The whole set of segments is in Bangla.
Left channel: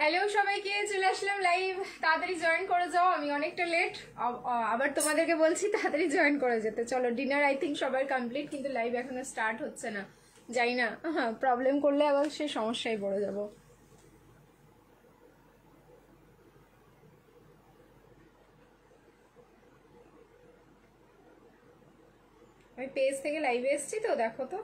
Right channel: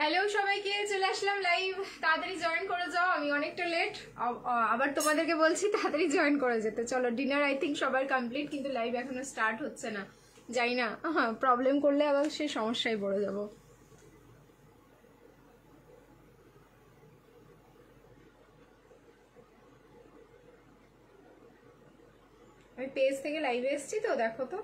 হ্যালো সবাইকে, চলে আসলাম লাইভ। তাড়াতাড়ি জয়েন করে যাও, আমি অনেকটা লেট। আবার তোমাদেরকে বলছি তাড়াতাড়ি জয়েন করে যেতে। চলো, ডিনার আই থিঙ্ক সবার কমপ্লিট, কিন্তু লাইভ এখনো স্টার্ট হচ্ছে না। জানি না, প্রবলেম করলে আবার সে সমস্যায় পড়ে যাবো। আমি পেজ থেকে লাইভে এসেছি তো, দেখো তো।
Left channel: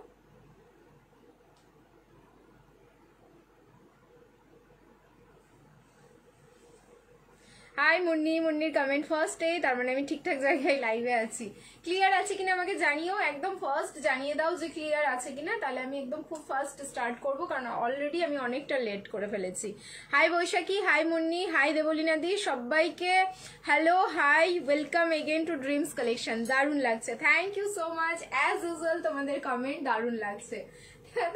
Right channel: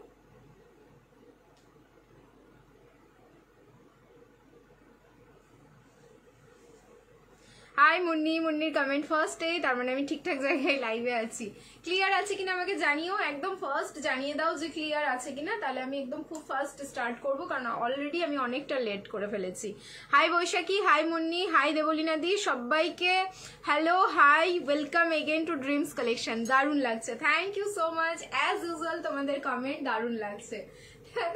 হাই মুন্নি, মুন্নির কমেন্ট ফার্স্টে, তার মানে আমি ঠিকঠাক জায়গায় লাইভে আছি। ক্লিয়ার আছে কিনা আমাকে জানিও, একদম ফার্স্ট জানিয়ে দাও যে ক্লিয়ার আছে কিনা, তাহলে আমি একদম খুব ফার্স্ট স্টার্ট করব, কারণ অলরেডি আমি অনেকটা লেট করে ফেলেছি। Hi Baishakhi, hi Munni, hi Debolina di, সবাইকে hello, hi, welcome again to dreams collection. দারুণ লাগছে, thank you so much. As usual তোমাদের কমেন্ট দারুণ লাগছে,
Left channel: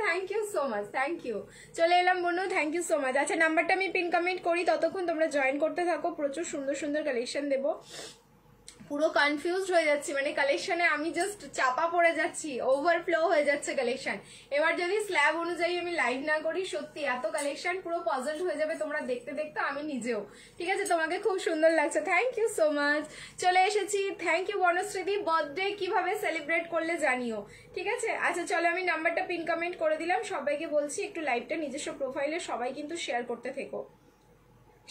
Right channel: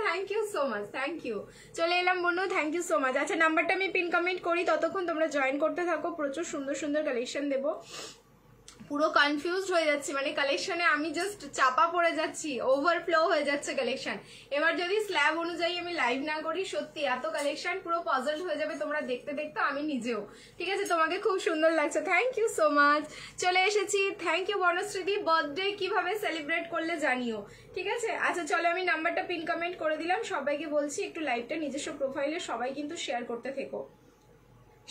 thank you so much, thank you. চলে এলাম বনু, থ্যাংক ইউ সো মাচ। আচ্ছা, নাম্বারটা আমি পিন কমেন্ট করি, ততক্ষণ তোমরা জয়েন করতে থাকো। প্রচুর সুন্দর সুন্দর কালেকশন দেবো। পুরো কনফিউজড হয়ে যাচ্ছি, মানে কালেকশনে আমি জাস্ট চাপা পড়ে যাচ্ছি, ওভারফ্লো হয়ে যাচ্ছে কালেকশন। এবার যদি স্ল্যাব অনুযায়ী আমি লাইভ না করি, সত্যি এত কালেকশন পুরো পজলড হয়ে যাবে তোমরা দেখতে দেখতে, আমি নিজেও। ঠিক আছে, তোমাকে খুব সুন্দর লাগছে, থ্যাংক ইউ সো মাচ। চলে এসেছি, থ্যাংক ইউ বনশ্রীদি। বার্থডে কিভাবে সেলিব্রেট করলে জানিও, ঠিক আছে। আচ্ছা চলো, আমি নাম্বারটা পিন কমেন্ট করে দিলাম। সবাইকে বলছি একটু লাইভটা নিজস্ব প্রোফাইলে সবাই কিন্তু শেয়ার করতে থেকো।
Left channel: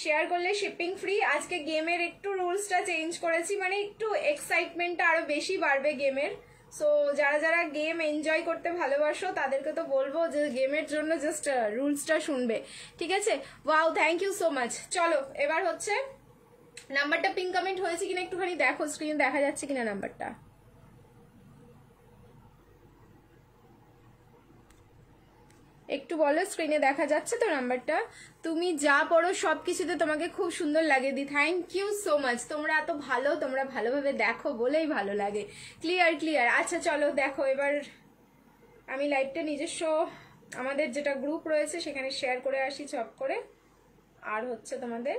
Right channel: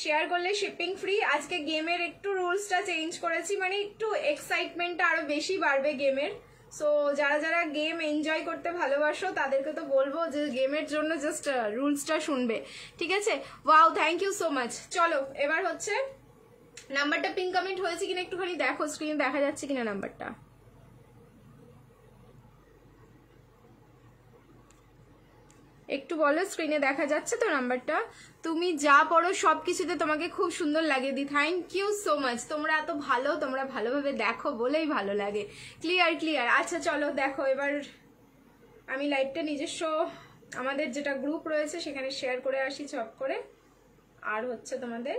শেয়ার করলে শিপিং ফ্রি। আজকে গেমের একটু রুলসটা চেঞ্জ করেছি, মানে একটু এক্সাইটমেন্টটা আরো বেশি বাড়বে গেমের। সো যারা যারা গেম এনজয় করতে ভালোবাসো তাদেরকে তো বলবো যে গেমের জন্য জাস্ট রুলসটা শুনবে, ঠিক আছে। Wow, thank you so much. চলো এবার হচ্ছে নাম্বারটা পিন কমেন্ট হয়েছে কিনা একটুখানি দেখো, স্ক্রিনে দেখা যাচ্ছে কিনা নাম্বারটা। একটু বলো, স্ক্রিনে দেখা যাচ্ছে তো নাম্বারটা? তুমি যা পড়ো সবকিছুতে তোমাকে খুব সুন্দর লাগে দি, থ্যাংক ইউ সো মাচ। তোমরা এত ভালো, তোমরা ভালোভাবে দেখো বলেই ভালো লাগে। Clear clear. আচ্ছা চলো দেখো, এবার আমি লাইভটা নিজস্ব আমাদের যেটা গ্রুপ রয়েছে সেখানে শেয়ার করে আসি চট করে, আর হচ্ছে তোমাদের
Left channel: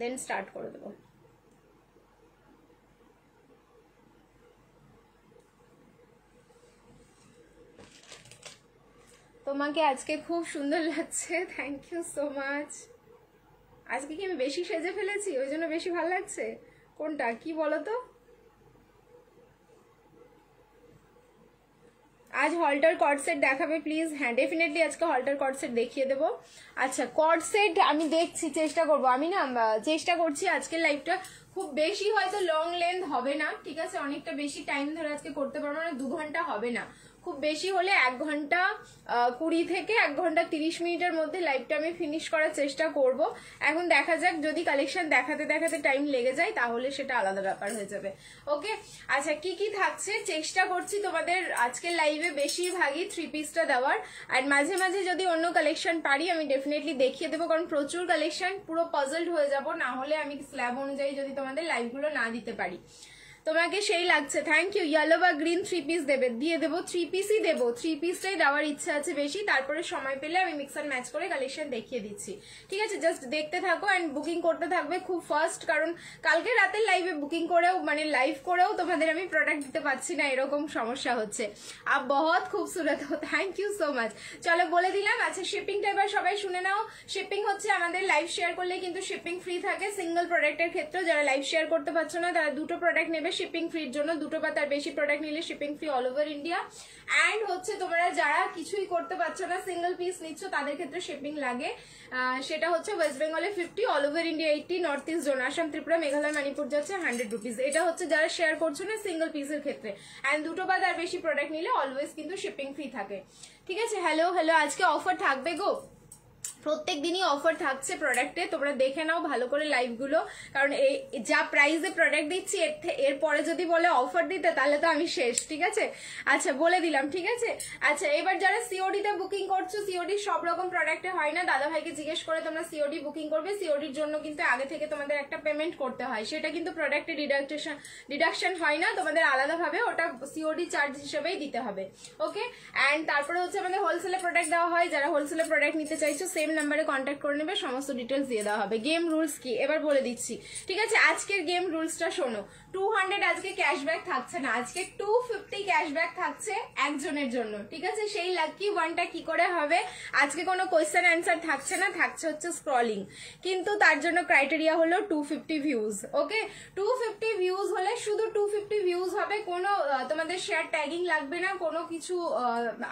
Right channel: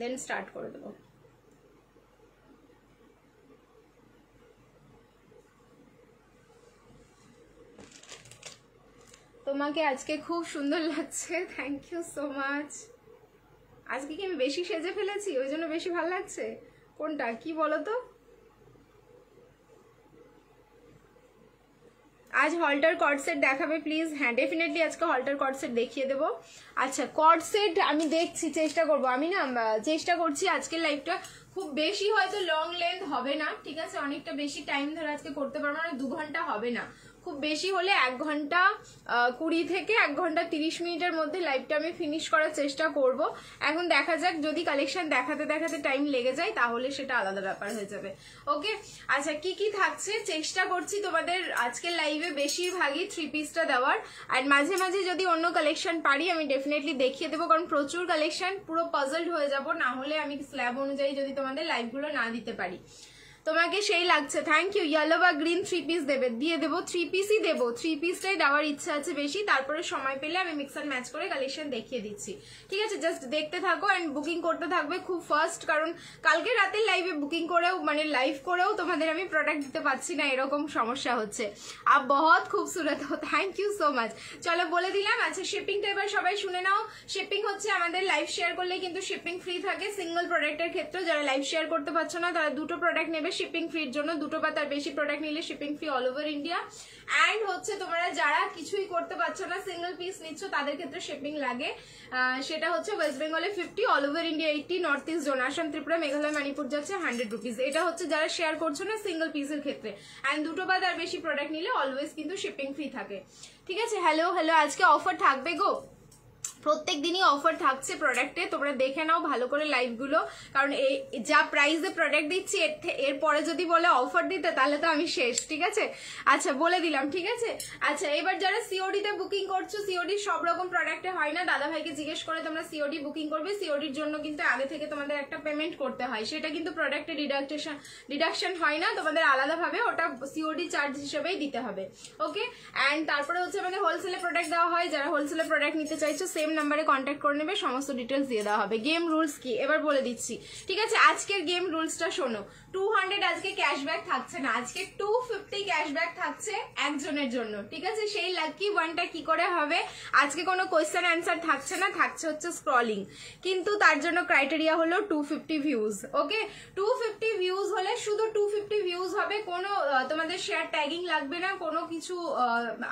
দেন স্টার্ট করে দেবো। তোমাকে আজকে খুব সুন্দর লাগছে, থ্যাংক ইউ সো মাচ। আজকে কি আমি বেশি সেজে ফেলেছি ওই জন্য বেশি ভালো লাগছে? কোনটা কি বলো তো? আজ হল্টার কর্ড সেট দেখাবে প্লিজ? হ্যাঁ, ডেফিনেটলি আজকে হল্টার কর্ড সেট দেখিয়ে দেবো। আচ্ছা, কর্ড সেট আমি দেখছি, চেষ্টা করবো। আমি না চেষ্টা করছি আজকের লাইভটা খুব বেশি হয়তো লং লেন্থ হবে না, ঠিক আছে। অনেকটা বেশি টাইম ধরে আজকে করতে পারবো না, 2 ঘন্টা হবে না, খুব বেশি হলে 1 ঘন্টা 20 থেকে 1 ঘন্টা 30 মিনিটের মধ্যে লাইভটা আমি ফিনিশ করার চেষ্টা করব। এখন দেখা যাক, যদি কালেকশন দেখাতে দেখাতে টাইম লেগে যায় তাহলে সেটা আলাদা ব্যাপার হয়ে যাবে। ওকে, আচ্ছা কি কি থাকছে চেষ্টা করছি তোমাদের আজকের লাইভে বেশিরভাগই 3 পিসটা দেওয়ার, আর মাঝে মাঝে যদি অন্য কালেকশন পারি আমি ডেফিনেটলি দেখিয়ে দেবো, কারণ প্রচুর কালেকশন, পুরো পাজলড হয়ে যাব না হলে আমি স্ল্যাব অনুযায়ী যদি তোমাদের লাইভগুলো না দিতে পারি। তোমাকে সেই লাগছে, থ্যাংক ইউ। ইয়েলো বা গ্রিন 3 পিস দেবে, দিয়ে দেবো, 3 পিসই দেবো, 3 পিসটাই দেওয়ার ইচ্ছা আছে বেশি। তারপরে সময় পেলে আমি মিক্স অ্যান্ড ম্যাচ করে কালেকশন দেখিয়ে দিচ্ছি, ঠিক আছে। জাস্ট দেখতে থাকো অ্যান্ড বুকিং করতে থাকবে খুব ফার্স্ট, কারণ কালকে রাতের লাইভে বুকিং করেও মানে লাইভ করেও তোমাদের আমি প্রোডাক্ট দিতে পারছি না, এরকম সমস্যা হচ্ছে। আপ বহুত খুবসুরত হো, থ্যাংক ইউ সো মাচ। চলো বলে দিলাম। আচ্ছা, শিপিংটা এবার সবাই শুনে নাও। শিপিং হচ্ছে আমাদের লাইভ শেয়ার করলে কিন্তু শিপিং ফ্রি থাকে সিঙ্গল প্রোডাক্টের ক্ষেত্রে। যারা লাইভ শেয়ার করতে পারছো না তারা 2টো প্রোডাক্ট নেবে শিপিং ফ্রির জন্য, 2টো বা তার বেশি প্রোডাক্ট নিলে shipping free all over India. And হচ্ছে তোমরা যারা কিছুই করতে পারছো না, সিঙ্গল পিস নিচ্ছ, তাদের ক্ষেত্রে শিপিং লাগে। সেটা হচ্ছে ওয়েস্ট বেঙ্গলে 50, all over India 80, north east zone Assam Tripura Meghalaya Manipur যাচ্ছে 100 রুপিস। এটা হচ্ছে যারা শেয়ার করছো না সিঙ্গল পিসের ক্ষেত্রে। অ্যান্ড 2টো বা তার বেশি প্রোডাক্ট নিলে অলওয়েজ কিন্তু শিপিং ফ্রি থাকে, ঠিক আছে। হ্যালো হ্যালো, আজকে অফার থাকবে গো, প্রত্যেক দিনই অফার থাকছে প্রোডাক্টে, তোমরা দেখে নাও ভালো করে লাইভগুলো, কারণ এই যা প্রাইসে প্রোডাক্ট দিচ্ছি এরপরে যদি বলে অফার দিতে তাহলে তো আমি শেষ, ঠিক আছে। আচ্ছা বলে দিলাম, ঠিক আছে। আচ্ছা, এবার যারা সিওডি তে বুকিং করছো, সিওডি সব রকম প্রোডাক্টে হয় না, দাদা ভাইকে জিজ্ঞেস করে তোমরা সিওডি বুকিং করবে। সিওডির জন্য কিন্তু আগে থেকে তোমাদের একটা পেমেন্ট করতে হয়, সেটা কিন্তু প্রোডাক্টে ডিডাকশন হয় না, তোমাদের আলাদাভাবে ওটা সিওডি চার্জ হিসেবেই দিতে হবে। ওকে, অ্যান্ড তারপরে হচ্ছে আমাদের হোলসেলে প্রোডাক্ট দেওয়া হয়, যারা হোলসেলে প্রোডাক্ট নিতে চাইছো সেম নাম্বারে কন্ট্যাক্ট করে নেবে, সমস্ত ডিটেলস দিয়ে দেওয়া হবে। গেম রুলস কি এবার বলে দিচ্ছি, ঠিক আছে? আজকের গেম রুলসটা শোনো। 200 আজকে ক্যাশব্যাক থাকছে না, আজকে 250 ক্যাশব্যাক থাকছে একজনের জন্য, ঠিক আছে? সেই লাকি ওয়ানটা কি করে হবে? আজকে কোনো কোয়েশ্চেন অ্যান্সার থাকছে না, থাকছে হচ্ছে স্ক্রলিং, কিন্তু তার জন্য ক্রাইটেরিয়া হলো 250 ভিউজ। ওকে, 250 ভিউজ হলে শুধু 250 ভিউজ হবে, কোনো তোমাদের শেয়ার ট্যাগিং লাগবে না, কোনো কিছু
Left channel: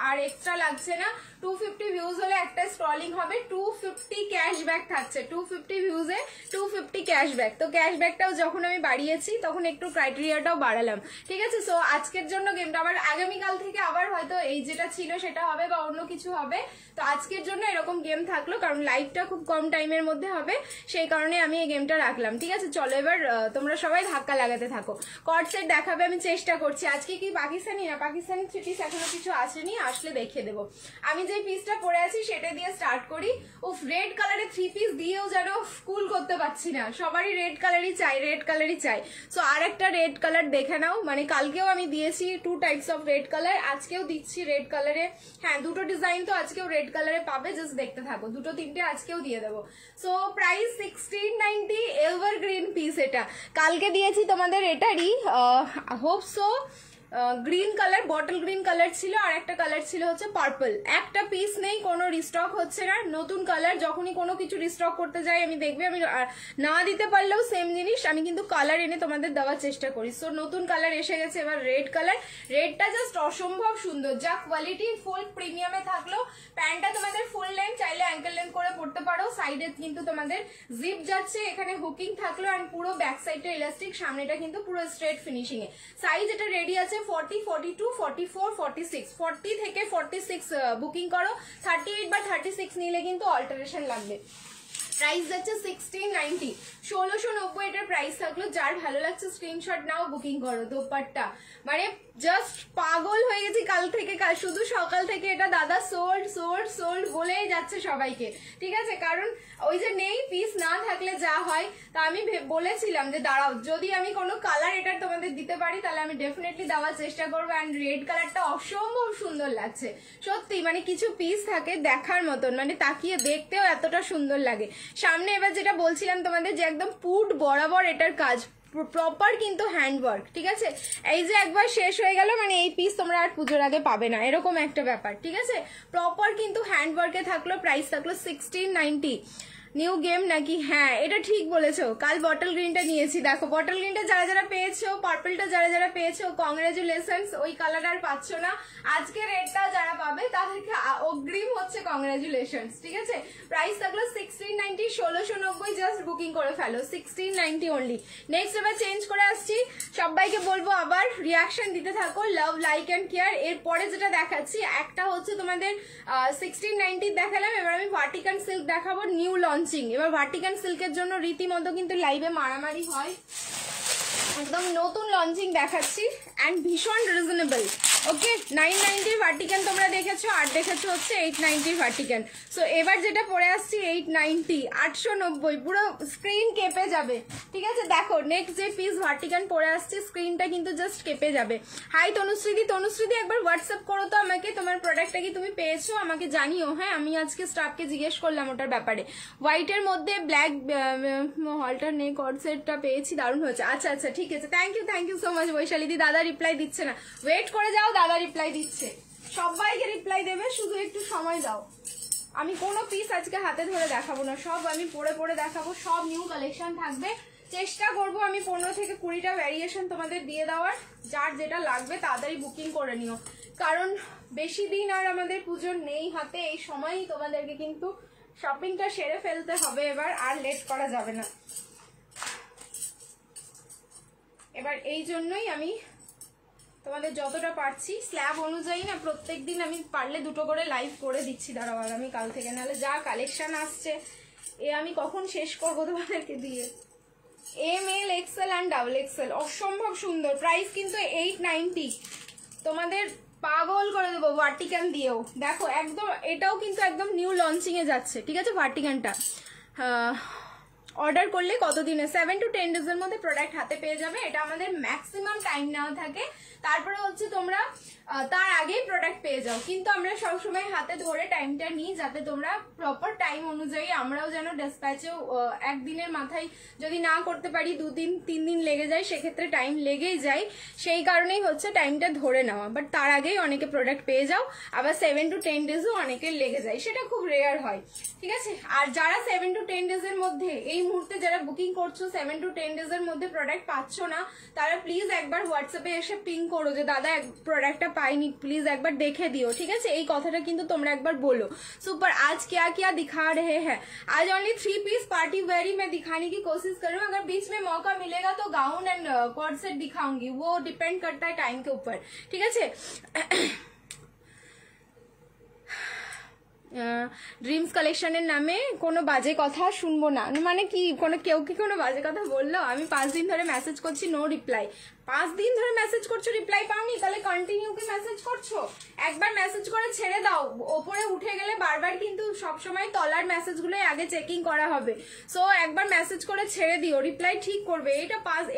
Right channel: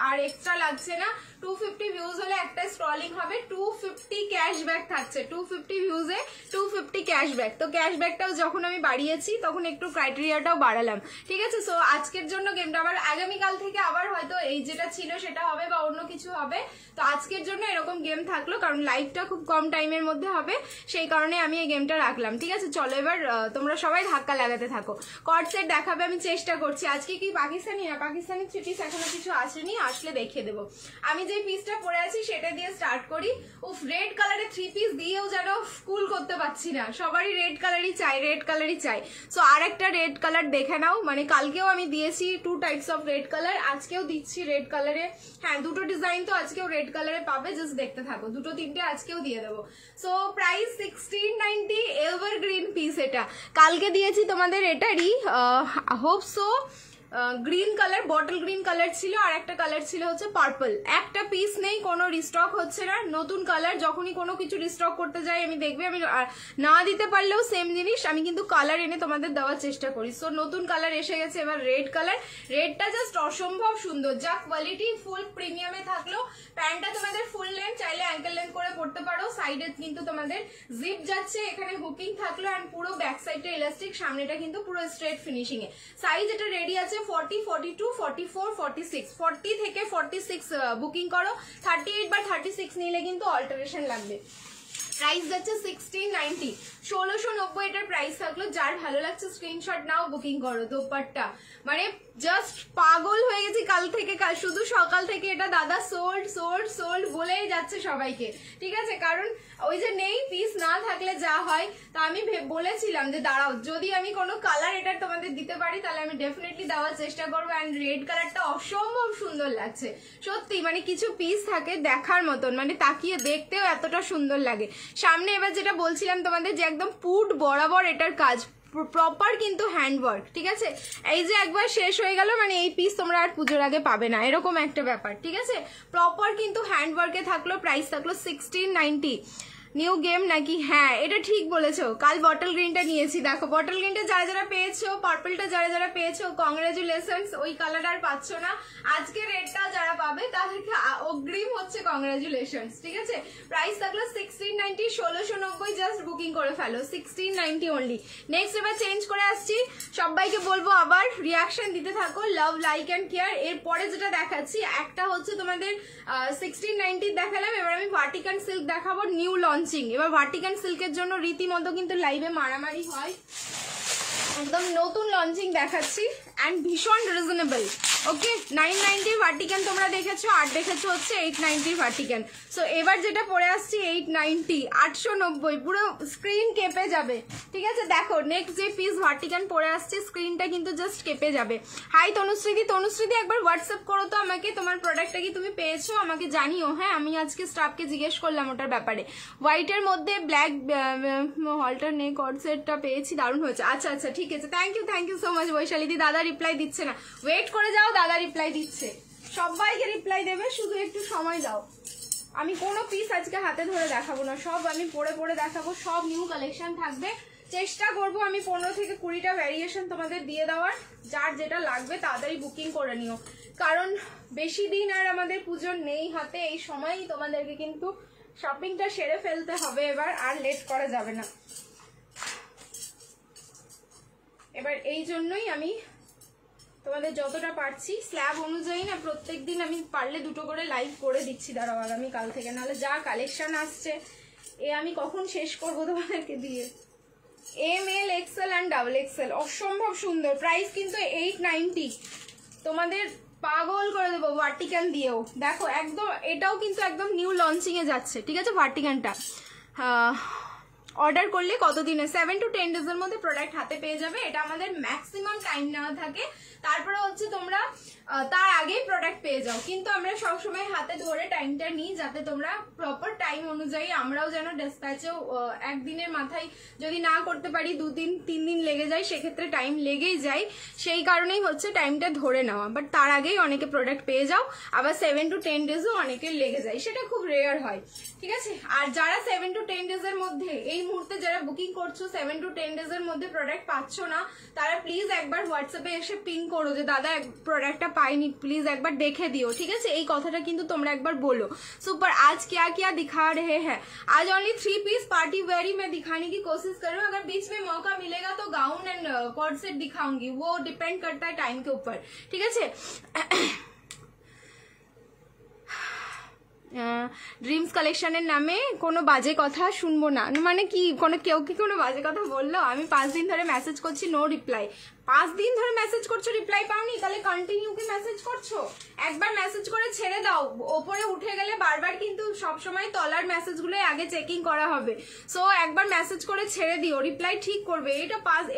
আর এক্সট্রা লাগছে না। 250 ভিউজ হলে একটা স্ক্রলিং হবে, 250 ক্যাশব্যাক থাকছে। 250 ভিউজে 250 ক্যাশব্যাক। তো ক্যাশব্যাকটাও যখন আমি বাড়িয়েছি তখন একটু ক্রাইটেরিয়াটাও বাড়ালাম, ঠিক আছে? সো আজকের জন্য গেমটা, আবার আগামীকাল থেকে আবার হয়তো এই যেটা ছিল সেটা হবে বা অন্য কিছু হবে। তো আজকের জন্য এরকম গেম থাকলো, কারণ লাইভটা খুব কম টাইমের মধ্যে হবে, সেই কারণে আমি এই গেমটা রাখলাম, ঠিক আছে? চলো এবার তোমরা সবাই ধাক্কা লাগাতে থাকো। কর্ড সেট দেখাবে, আমি চেষ্টা করছি। আজকে কি পাকিস্তানি না, পাকিস্তানি থ্রি পিস এখনো কিছু আসেনি, আসলে দেখিয়ে দেবো। আমি যে পিসটা পরে আছি সেটা দিয়ে স্টার্ট করি। উফ, রেড কালারের থ্রি পিস দিয়েও যেন কুল করতে পারছি না, সবারই রেড কালারই চাই, রেড কালারই চাই। সো আর একটা রেড কালার দেখে নাও, মানে কালকেও আমি দিয়েছি 2 টাইপস অফ রেড কালার, আজকেও দিচ্ছি রেড কালারে। হ্যাঁ, দুটো ডিজাইন তো আজকেও রেড কালারে পাবে, জাস্ট দেখতে থাকো। দুটো তিনটে আজকেও দিয়ে দেবো। So price 1690, evergreen piece. এটা কালকে দিয়েছি তোমাদের এটারই, hope so green colour, bottle green colour ছিল, আর একটা কালার ছিল হচ্ছে পার্পল। একটা পিস নেই, কোনো রিস্টক হচ্ছে না, নতুন কালার। যখনই কোনো কিছু রিস্টক করতে যাই আমি দেখবে, আমি না দিতে পারলেও সেম জিনিস আমি কিন্তু কালার এনে তোমাদের দেওয়ার চেষ্টা করি। সো নতুন কালার এসে গেছে এবার রেড কালার। রেডটা জাস্ট অসম্ভব সুন্দর, যা কোয়ালিটি, ফুল প্রিমিয়ামে থাকলো। প্যান্টটা তোমাদের ফুল লেন্থ, চাইলে অ্যাঙ্কেল লেন্থ করে পড়তে পারো। সাইডে কিন্তু তোমাদের জিপ যাচ্ছে, এখানে হুকিং থাকলো, অ্যান্ড পুরো ব্যাক সাইডটা ইলাস্টিক, সামনেটা কিন্তু পুরো স্ট্রেট ফিনিশিং এ। সাইজ এটা রেডি আছে 40, 42, 44, 46, 40 থেকে 46 বুকিং করো। 38 বা 36 নিলে কিন্তু অল্টারেশন লাগবে। প্রাইস যাচ্ছে 1690, 1690 এটার প্রাইস থাকলো। যার ভালো লাগছে স্ক্রিনশট নাও, বুকিং করো। দোপাট্টা মানে জাস্ট পাগল হয়ে গেছি কাল থেকে, শুধু সকাল থেকে এটা দাদা সোল্ড সোল্ড সোল্ড বলেই যাচ্ছে সবাইকে, ঠিক আছে? কারণ ওই যে নেই, পিস না থাকলে যা হয়। তা আমি বলেছিলাম যে দাঁড়াও, যদি আমি কোনো কালার এটা তোমাদের দিতে পারি তাহলে আমি ডেফিনেটলি দেওয়ার চেষ্টা করবো। অ্যান্ড রেড কালারটা অসম্ভব সুন্দর লাগছে সত্যি, মানে কিছু পিস থাকে দেখার মতন, মানে তাকিয়ে দেখতেও এতটা সুন্দর লাগে। সামনে এবার যেটা বলছিলাম তোমাদের, যে একদম পুট বরাবর এটার কাজ, প্রপার কিন্তু হ্যান্ডওয়ার্ক, ঠিক আছে? এই যে একবার শেষ হয়ে গেল, মানে এই পিস তোমরা আর পুজোর আগে পাবে না, এরকম একটা ব্যাপার, ঠিক আছে? প্রপার কিন্তু হ্যান্ডওয়ার্কে থাকলো। প্রাইস থাকলো 1690। নিউ গেম নাকি? হ্যাঁ, এটা ঠিক বলেছো। কাল বটল গ্রিনটা নিয়েছি, দেখো বটল গ্রিনটা যারা যারা পেয়েছো, পার্পলটা যারা যারা পেয়েছো, কংগ্রাচুলেশনস। ওই কালার আর পাচ্ছ না, আজকে রেডটা যারা পাবে তাদেরকে অগ্রিম হচ্ছে কংগ্রাচুলেশনস, ঠিক আছে? প্রাইস থাকলো 1690, 1690, জাস্ট বুকিং করে ফেলো, 1690 অনলি। নেক্সট এবার চেঞ্জ করে আসছি, সবাইকে বলবো আবার রিয়াকশন দিতে থাকো, লাভ, লাইক অ্যান্ড কেয়ার। এরপরে যেটা দেখাচ্ছি, একটা হচ্ছে তোমাদের 1690 দেখালাম, এবার আমি ভার্টিকান সিল্ক দেখাবো, নিউ লঞ্চিং। এবার ভার্টিকান সিল্কের জন্য রীতিমতো কিন্তু লাইভে মারামারি হয়, একদম নতুন লঞ্চিং দেখাচ্ছি, অ্যান্ড ভীষণ রিজনেবল। ওকে, 990 ভার্টিকান তোমরা দেখেছো, আর দেখেছো হচ্ছে 890 ভার্টিকান। সো এবার যেটা পরে আসছি 890, 890, পুরো স্ক্রিন কেঁপে যাবে, ঠিক আছে? দেখো নেক্সট যে পিস ভার্টিকান পরে আসছে, স্ক্রিনটা কিন্তু জাস্ট কেঁপে যাবে। হাই তনুশ্রীদি, তনুশ্রীদি একবার হোয়াটসঅ্যাপ করো তো আমাকে, তোমার প্রোডাক্টটা কি তুমি পেয়েছো আমাকে জানিও। হ্যাঁ, আমি আজকে স্টাফকে জিজ্ঞেস করলাম ওটার ব্যাপারে। হোয়াইটের মধ্যে ব্ল্যাক হলটার নেক কর্ড সেটটা পেয়েছি, দারুণ হয়েছে। আচ্ছা আচ্ছা, ঠিক আছে, থ্যাংক ইউ সো মাচ বৈশালীদি। দাদা রিপ্লাই দিচ্ছে না, ওয়েট করে যাও, দাদা রিপ্লাই দিচ্ছে, সবাইকে রিপ্লাই দেবে, শুধু একটু সময় দাও। আমি কোনো পিস আজকে হাতে ধরে দেখাবো না, সব আমি পরে পরে দেখাবো, সব নিউ কালেকশন থাকবে। চেষ্টা করবো আমি 15 থেকে 20টা ভ্যারিয়েশন তোমাদের দিয়ে দেওয়ার। যার যেটা লাগবে তাড়াতাড়ি বুকিং করে নিও, কারণ বেশি দিন আর আমাদের পুজোর নেই হাতে। এই সময়ই তোমাদেরকে কিন্তু শপিংটা সেরে ফেলতে হবে, এবার আর লেট করা যাবে না। এবার এই জন্যই আমি তোমাদের যতটা পারছি স্ল্যাব অনুযায়ী না, প্রত্যেকদিন আমি পারলে 2টো করে লাইভ করে দিচ্ছি। দাঁড়াও আগামী কাল থেকে, নাহলে যা কালেকশন আসছে এ আমি কখন শেষ করবো তোমাদেরকে দিয়ে। ML, XL অ্যান্ড XXL অসম্ভব সুন্দর। প্রাইস কিন্তু 890, তোমাদের পাগল করে দেবো ভার্টিকান দিয়েও। দেখো একদম, এটাও কিন্তু একদম নিউ লঞ্চিং এ যাচ্ছে, ঠিক আছে? ভার্টিকানটা অর্ডার করলে কতদিনে 7 to 10 ডেজের মধ্যে প্রোডাক্ট হাতে পেয়ে যাবে। এটা আমাদের ম্যাক্সিমাম টাইম নেওয়া থাকে, তারপরে হচ্ছে তোমরা তার আগেই প্রোডাক্ট পেয়ে যাও। কিন্তু আমরা সবসময় হাতে ধরে টাইমটা নিই যাতে তোমরা প্রপার টাইম অনুযায়ী, আমরাও যেন ডিসপ্যাচেও একদিনের মাথায় যদি না করতে পারি 2 দিন 3 দিন লেগে যায়, সেক্ষেত্রে টাইম লেগেই যায়, সেই কারণেই হচ্ছে টাইমটা ধরে নেওয়া। বাট তার আগেই অনেকে প্রোডাক্ট পেয়ে যাও, আবার 7 to 10 ডেজও অনেকের লেগে যায়, সেটা খুব রেয়ার হয়, ঠিক আছে। আর যারা 7 to 10 ডেজের মধ্যে এই মুহূর্তে যারা বুকিং করছো 7 to 10 ডেজের মধ্যে প্রোডাক্ট পাচ্ছ না, তারা প্লিজ একবার হোয়াটসঅ্যাপে এসে পিং করো যে দাদা প্রোডাক্টটা পাইনি, প্লিজ একবার দেখে দিও, ঠিক আছে। এই কথাটা কিন্তু তোমরা একবার বলো। सुपर आज क्या क्या दिखा रहे हैं? आज ओनली 3 पीस पार्टी वेयरी में दिखाने की कोशिश करूँ, अगर बीच में मौका मिलेगा तो गाउन एंड कॉर्ड सेट दिखाऊंगी, वो डिपेंड करता है टाइम के ऊपर, ठीक है। ড্রিমস কালেকশনের নামে কোনো বাজে কথা শুনবো না, মানে কি কেউ কি কোনো বাজে কথা বললো? আমি 5 দিন ধরে মেসেজ করছি, নো রিপ্লাই। 5 দিন ধরে মেসেজ করছো, রিপ্লাই পাওনি, তাহলে কন্টিনিউ কি মেসেজ করছো? একবার মেসেজ করে ছেড়ে দাও, ওপরে উঠে গেলে বারবার কিন্তু সবসময় তলার মেসেজগুলোই আগে চেকিং করা হবে। সো একবার মেসেজ করে ছেড়ে দিও, রিপ্লাই ঠিক করবে।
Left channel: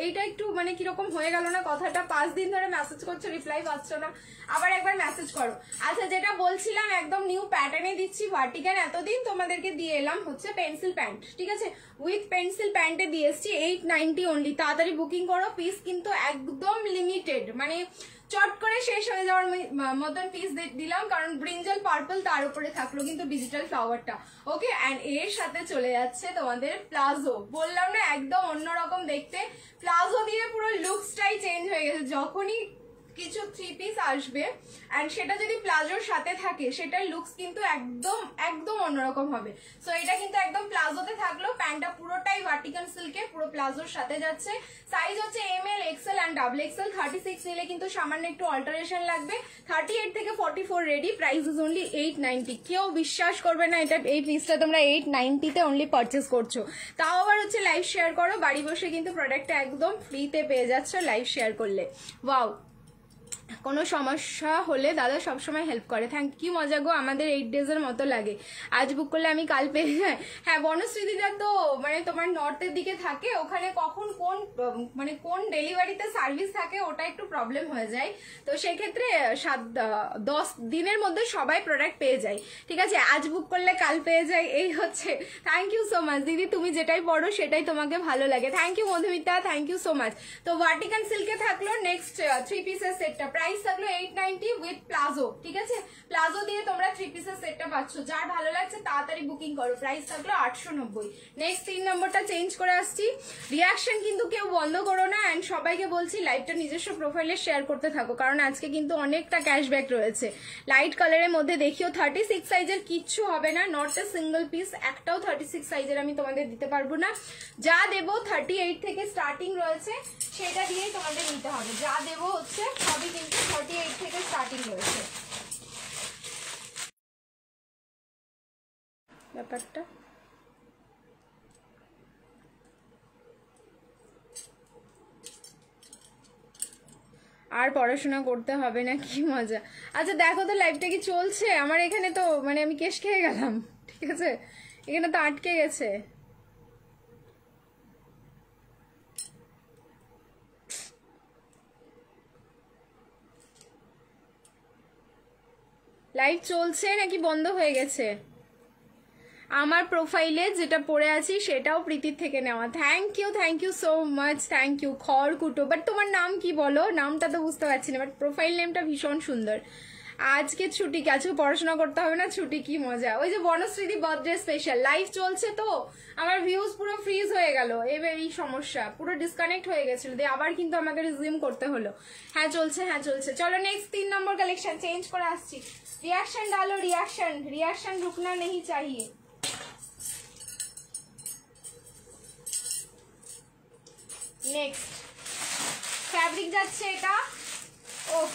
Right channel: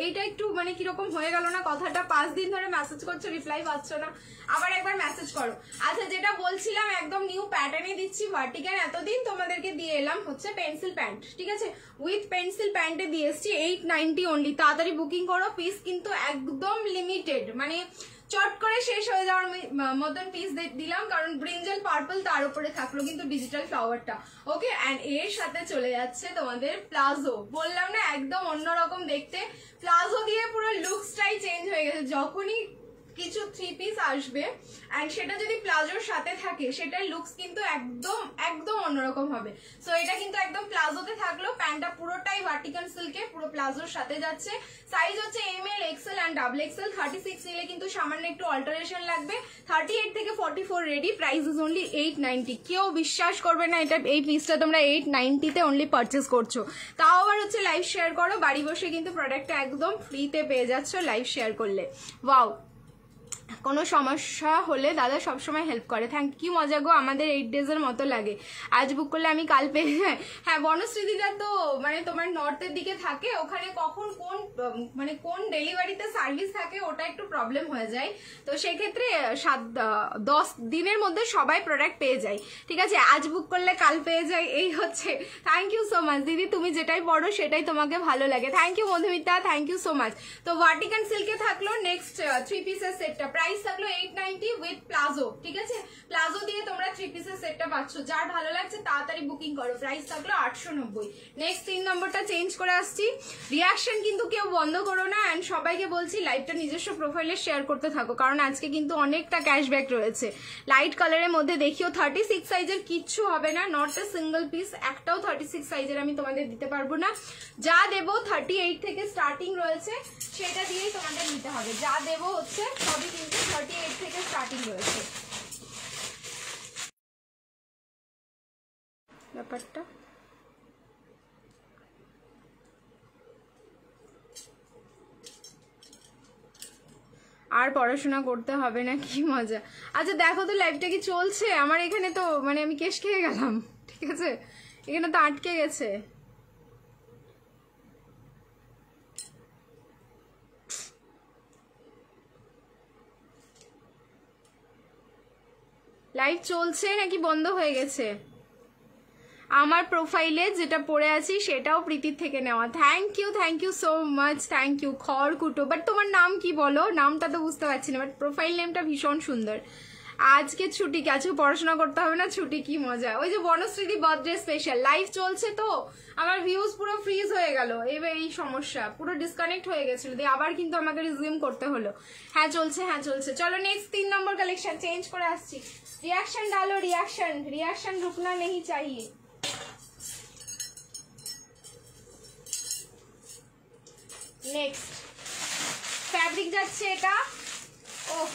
এইটা একটু মানে কিরকম হয়ে গেল না কথাটা? 5 দিন ধরে মেসেজ করছো, রিপ্লাই পাচ্ছ না, আবার একবার মেসেজ করো। আচ্ছা, যেটা বলছিলাম একদম নিউ প্যাটার্নে দিচ্ছি ভার্টিকান। এতদিন তোমাদেরকে দিয়ে এলাম হচ্ছে পেন্সিল প্যান্ট, ঠিক আছে, উইথ পেন্সিল প্যান্টে দিয়ে এসছি 890 অনলি। তাড়াতাড়ি বুকিং করো, পিস কিন্তু একদম লিমিটেড, মানে চট করে শেষ হয়ে যাওয়ার মতন পিস দিলাম, কারণ ব্রিঞ্জাল পার্পল তার উপরে থাকলো কিন্তু ডিজিটাল ফ্লাওয়ারটা, ওকে। এন্ড এর সাথে চলে যাচ্ছে তোমাদের প্লাজো, বললাম না একদম অন্যরকম দেখতে, প্লাজো দিয়ে পুরো লুকসটাই চেঞ্জ হয়ে গেছে। যখনই কিছু 3 পিস আসবে এন্ড সেটা যদি প্লাজোর সাথে থাকে, সেটার লুকস কিন্তু একদম অন্যরকম হবে। সো এটা কিন্তু একদম প্লাজোতে থাকলো, প্যান্টটা পুরোটাই ভার্টিকান সিল্কে, পুরো প্লাজোর সাথে যাচ্ছে। সাইজ হচ্ছে ML, XL এন্ড XXL। 36 নিলে কিন্তু সামান্য একটু অল্টারেশন লাগবে। 38 থেকে 44 রেডি, প্রাইস ইজ অনলি 890। কেউ বিশ্বাস করবে না এটা, এই পিসটা তোমরা 890 তে অনলি পারচেস করছো, তাও আবার হচ্ছে লাইভ শেয়ার করো, বাড়ি বসে কিন্তু প্রোডাক্টটা একদম ফ্রিতে পেয়ে যাচ্ছ লাইভ শেয়ার করলে। ওয়াও, কোনো সমস্যা হলে দাদা সবসময় হেল্প করে। থ্যাংক ইউ মজা গো, আমাদের 8 ডেজের মতো লাগে, আজ বুক করলে আমি কাল পেয়ে যাই। হ্যাঁ, বনশ্রীদিদা তো মানে তোমার নর্থের দিকে থাকে, ওখানে কখন কোন ডেলিভারিতে সার্ভিস থাকে ওটা একটু প্রবলেম হয়ে যায়, তো সেক্ষেত্রে 10 দিনের মধ্যে সবাই প্রোডাক্ট পেয়ে যায়, ঠিক আছে। আজ বুক করলে কাল পেয়ে যায়, এই হচ্ছে। থ্যাংক ইউ সো মাচ দিদি, তুমি যেটাই পড়ো সেটাই তোমাকে ভালো লাগে। Thank you Madhumita, thank you so much. তো ভার্টিকান সিল্কে থাকলো নেক্সট 3 পিসের সেটটা, প্রাইস থাকলো 890 উইথ প্লাজো, ঠিক আছে। প্লাজো দিয়ে তোমরা 3 পিসের সেটটা পাচ্ছ, যার ভালো লাগছে তাড়াতাড়ি বুকিং করো। প্রাইস থাকলো 890। নেক্সট 3 নম্বরটা চেঞ্জ করে আসছি। রিয়াকশন কিন্তু কেউ বন্ধ করো না, এন্ড সবাইকে বলছি লাইভটা নিজস্ব প্রোফাইলে শেয়ার করতে থাকো, কারণ আজকে কিন্তু অনেকটা ক্যাশব্যাক রয়েছে। লাইট কালারের মধ্যে দেখিও 36 সাইজের কিচ্ছু হবে না, নট এ সিঙ্গেল পিস, একটাও 36 সাইজের আমি তোমাদের দিতে পারবো না। যা দেবো 38 থেকে স্টার্টিং রয়েছে, সেটা দিয়েই তোমাদের নিতে হবে। যা দেবো হচ্ছে সবই কিন্তু 38 থেকে স্টার্টিং রয়েছে। ব্যাপারটা আর পড়াশোনা করতে হবে না, কি মজা। আচ্ছা দেখো তো লাইভটা কি চলছে? আমার এখানে তো মানে আমি কেশ খেয়ে গেলাম, ঠিক আছে, এখানে তো আটকে গেছে। লাইভ চলছে নাকি বন্ধ হয়ে গেছে? আমার প্রোফাইলে যেটা পড়ে আছি সেটাও প্রীতির থেকে নেওয়া। Thank you so much, thank you. Khorkuto, but তোমার নাম কি বলো? নামটা তো বুঝতে পারছি না, বাট প্রোফাইল নেমটা ভীষণ সুন্দর। আজকে ছুটি, আজকে পড়াশোনা করতে হবে না, ছুটি, কি মজা। ওই যে বনশ্রীদি বার্থডে স্পেশাল লাইভ চলছে, তো আমার ভিউজ পুরো ফ্রিজ হয়ে গেল। এবার এই সমস্যা, পুরো ডিসকানেক্ট হয়ে গেছিল, দিয়ে আবার কিন্তু আমাকে রিজিউম করতে হলো। হ্যাঁ চলছে। চলো নেক্সট 3 নম্বর কালেকশন চেঞ্জ করে আসছি। रिएक्शन डालो, रिएक्शन रुकना नहीं चाहिए। नेक्स्ट फैब्रिक যাচ্ছে এটা, ওহ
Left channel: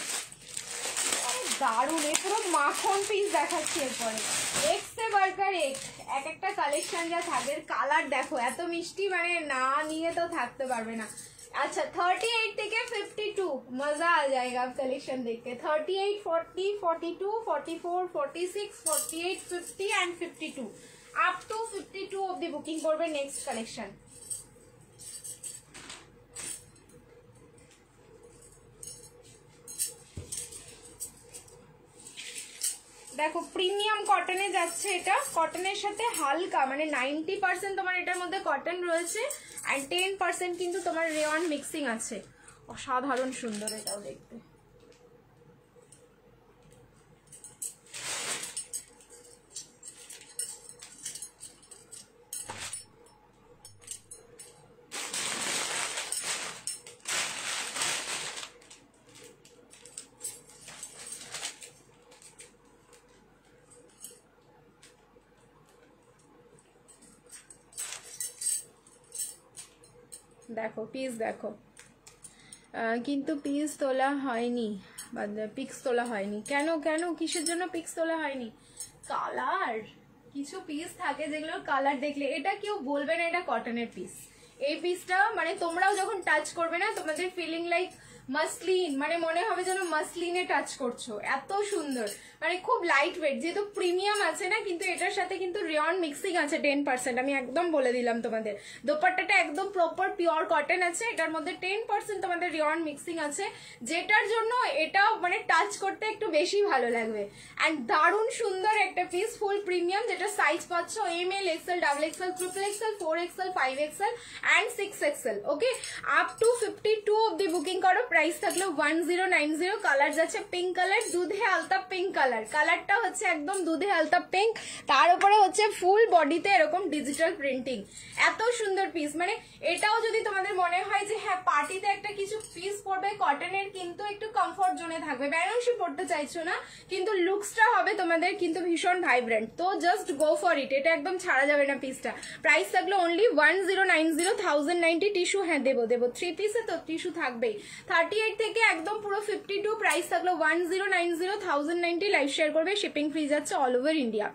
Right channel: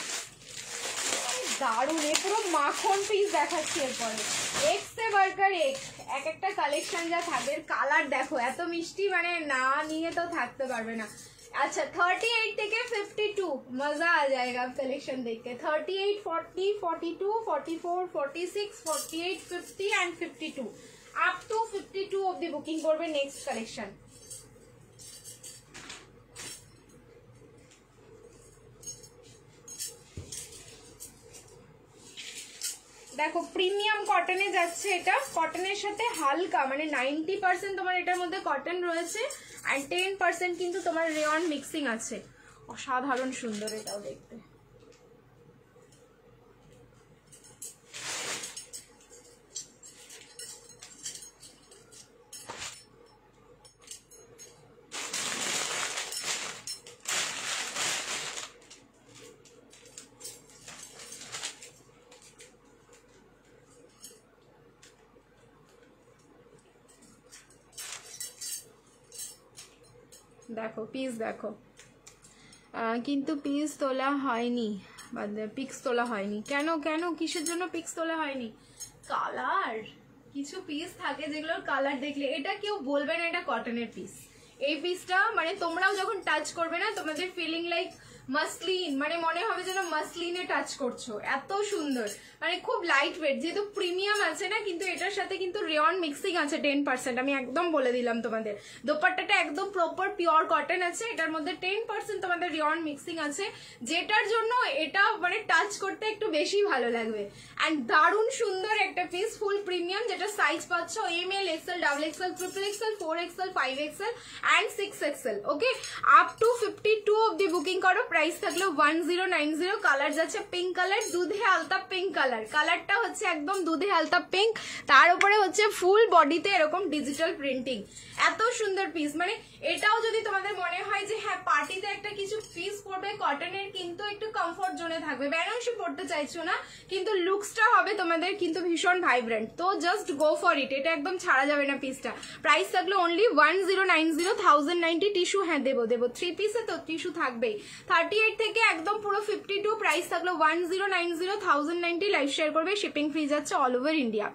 দারুণ, পুরো মাখন পিস দেখাচ্ছি। এরপরে এক্স সে বার্গার এক একটা কালেকশন যা থাকে, কালার দেখো এত মিষ্টি, মানে না নিয়ে তো থাকতে পারবে না। अच्छा 38 থেকে 52 मजा आ जाएगा आप कलेक्शन देख के। 38, 40, 42, 44, 46, 48, 50 एंड 52 अप टू 52 অবধি বুকিং করবে নেক্সট কালেকশন। দেখো প্রিমিয়াম কটনে যাচ্ছে, এটা কটনের সাথে হালকা মানে 90% তোমার এটার মধ্যে কটন রয়েছে আর 10% কিন্তু তোমার রেয়ন মিক্সিং আছে। অসাধারণ সুন্দর এটাও দেখতে। দেখো পিস দেখো, কিন্তু পিস তোলা হয়নি, পিক্স তোলা হয়নি কেন? কেন কিসের জন্য পিক্স তোলা হয়নি? কালার, কিছু পিস থাকে যেগুলোর কালার দেখলে এটা কেউ বলবে না এটা কটনের পিস। এই পিসটা মানে তোমরাও যখন টাচ করবে না তোমাদের ফিলিং লাইক মাসলিন, মানে মনে হবে যেন মাসলিনে টাচ করছো, এত সুন্দর, মানে খুব লাইট ওয়েট, যেহেতু প্রিমিয়াম আছে না, কিন্তু এটার সাথে কিন্তু রেয়ন মিক্সিং আছে 10%, আমি একদম বলে দিলাম তোমাদের। দোপাট্টাটা একদম প্রপার পিওর কটন আছে, এটার মধ্যে 10% তোমাদের রেয়ন মিক্সিং আছে, যেটার জন্য এটা মানে টাচ করতে একটু বেশি ভালো লাগবে। অ্যান্ড দারুণ সুন্দর একটা পিস, ফুল প্রিমিয়াম, যেটা সাইজ পাচ্ছ ML, XL, XXL, XXL, 4XL, 5XL and 6XL। Okay, up to 52 অব্দি বুকিং করো। প্রাইস থাকলো 1090। কালার যাচ্ছে পিঙ্ক কালার, দুধে আলতা পিঙ্ক কালার, কালারটা হচ্ছে একদম দুধে আলতা পিঙ্ক, তার উপরে হচ্ছে ফুল বডিতে এরকম ডিজিটাল প্রিন্টিং। এত সুন্দর পিস, মানে এটাও যদি তোমাদের মনে হয় যে হ্যাঁ পার্টিতে একটা কিছু পিস পরবে কটনের, কিন্তু একটু কমফোর্ট জোনে থাকবে, বেনারসি পড়তে চাইছো না কিন্তু লুকসটা হবে তোমাদের কিন্তু ভীষণ ভাইব্রেন্ট, তো জাস্ট গো ফর ইট, এটা একদম ছাড়া যাবে না পিসটা। প্রাইস থাকলো অনলি 1090, 1090। টিস্যু হ্যাঁ দেবো 3 পিসে তো টিস্যু থাকবেই। 38 থেকে একদম পুরো 52, প্রাইস থাকলো 1090, 1090। লাইভ শেয়ার করবে, শিপিং ফ্রি যাচ্ছে অল ওভার ইন্ডিয়া।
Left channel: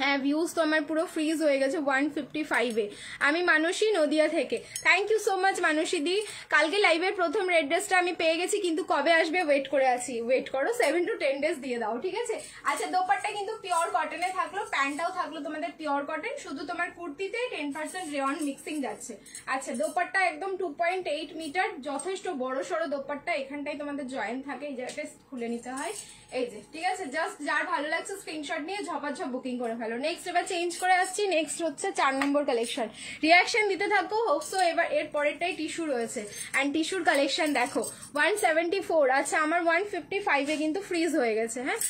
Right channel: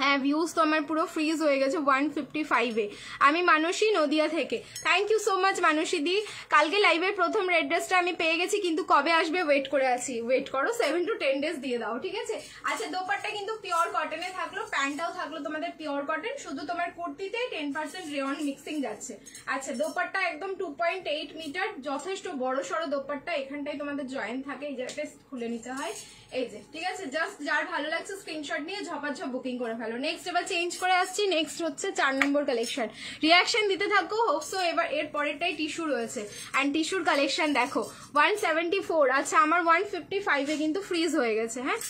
হ্যাঁ ভিউজ তো আমার পুরো ফ্রিজ হয়ে গেছে 155-এ। আমি মানসী নদিয়া থেকে, থ্যাংক ইউ সো মাচ মানসী দি। কালকে লাইভের প্রথম রেড ড্রেসটা আমি পেয়ে গেছি, কিন্তু কবে আসবে ওয়েট করে আছি, ওয়েট করো, 7 to 10 ডেজ দিয়ে দাও, ঠিক আছে। আচ্ছা দোপাট্টা কিন্তু পিওর কটনে থাকলো, প্যান্টটাও থাকলো তোমাদের পিওর কটন, শুধু তোমার কুর্তিতে 10% রেয়ন মিক্সিং যাচ্ছে। আচ্ছা দোপাট্টা একদম 2.8 মিটার, যথেষ্ট বড় সড়ো দোপাট্টা, এখানটাই তোমাদের জয়েন্ট থাকে, এই জায়গাটা খুলে নিতে হয়, এই যে, ঠিক আছে। জাস্ট যার ভালো লাগছে স্ক্রিনশট নিয়ে ঝপাঝপ বুকিং করে ফেলো। নেক্সট এবার চেঞ্জ করে আসছি, নেক্সট হচ্ছে 4 নম্বর কালেকশন। রিয়াকশন দিতে থাকো, হোপসো এবার এর পরেরটাই টিস্যু রয়েছে। অ্যান্ড টিস্যুর কালেকশন দেখো 174, আচ্ছা আমার 155-এ কিন্তু ফ্রিজ হয়ে গেছে। হ্যাঁ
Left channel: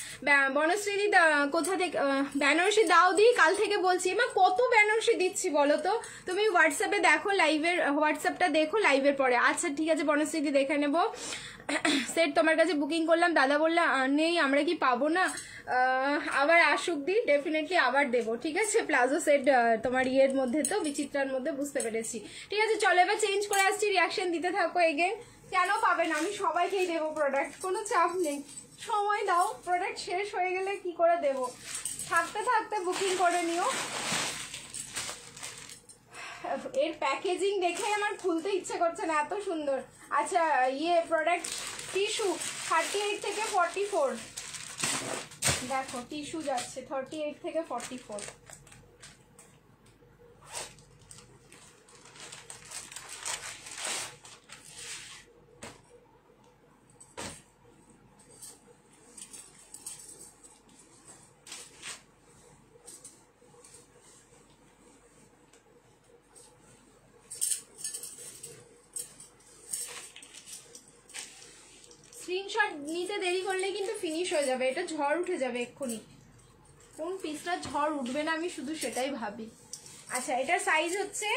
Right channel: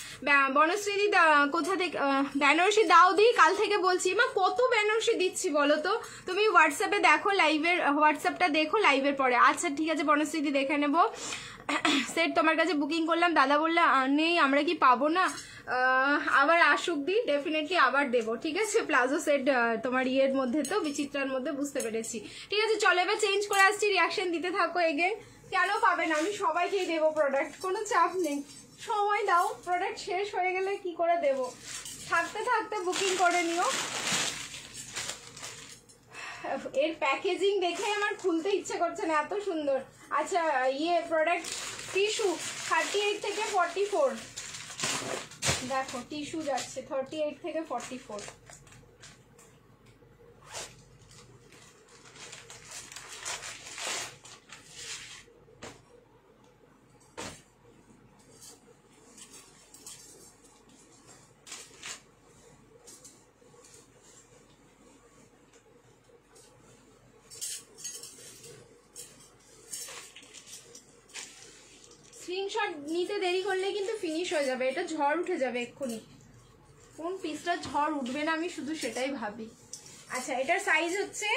বনশ্রী কোথা থেকে বেনারসি দাও দি, কাল থেকে বলছি মা কত বেনারসি দিচ্ছি বলো তো, তুমি হোয়াটসঅ্যাপে দেখো, লাইভের হোয়াটসঅ্যাপটা দেখো লাইভের পরে। আচ্ছা ঠিক আছে বনশ্রী দেখে নেবো। সেট তোমার কাছে বুকিং করলাম, দাদা বললে নেই, আমরা কি পাবো না? আবার আসুক দি, ডেফিনেটলি আবার দেবো, ঠিক আছে। প্লাজো সেট তোমার ইয়ের মধ্যে তো বিচিত্রার মধ্যে, বুঝতে পেরেছি, ঠিক আছে। চলো এবার চেঞ্জ করে আসছি, রিয়াকশন দিতে থাকো এগেন। কেন পাবে না, আমি সবাইকেই দেবো প্রোডাক্ট, কোনো চাপ নেই, সময় দাও, প্রোডাক্ট শেষ হয়ে গেলে কি করে দেবো, থাকতে থাকতে বুকিং করে নিও। এর প্যাকেজিং দেখে আমার খুলতে ইচ্ছে করছে না, এত সুন্দর। আচ্ছা ইয়ে প্রোডাক্ট টিস্যু 38 থেকে 44, দেখো টিস্যু যাচ্ছে 38 থেকে 44। স্ক্রিনশট নিতে দেরি করলে কিন্তু ফিনিশ হয়ে যাবে, এটা ঝড় উঠে যাবে এক্ষুনি। কোন পিসটা ঝড় উঠবে না আমি শুধু সেটাই ভাবি। আচ্ছা এটার সাইজ হচ্ছে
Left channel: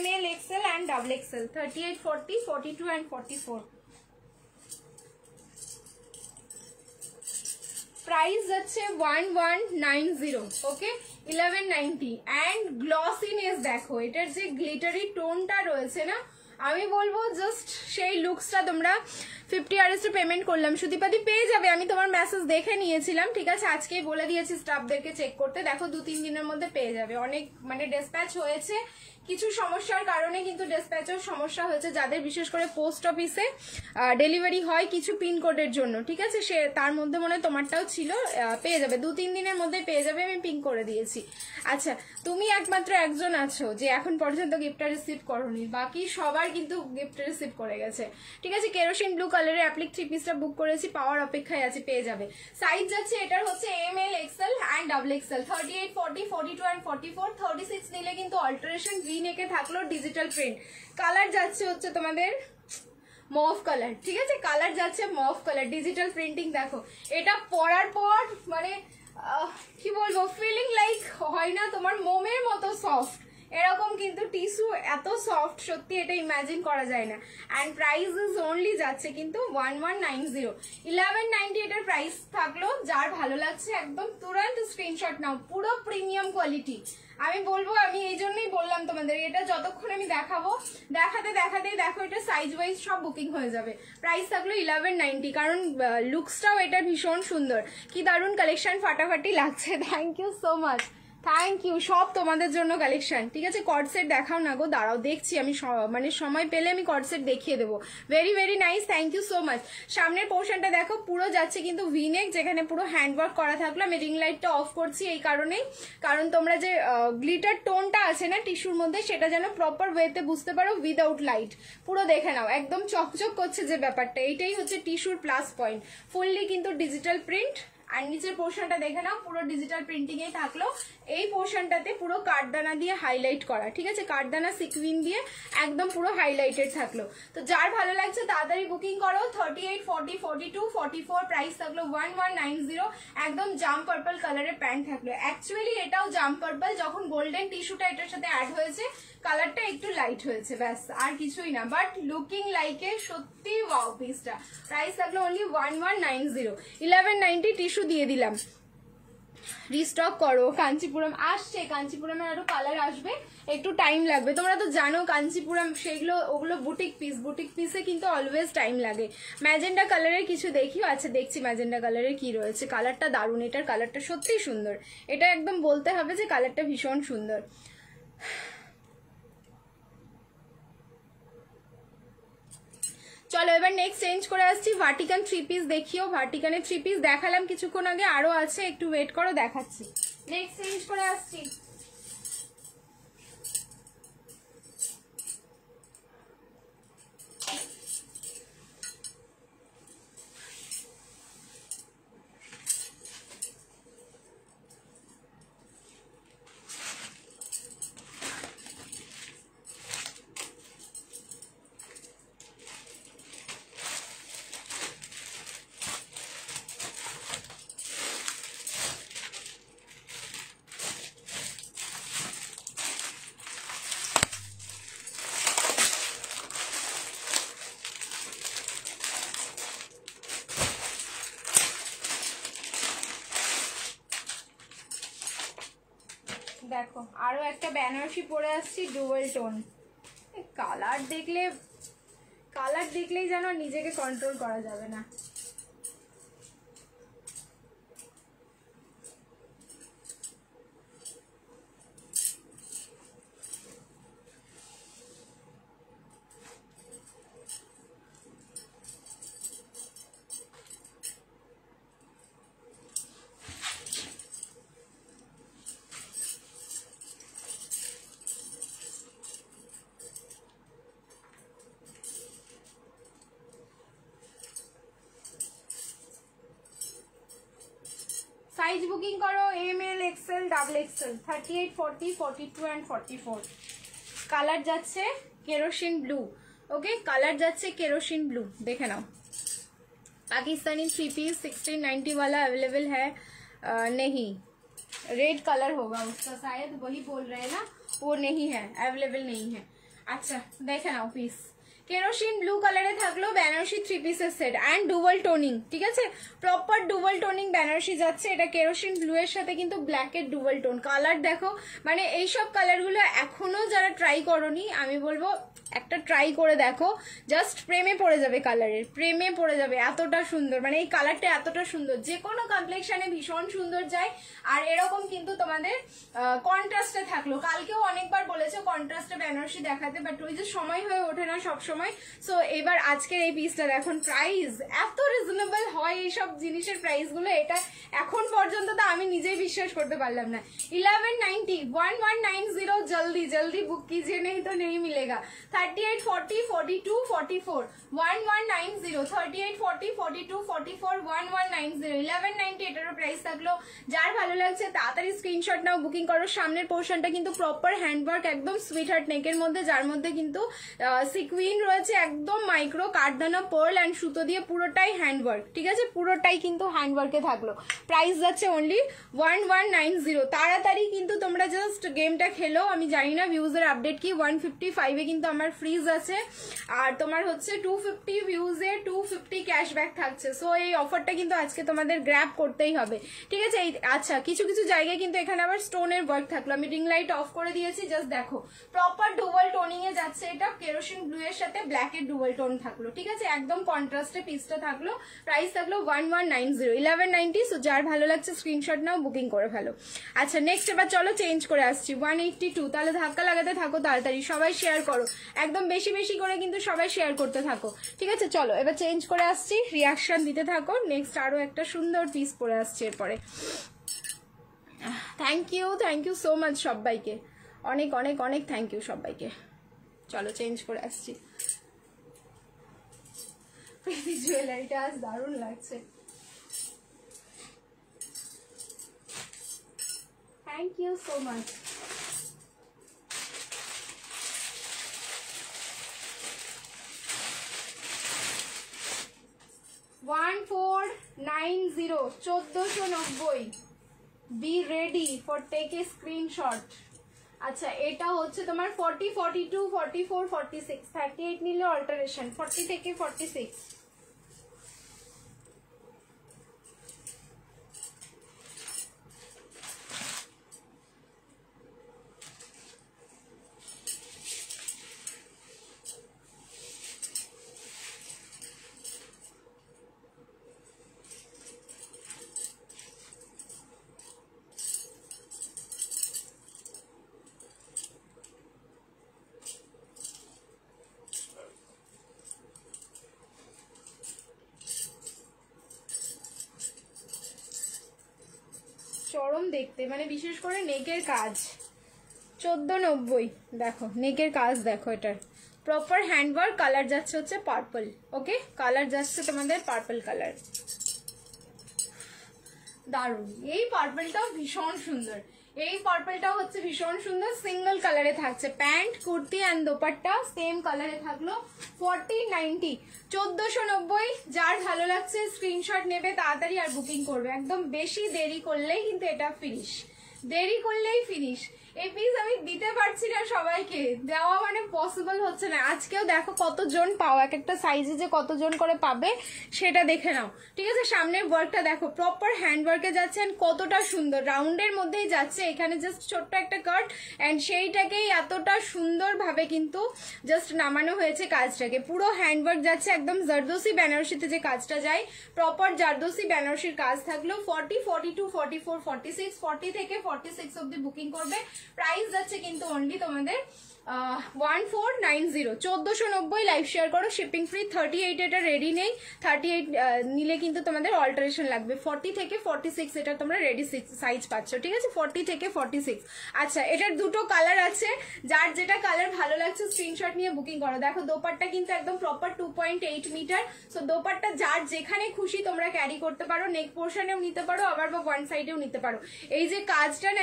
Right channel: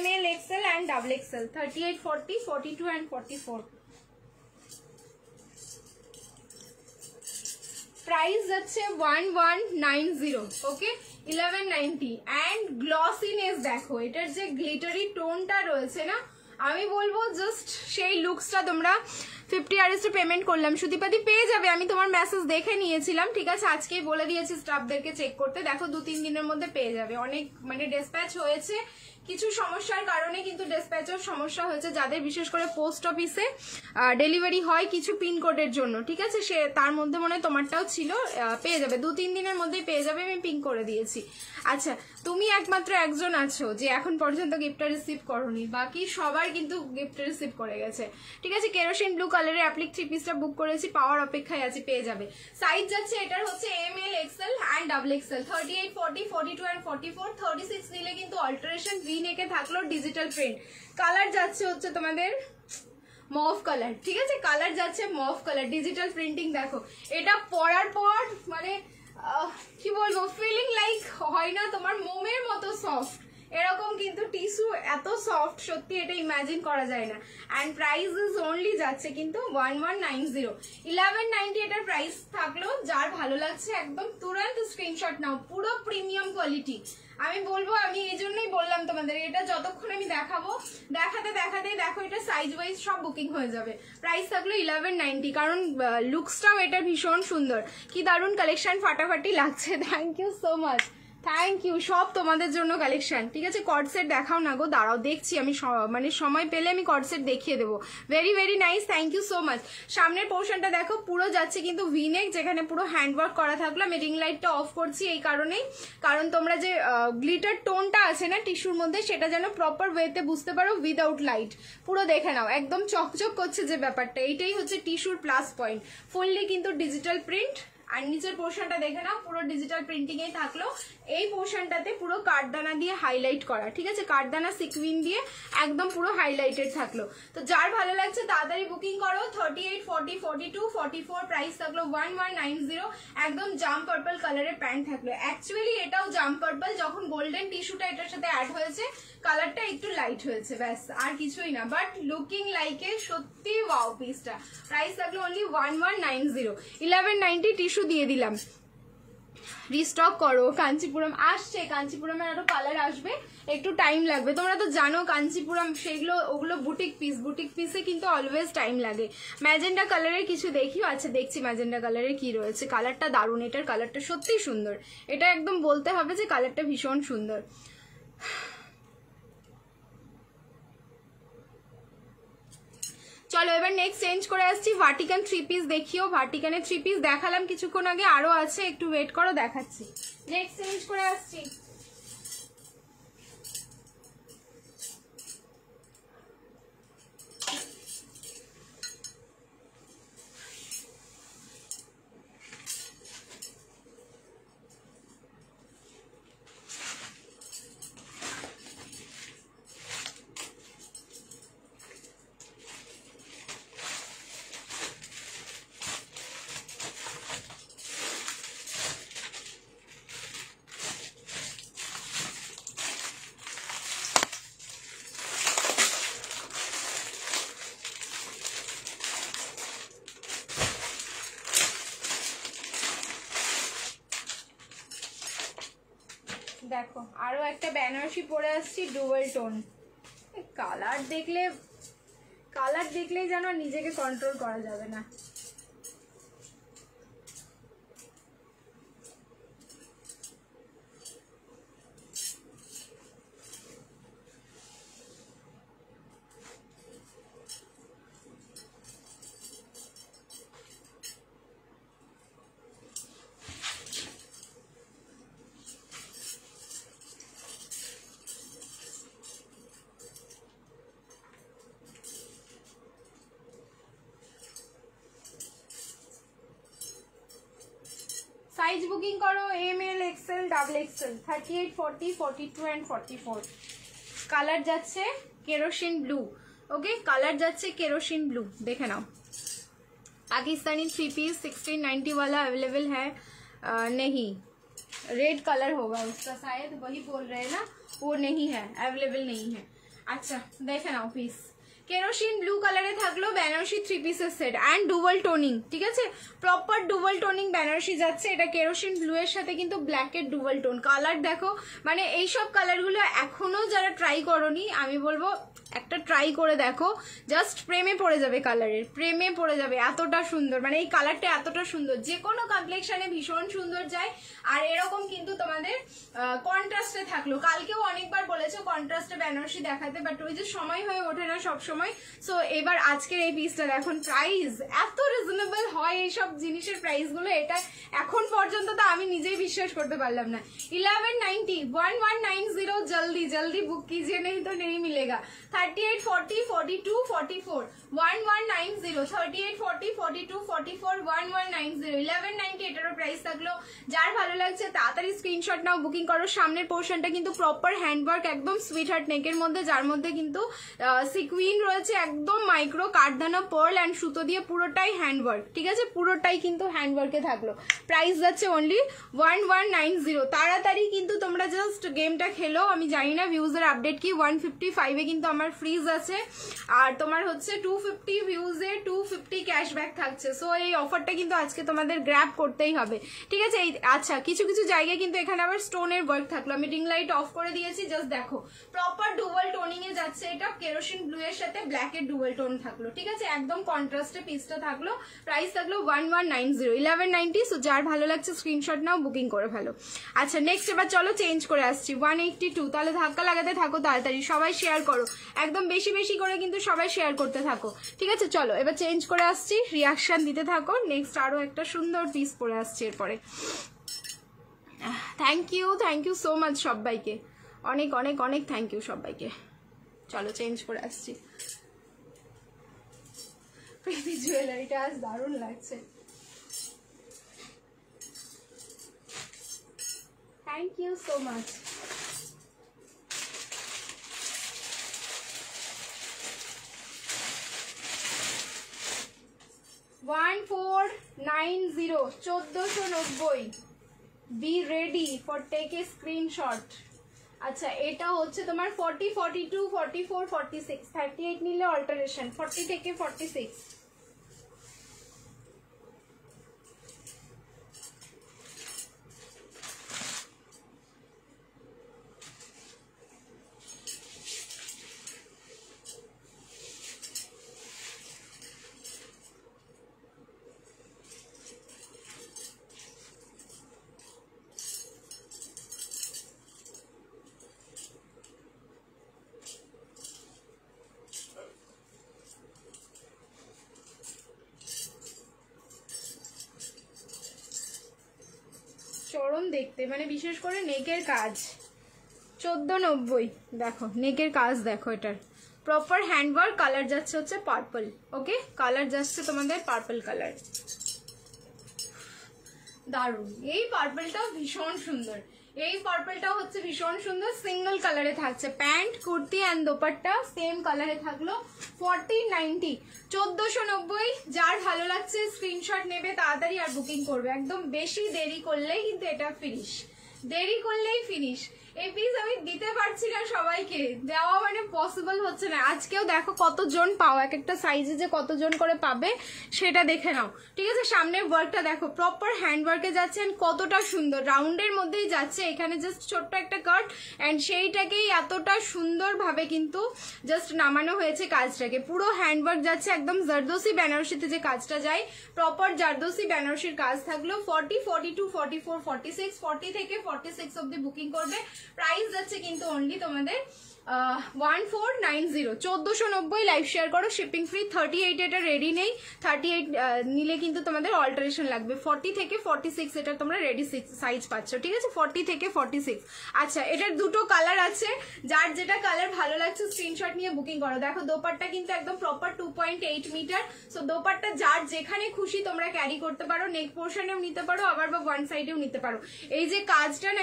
ML, XL and XXL, 38, 40, 42 and 44। Price যাচ্ছে 1190, ওকে 1190। অ্যান্ড গ্লসিনেস দেখো, এটার যে গ্লিটারি টোনটা রয়েছে না, আমি বলবো জাস্ট সেই লুকসটা তোমরা 50 RS পেমেন্ট করলাম, সুদীপাদি পেয়ে যাবে, আমি তোমার মেসেজ দেখে নিয়েছিলাম, ঠিক আছে। আজকেই বলে দিয়েছি স্টাফদেরকে চেক করতে, দেখো 2-3 দিনের মধ্যে পেয়ে যাবে। অনেক মানে ডিসপ্যাচ হয়েছে, কিছু সমস্যার কারণে কিন্তু ডিসপ্যাচের সমস্যা হয়েছে, যাদের বিশেষ করে পোস্ট অফিসে ডেলিভারি হয় কিছু পিনকোডের জন্য, ঠিক আছে? সে তার মধ্যে মনে হয় তোমারটাও ছিল, পেয়ে যাবে 2-3 দিনের মধ্যে পেয়ে যাবে, আমি পিন করে দিয়েছি। আচ্ছা, তুমি একমাত্র একজন আছো যে এখন পর্যন্ত গিফটটা রিসিভ করোনি, বাকি সবাই কিন্তু গিফট রিসিভ করে গেছে, ঠিক আছে? কেরোসিন ব্লু কালারের অ্যাপ্লিক 3 পিসটা বুক করেছি, পাওয়ার অপেক্ষায় আছে, পেয়ে যাবে। সাইজ যাচ্ছে এটার হচ্ছে ML, XL and XXL, 38, 40, 42 and 44, 36 নিলে কিন্তু অল্টারেশন ভি নেকে থাকলো ডিজিটাল প্রিন্ট। কালার যাচ্ছে হচ্ছে তোমাদের মভ কালার, ঠিক আছে? কালার যাচ্ছে মভ কালার, ডিজিটাল প্রিন্টিং। দেখো এটা পরার পর মানে কি বলবো, ফিলিং লাইক হয় না তোমার মোমের মতো সফট, এরকম কিন্তু টিস্যু এত সফট, সত্যি এটা ইমাজিন করা যায় না। অ্যান্ড প্রাইস ইজ অনলি যাচ্ছে কিন্তু 1190, 1190 এটার প্রাইস থাকলো। যার ভালো লাগছে একদম তুরন্ত স্ক্রিনশট নাও, পুরো প্রিমিয়াম কোয়ালিটি। আমি বলবো, আমি এই জন্যই বললাম তোমাদের, এটা যতক্ষণ আমি দেখাবো দেখাতে দেখাতেই দেখো এটা সাইজ ওয়াইজ সব বুকিং হয়ে যাবে। প্রাইস থাকলো 1190, কারণ লুকসটাও এটা ভীষণ সুন্দর, কি দারুণ কালেকশন, ফাটাফাটি লাগছে। Thank you so much, thank you, সব তোমাদের জন্য কালেকশন, ঠিক আছে? কর্ড সেট দেখাও না গো, দাঁড়াও দেখছি আমি, মানে সময় পেলে আমি কর্ড সেট দেখিয়ে দেবো। Very very nice, thank you so much. সামনের পোর্শনটা দেখো, পুরো যাচ্ছে কিন্তু ভিনেক, যেখানে পুরো হ্যান্ডওয়ার্ক করা থাকলো। আমি রিং লাইটটা অফ করছি এই কারণেই, কারণ তোমরা যে গ্লিটার টোনটা আছে না টিস্যুর মধ্যে, সেটা যেন প্রপার ওয়েতে বুঝতে পারো উইদাউট লাইট। পুরো দেখে নাও, একদম চকচক করছে যে ব্যাপারটা, এইটাই হচ্ছে টিস্যুর প্লাস পয়েন্ট। ফুললি কিন্তু ডিজিটাল প্রিন্ট, আর নিচের পোর্শনটা দেখে নাও, পুরো ডিজিটাল প্রিন্টিং এই থাকলো। এই পোর্শনটাতে পুরো কাঠদানা দিয়ে হাইলাইট করা, ঠিক আছে? কাঠদানা সিকুইন দিয়ে একদম পুরো হাইলাইটেড থাকলো। তো যার ভালো লাগছে তাড়াতাড়ি বুকিং করো। 38, 40, 42, 44 প্রাইস থাকলো 1190। একদম জাম পার্পল কালারের প্যান্ট থাকলো। অ্যাকচুয়ালি এটাও জাম পার্পল, যখন গোল্ডেন টিস্যুটা এটার সাথে অ্যাড হয়েছে কালারটা একটু লাইট হয়েছে, ব্যাস আর কিছুই না, বাট লুকিং লাইক এ সত্যি ওয়াও পিসটা। প্রাইস থাকলো অনলি 1190, 1190 টিস্যু দিয়ে দিলাম। রিস্টক করো, কাঞ্চিপুরম আসছে, কাঞ্চিপুরমের আরো কালার আসবে, একটু টাইম লাগবে। তোমরা তো জানো কাঞ্চিপুরম সেগুলো, ওগুলো বুটিক পিস, বুটিক পিসে কিন্তু অলওয়েজ টাইম লাগে। ম্যাজেন্ডা কালারের কিছু দেখিও, আচ্ছা দেখছি ম্যাজেন্ডা কালারের কি রয়েছে। কালারটা দারুণ, এটার কালারটা সত্যি সুন্দর, এটা একদম বলতে হবে যে কালারটা ভীষণ সুন্দর। চলো এবার নেক্সট চেঞ্জ করে আসছি, ভার্টিকান 3 পিস দেখিও। ভার্টিকানের 3 পিস দেখালাম কিছুক্ষণ আগে, আরো আছে, একটু ওয়েট করো দেখাচ্ছি। নেক্সট চেঞ্জ করে আসছি। দেখো আরো একটা বেনারসি পরে আসছি ডুয়েল টোন। কালার দেখলেই যেন নিজেকে কন্ট্রোল করা যাবে না। সাইজ বুকিং করো ML, XL, XXL, 38, 40, 42 and 44। Colour যাচ্ছে কেরোসিন ব্লু, ওকে? কালার যাচ্ছে কেরোসিन ब्लू, देखे नाओ। पाकिस्तानी 3 पीस 1690 वाला अवेलेबल है नहीं, रेड कलर होगा उसका, शायद वही बोल रहे हैं ना, वो नहीं है, अवेलेबल नहीं है। अच्छा देखे नाओ পিস, কেরোসিন ব্লু কালারে থাকলো বেনারসি 3 পিসের সেট অ্যান্ড ডুয়াল টোনিং, ঠিক আছে? প্রপার ডুয়াল টোনিং বেনারসি যাচ্ছে। এটা কেরোসিন ব্লু এর সাথে কিন্তু ব্ল্যাকের ডুয়াল টোন। কালার দেখো, মানে এইসব কালারগুলো এখনো যারা ট্রাই করোনি, আমি বলবো একটা ট্রাই করে দেখো, জাস্ট প্রেমে পড়ে যাবে, কালারের প্রেমে পড়ে যাবে, এতটা সুন্দর, মানে এই কালারটা এতটা সুন্দর, যে কোনো কমপ্লেক্সনে ভীষণ সুন্দর যায়। আর এরকম কিন্তু তোমাদের কন্ট্রাস্টে থাকলো, কালকেও অনেকবার বলেছো কন্ট্রাস্টে বেনারসি দেখাতে, বাট ওই যে সময় হয়ে ওঠে না সব সময়। সো এবার আজকের এই পিসটা দেখুন, প্রাইস এত রিজনেবল হয় এইসব জিনিসের প্রাইস গুলো, এটা এখন পর্যন্ত তো আমি নিজেই বিশ্বাস করতে পারলাম না। 1190 1190, জলদি জলদি বুক कीजिए, नहीं तो नहीं मिलेगा। 38 40 42 44 1190, 38 40 42 44 1190, 1190 এটারও প্রাইস থাকলো। যার ভালো লাগছে তাড়াতাড়ি স্ক্রিনশট নাও, বুকিং করো। সামনের পোর্শনটা কিন্তু প্রপার হ্যান্ডওয়ার্ক, একদম সুইট হার্ট নেকের মধ্যে, যার মধ্যে কিন্তু সিকুইন রয়েছে, একদম মাইক্রো কাঠদানা পার্ল অ্যান্ড সুতো দিয়ে পুরোটাই হ্যান্ডওয়ার্ক, ঠিক আছে, পুরোটাই কিন্তু হ্যান্ডওয়ার্কে থাকলো। প্রাইস যাচ্ছে অনলি 1190। তাড়াতাড়ি কিন্তু তোমরা জাস্ট গেমটা খেলো। আমি জানি না ভিউজের আপডেট কি, 155 কিন্তু আমার ফ্রিজ আছে, আর তোমার হচ্ছে 250 ভিউজে 250 ক্যাশব্যাক থাকছে। সো এই অফারটা কিন্তু আজকে তোমাদের গ্র্যাব করতেই হবে, ঠিক আছে। আচ্ছা, কিছু কিছু জায়গায় কিন্তু এখানে আবার স্টোনের ওয়ার্ক থাকলো। আমি রিং লাইট অফ করে দিয়েছি, জাস্ট দেখো প্রপার ডুয়াল টোনিং এ যাচ্ছে। এটা কেরোসিন ব্লু এর সাথে ব্ল্যাক এর ডুয়াল টোন থাকলো, ঠিক আছে, একদম কন্ট্রাস্টে পিসটা থাকলো। প্রাইস থাকলো 1190, 1190। সো যার ভালো লাগছে স্ক্রিনশট নাও, বুকিং করে ফেলো। আচ্ছা নেক্সট এবার চলো চেঞ্জ করে আসছি 182। তাহলে ধাক্কা লাগাতে থাকো, তাড়াতাড়ি সবাই শেয়ার করো, একদম বেশি বেশি করে কিন্তু সবাই শেয়ার করতে থাকো, ঠিক আছে। চলো এবার চেঞ্জ করে আসছি, রিয়াকশন দিতে থাকো। নেক্সট আরো একটা সুন্দর পিস পরে আসছে এরপরে। থ্যাংক ইউ সো মাচ সবাইকে, অনেক অনেক অনেক থ্যাংক ইউ সবাইকে। চলো চেঞ্জ করে আসছি। জুয়েলারিটা আজ দারুণ লাগছে, thank you so much. One 1490, be ready for take a screenshot. আচ্ছা এটা হচ্ছে তোমার 40 42 44 46, 38 নিলে অল্টারেশন, 40 থেকে 46। চরম দেখতে, মানে বিশেষ করে নেকের কাজ 1490। দেখো নেকের কাজ দেখো, এটার প্রপার হ্যান্ডওয়ার্ক, কালার যাচ্ছে হচ্ছে পার্পল, ওকে, কালার যাচ্ছে তোমাদের পার্পল কালার, দারুণ। এই পার্পলটাও ভীষণ সুন্দর, এই পার্পলটাও হচ্ছে ভীষণ সুন্দর, সিঙ্গেল কালারে থাকছে। Pant kurti and dupatta same কালারে থাকলো। 1490, 1490। যার ভালো লাগছে স্ক্রিনশট নেবে তাড়াতাড়ি আর বুকিং করবে, একদম বেশি দেরি করলেই কিন্তু এটা ফিনিশ, দেরি করলেই ফিনিশ। এই পিস আমি দিতে পারছি না সবাইকে, দেওয়া মানে পসিবল হচ্ছে না। আজকেও দেখো কতজন পাও, এক একটা সাইজে যে কতজন করে পাবে সেটা দেখে নাও, ঠিক আছে। সামনের ওয়ার্কটা দেখো প্রপার হ্যান্ড ওয়ার্কে যাচ্ছে, এন্ড কতটা সুন্দর, রাউন্ডের মধ্যেই যাচ্ছে। এখানে জাস্ট ছোট্ট একটা কাট, এন্ড সেইটাকেই এতটা সুন্দর ভাবে কিন্তু জাস্ট নামানো হয়েছে কাজটাকে। পুরো হ্যান্ড ওয়ার্ক যাচ্ছে, একদম জারদোসি বেনারসিতে যে কাজটা যায়, প্রপার জারদোসি বেনারসির কাজ থাকলো। 40 42 44 46, 40 থেকে 46 অব্দি বুকিং করবে। প্রাইস যাচ্ছে কিন্তু অনলি তোমাদের 1490, 1490। লাইভ শেয়ার করো, শিপিং ফ্রি। 38 এটা রেডি নেই, 38 নিলে কিন্তু তোমাদের অল্টারেশন লাগবে। 40 থেকে 46 এটা তোমরা রেডি সাইজ পাচ্ছ, ঠিক আছে, 40 থেকে 46। আচ্ছা এটার দুটো কালার আছে, যার যেটা কালার ভালো লাগছে স্ক্রিনশট নিয়ে বুকিং করো। দেখো দোপাট্টা কিন্তু একদম প্রপার 2.8 মিটার। সো দোপাট্টা যার যেখানে খুশি তোমরা ক্যারি করতে পারো, নেক পোর্শনেও নিতে পারো, আবার বা ওয়ান সাইডেও নিতে পারো। এই যে কাজটা না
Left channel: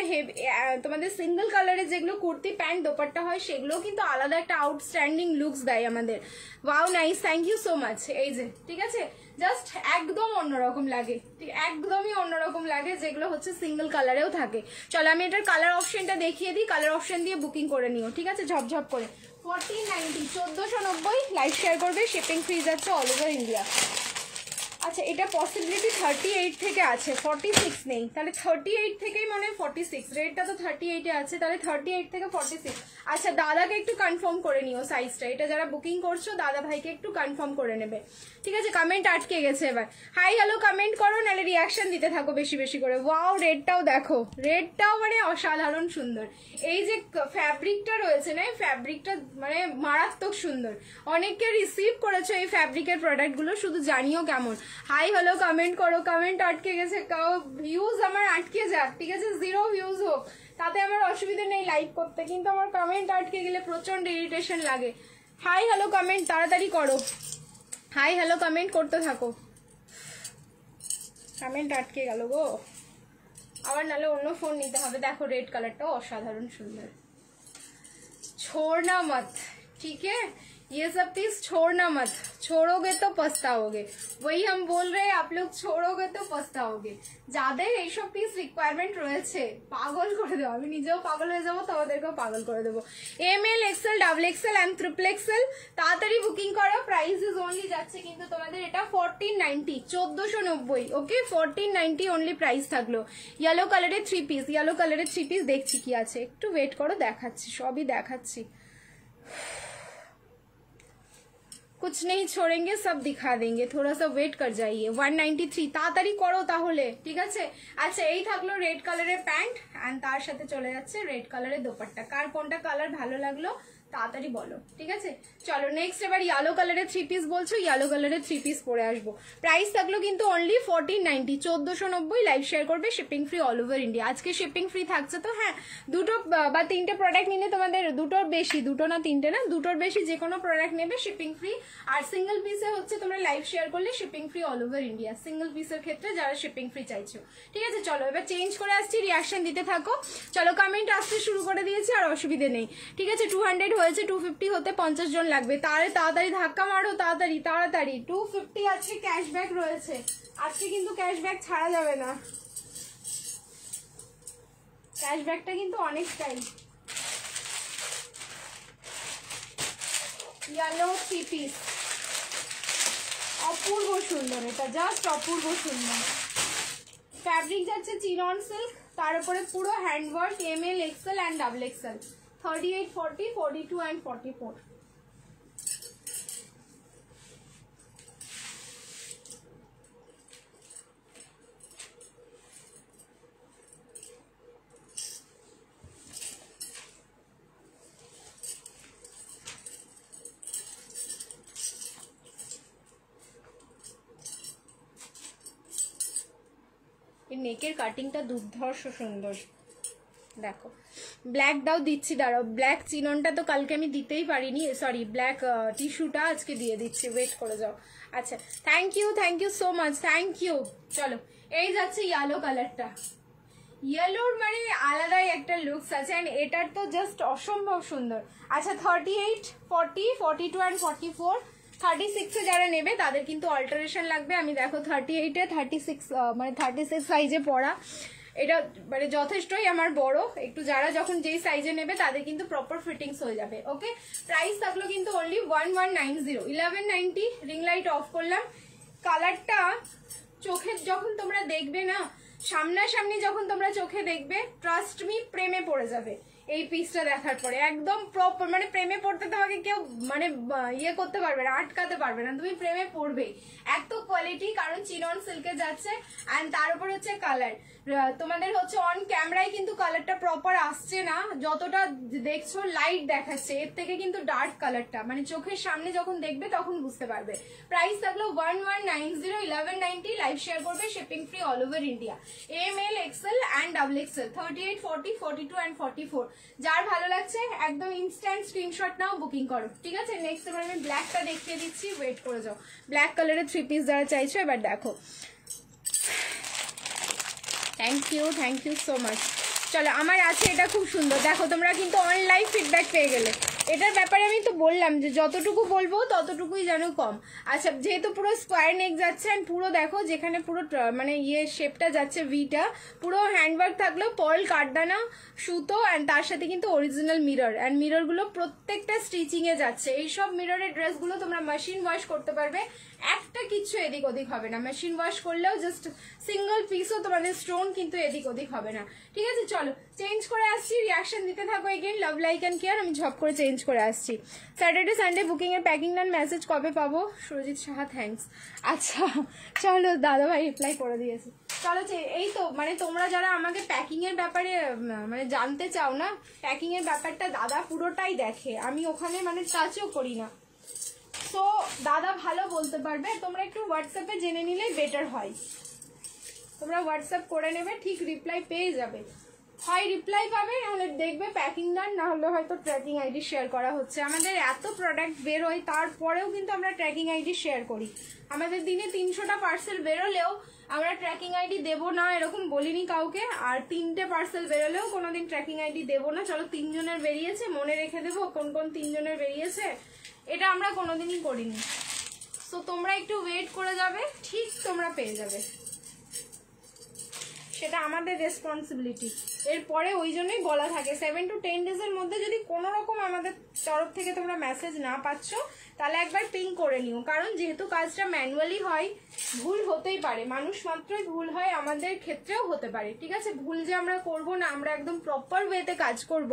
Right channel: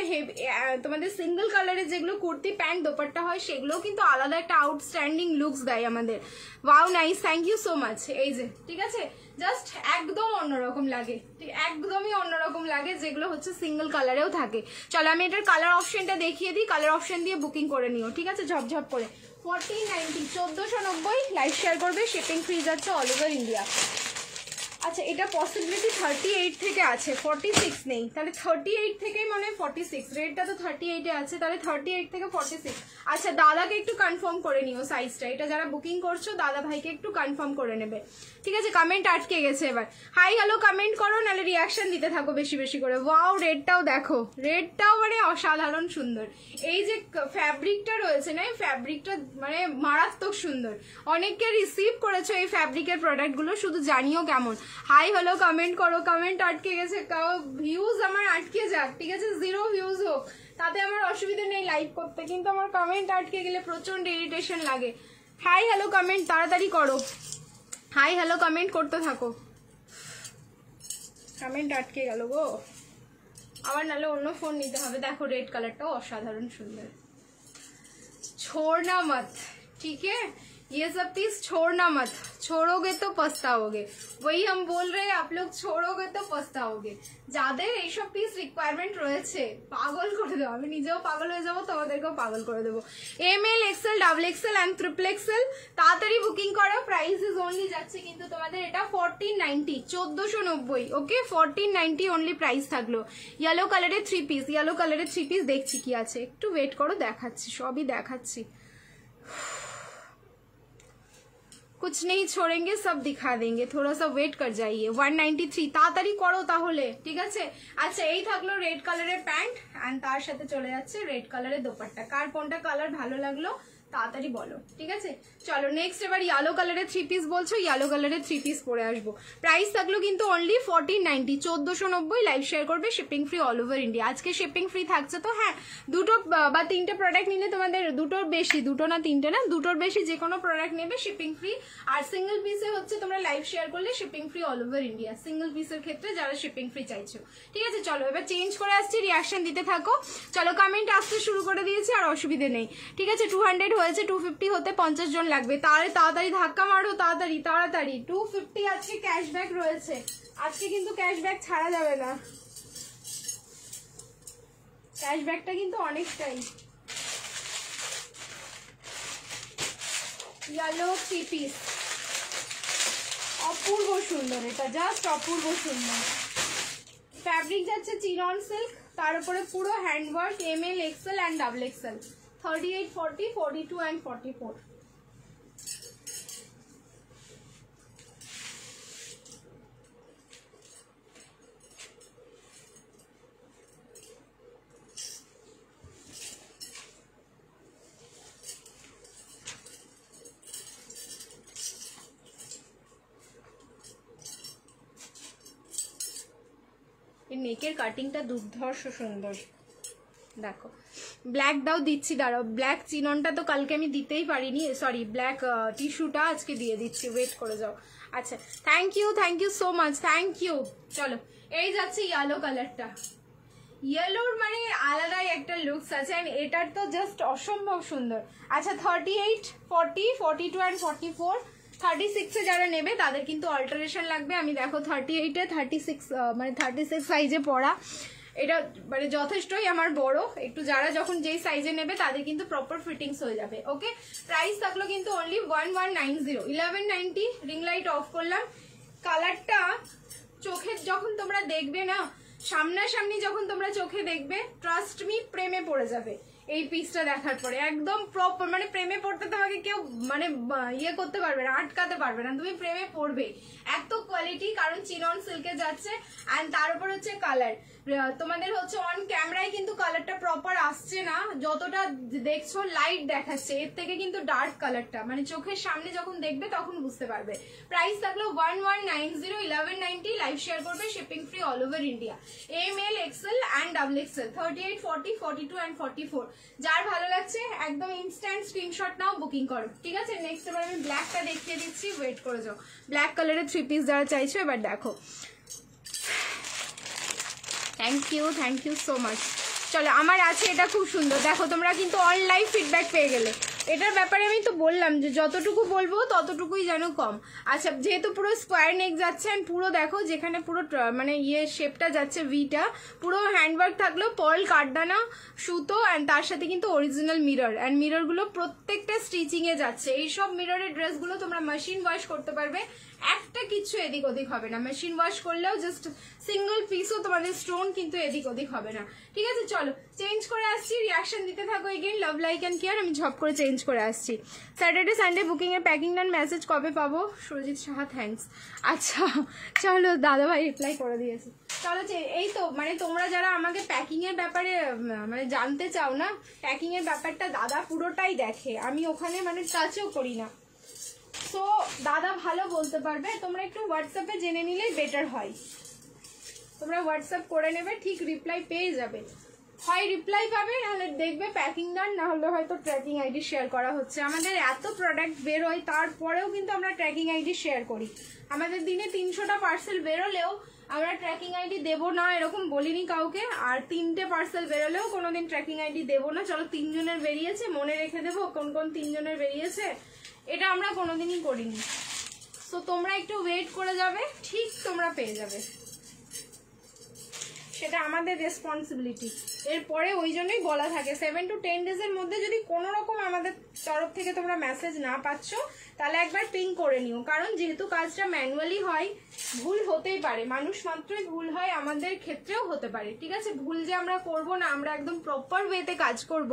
তোমাদের সিঙ্গেল কালারের যেগুলো কুর্তি প্যান্ট দোপাট্টা হয় সেগুলো কিন্তু আলাদা একটা আউটস্ট্যান্ডিং লুকস দেয় আমাদের। Wow nice, thank you so much. এই যে ঠিক আছে, জাস্ট একদম অন্যরকম লাগে, ঠিক একদমই অন্যরকম লাগে, যেগুলো হচ্ছে সিঙ্গেল কালারেও থাকে। চলো আমি এটার কালার অপশনটা দেখিয়ে দিই, কালার অপশন দিয়ে বুকিং করে নিও, ঠিক আছে, ঝপঝপ করে। 1490, 1490। লাইভ শেয়ার করবে, শিপিং ফ্রি যাচ্ছে অল ওভার ইন্ডিয়া। আচ্ছা এটা পসিবিলিটি 38 থেকে আছে, 46 নেই, তাহলে 38 থেকেই মানে 46, রেটটা তো 38 এ আছে, তাহলে 38 থেকে 46। আচ্ছা দাদাকে একটু কনফার্ম করে নিও সাইজটা, এটা যারা বুকিং করছো দাদা ভাইকে একটু কনফার্ম করে নেবে, ঠিক আছে? কমেন্ট আটকে গেছে, এবার হাই হ্যালো কমেন্ট করো, নাহলে রিয়াকশন দিতে থাকো বেশি বেশি করে। ওয়াও রেডটাও দেখো, রেডটাও মানে অসাধারণ সুন্দর। এই যে ফ্যাব্রিকটা রয়েছে না, এই ফ্যাব্রিকটা মানে মারাত্মক সুন্দর। অনেককে রিসিভ করেছে এই ফ্যাব্রিকের প্রোডাক্টগুলো, শুধু জানিও কেমন। হাই হ্যালো কমেন্ট করো, কমেন্ট আটকে গেছে, ভিউজ আমার আটকে যাক, ঠিক আছে? 0 ভিউজ হোক তাতে আমার অসুবিধা নেই লাইভ করতে, কিন্তু আমার কমেন্ট আটকে গেলে প্রচন্ড ইরিটেশন লাগে। হাই হ্যালো কমেন্ট তাড়াতাড়ি করো, হাই হ্যালো কমেন্ট করতে থাকো। কমেন্ট আটকে গেল গো, আবার নাহলে অন্য ফোন নিতে হবে। দেখো রেড কালারটাও অসাধারণ সুন্দর। छोड़ना मत, ठीक है? ये सब चीज छोड़ना मत, छोड़ोगे तो पछताओगे। वही हम बोल रहे हैं, आप लोग छोड़ोगे तो पछताओगे। যাদের এইসব পিস রিকোয়ারমেন্ট রয়েছে পাগল করে দেবো, আমি নিজেও পাগল হয়ে যাবো, তোমাদেরকেও পাগল করে দেবো। ML, XL, XXL and XXL তাড়াতাড়ি বুকিং করো। প্রাইস ইজ অনলি যাচ্ছে কিন্তু তোমাদের এটা 1490, 1490। ওকে 1490 অনলি প্রাইস থাকলো। ইয়েলো কালারের 3 পিস, ইয়েলো কালারের 3 পিস দেখছি কি আছে, একটু ওয়েট করো, দেখাচ্ছি, সবই দেখাচ্ছি। कुछ नहीं छोड़ेंगे, सब दिखा देंगे, थोड़ा सा वेट कर जाइए। 193 তাড়াতাড়ি করো তাহলে, ঠিক আছে? আচ্ছা এই থাকলো রেড কালারের প্যান্ট এন্ড তার সাথে চলে যাচ্ছে রেড কালারের দোপাট্টা। কার কোনটা কালার ভালো লাগলো তাড়াতাড়ি বলো, ঠিক আছে? চলো নেক্সট এবার ইয়েলো কালারের 3 পিস বলছো, ইয়েলো কালারের 3 পিস পরে আসবো। প্রাইস থাকলো কিন্তু অনলি 1490, 1490। লাইভ শেয়ার করবে, shipping free all over India. আজকে শিপিং ফ্রি থাকছে তো, হ্যাঁ দুটো বা তিনটে প্রোডাক্ট নিলে তোমাদের দুটোর বেশি, দুটো না তিনটে না, দুটোর বেশি যে কোনো প্রোডাক্ট নেবে শিপিং ফ্রি। আর সিঙ্গেল পিসে হচ্ছে তোমরা লাইভ শেয়ার করলে shipping free all over India, single পিসের ক্ষেত্রে যারা শিপিং ফ্রি চাইছো, ঠিক আছে? চলো এবার চেঞ্জ করে আসছি, রিয়াকশন দিতে থাকো। চলো কমেন্ট আসতে শুরু করে দিয়েছি, আর অসুবিধে নেই, ঠিক আছে? 200 হয়েছে, 250 হতে 50 জন লাগবে, তাহলে তাড়াতাড়ি ধাক্কা মারো, তাড়াতাড়ি তাড়াতাড়ি। 250 আজকে ক্যাশব্যাক রয়েছে, আজকে কিন্তু ক্যাশব্যাক ছাড়া যাবে না, ক্যাশব্যাকটা কিন্তু অনেকটাই। ইয়েলো 3 পিস অপূর্ব সুন্দর, এটা জাস্ট অপূর্ব সুন্দর। ফ্যাব্রিক যাচ্ছে চিনন সিল্ক, তার উপরে পুরো handwork, ML, XL and XXL, 38, 40, 42 and 44। নেকের কাটিংটা দুর্ধর্ষ সুন্দর, দেখো। ব্ল্যাক দাও, দিচ্ছি, দাঁড়াও। ব্ল্যাক চিননটা তো কালকে আমি দিতেই পারিনি, সরি ব্ল্যাক টিস্যুটা আজকে দিয়ে দিচ্ছি, ওয়েট করে যাও। আচ্ছা thank you so much, thank you. চলো এই যাচ্ছে ইয়েলো কালারটা, ইয়েলোর মানে আলাদাই একটা লুকস আছে, এটার তো জাস্ট অসম্ভব সুন্দর। আচ্ছা 38, 40, 42 এন্ড 44, 36 এ যারা নেবে তাদের কিন্তু অল্টারেশন লাগবে। আমি দেখো 38 এ 36 মানে 36 সাইজে পরা, এটা মানে যথেষ্টই আমার বড় একটু, যারা যখন যেই সাইজে নেবে তাদের কিন্তু প্রপার ফিটিংস হয়ে যাবে। ওকে প্রাইস থাকলো কিন্তু অনলি 1190, 1190। রিং লাইট অফ করলাম। কালারটা চোখে যখন তোমরা দেখবে না, সামনাসামনি যখন তোমরা চোখে দেখবে, ট্রাস্ট মি প্রেমে পড়ে যাবে এই পিসটা দেখার পরে। একদম প্রপার মানে প্রেমে পড়তে তোমাকে কেউ মানে ইয়ে করতে পারবে না, আটকাতে পারবে না, তুমি প্রেমে পড়বে। এত কোয়ালিটি, কারণ চিনন সিল্কে যাচ্ছে এন্ড তার উপর হচ্ছে কালার। তোমাদের হচ্ছে অন ক্যামেরায় কিন্তু কালারটা প্রপার আসছে না, যতটা দেখছো লাইট দেখাচ্ছে, এর থেকে কিন্তু ডার্ক কালারটা মানে চোখের সামনে যখন দেখবে তখন বুঝতে পারবে। প্রাইস থাকলো 1190, 1190। লাইভ শেয়ার করবে, shipping free all over India. ML, XL and XXL, 38, 40, 42 and 44। যার ভালো লাগছে একদম ইনস্ট্যান্ট স্ক্রিনশট নাও, বুকিং করো, ঠিক আছে? নেক্সট এবার আমি ব্ল্যাকটা দেখিয়ে দিচ্ছি, ওয়েট করে যাও। ব্ল্যাক কালারের 3 পিস যারা চাইছো এবার দেখো। Thank you so much. চলো আমার আছে এটা খুব সুন্দর, দেখো তোমরা কিন্তু অনলাইন ফিডব্যাক পেয়ে গেলে। এটার ব্যাপারে আমি তো বললাম যে যতটুকু বলবো ততটুকুই যেন কম। আচ্ছা যেহেতু পুরো স্কোয়ার নেক যাচ্ছে, পুরো দেখো যেখানে পুরো মানে ইয়ে শেপটা যাচ্ছে ভিটা, পুরো হ্যান্ডওয়ার্ক থাকলেও পার্ল কাঠদানা সুতো এন্ড তার সাথে কিন্তু অরিজিনাল মিরর, এন্ড মিরর গুলো প্রত্যেকটা স্টিচিং এ যাচ্ছে। এইসব মিররের ড্রেসগুলো তোমরা মেশিন ওয়াশ করতে পারবে, একটা কিছু এদিক ওদিক হবে না, মেশিন ওয়াশ করলেও জাস্ট সিঙ্গল পিসও তোমাদের স্টোন কিন্তু এদিক ওদিক হবে না। ঠিক আছে, চলো চেঞ্জ করে আসছি, রিয়াকশন দিতে থাকো। Again love like and care, আমি ঝপ করে চেঞ্জ করে আসছি। স্যাটারডে সানডে বুকিং এর প্যাকিং ডান, মেসেজ কবে পাবো? সুরজিৎ সাহা, থ্যাঙ্কস। আচ্ছা চলো, দাদাভাই রিপ্লাই করে দিয়েছে। চলো এই তো মানে তোমরা যারা আমাকে প্যাকিং এর ব্যাপারে মানে জানতে চাও না, প্যাকিং এর ব্যাপারটা দাদা পুরোটাই দেখে, আমি ওখানে মানে টাচও করি না, তো দাদা ভালো বলতে পারবে। তোমরা একটু হোয়াটসঅ্যাপে জেনে নিলে বেটার হয়, তোমরা হোয়াটসঅ্যাপ করে নেবে, ঠিক রিপ্লাই পেয়ে যাবে। হয় রিপ্লাই পাবে, নাহলে দেখবে প্যাকিং ডান, না হলে হয়তো ট্র্যাকিং আইডি শেয়ার করা হচ্ছে। আমাদের এত প্রোডাক্ট বেরোয়, তারপরেও কিন্তু আমরা ট্র্যাকিং আইডি শেয়ার করি। আমাদের দিনে 300টা পার্সেল বেরোলেও আমরা ট্র্যাকিং আইডি দেবো না এরকম বলিনি কাউকে, আর 3টে পার্সেল বেরোলেও কোনোদিন ট্র্যাকিং আইডি দেবো না। চলো 3 জনের বেরিয়েছে, মনে রেখে দেবো কোন কোন 3 জনের বেরিয়েছে, এটা আমরা কোনোদিনই করিনি। তো তোমরা একটু ওয়েট করে যাবে, ঠিক তোমরা পেয়ে যাবে, সেটা আমাদের রেসপন্সিবিলিটি। এরপরে ওই জন্যই বলা থাকে 7 to 10 ডেজের মধ্যে যদি কোনো রকম আমাদের তরফ থেকে তোমরা মেসেজ না পাচ্ছ, তাহলে একবার পিং করে নিও, কারণ যেহেতু কাজটা ম্যানুয়ালি হয়, ভুল হতেই পারে, মানুষ মাত্রই ভুল হয়, আমাদের ক্ষেত্রেও হতে পারে। ঠিক আছে, ভুল যে আমরা করব না, আমরা একদম প্রপার ওয়েতে কাজ করব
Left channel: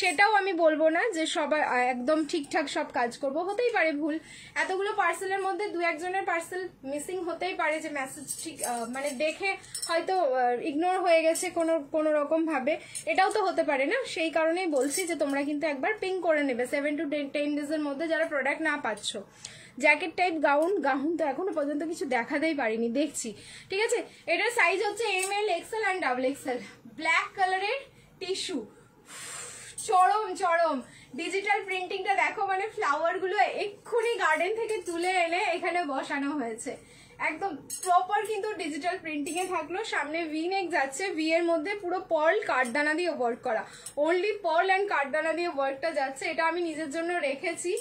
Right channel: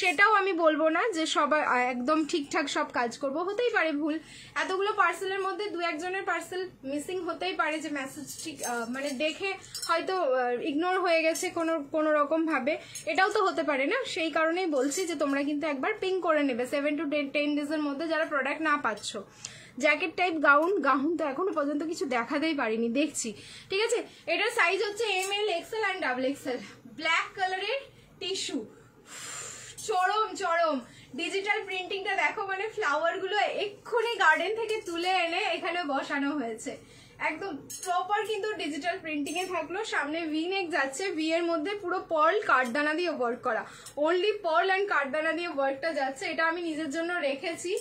সেটাও আমি বলবো না যে সবাই একদম ঠিকঠাক সব কাজ করব, হতেই পারে ভুল। এতগুলো পার্সেলের মধ্যে 2-1 জনের পার্সেল মিসিং হতেই পারে, যে মেসেজ ঠিক মানে দেখে হয়তো ইগনোর হয়ে গেছে কোনো রকম ভাবে, এটাও তো হতে পারে না। সেই কারণেই বলছি যে তোমরা কিন্তু একবার পিং করে নেবে 7 to 10 ডেজের মধ্যে যারা প্রোডাক্ট না পাচ্ছ। জ্যাকেট টাইপ গাউন তো এখনো পর্যন্ত কিছু দেখাতেই পারিনি, দেখছি। ঠিক আছে, এটার সাইজ হচ্ছে ML, XL and XXL। Black কালারের টিস্যু, চরম ডিজিটাল প্রিন্টিংটা দেখো, মানে ফ্লাওয়ার গুলো এক্ষুনি গার্ডেন থেকে তুলে এনে এখানে বসানো হয়েছে, একদম প্রপার কিন্তু ডিজিটাল প্রিন্টিং এ থাকলো। সামনে ভি নেক যাচ্ছে, ভি এর মধ্যে পুরো পার্ল কাঠদানা দিয়ে ওয়ার্ক করা, অনলি পার্ল অ্যান্ড কাঠদানা দিয়ে ওয়ার্কটা যাচ্ছে। এটা আমি নিজের জন্য রেখেছি,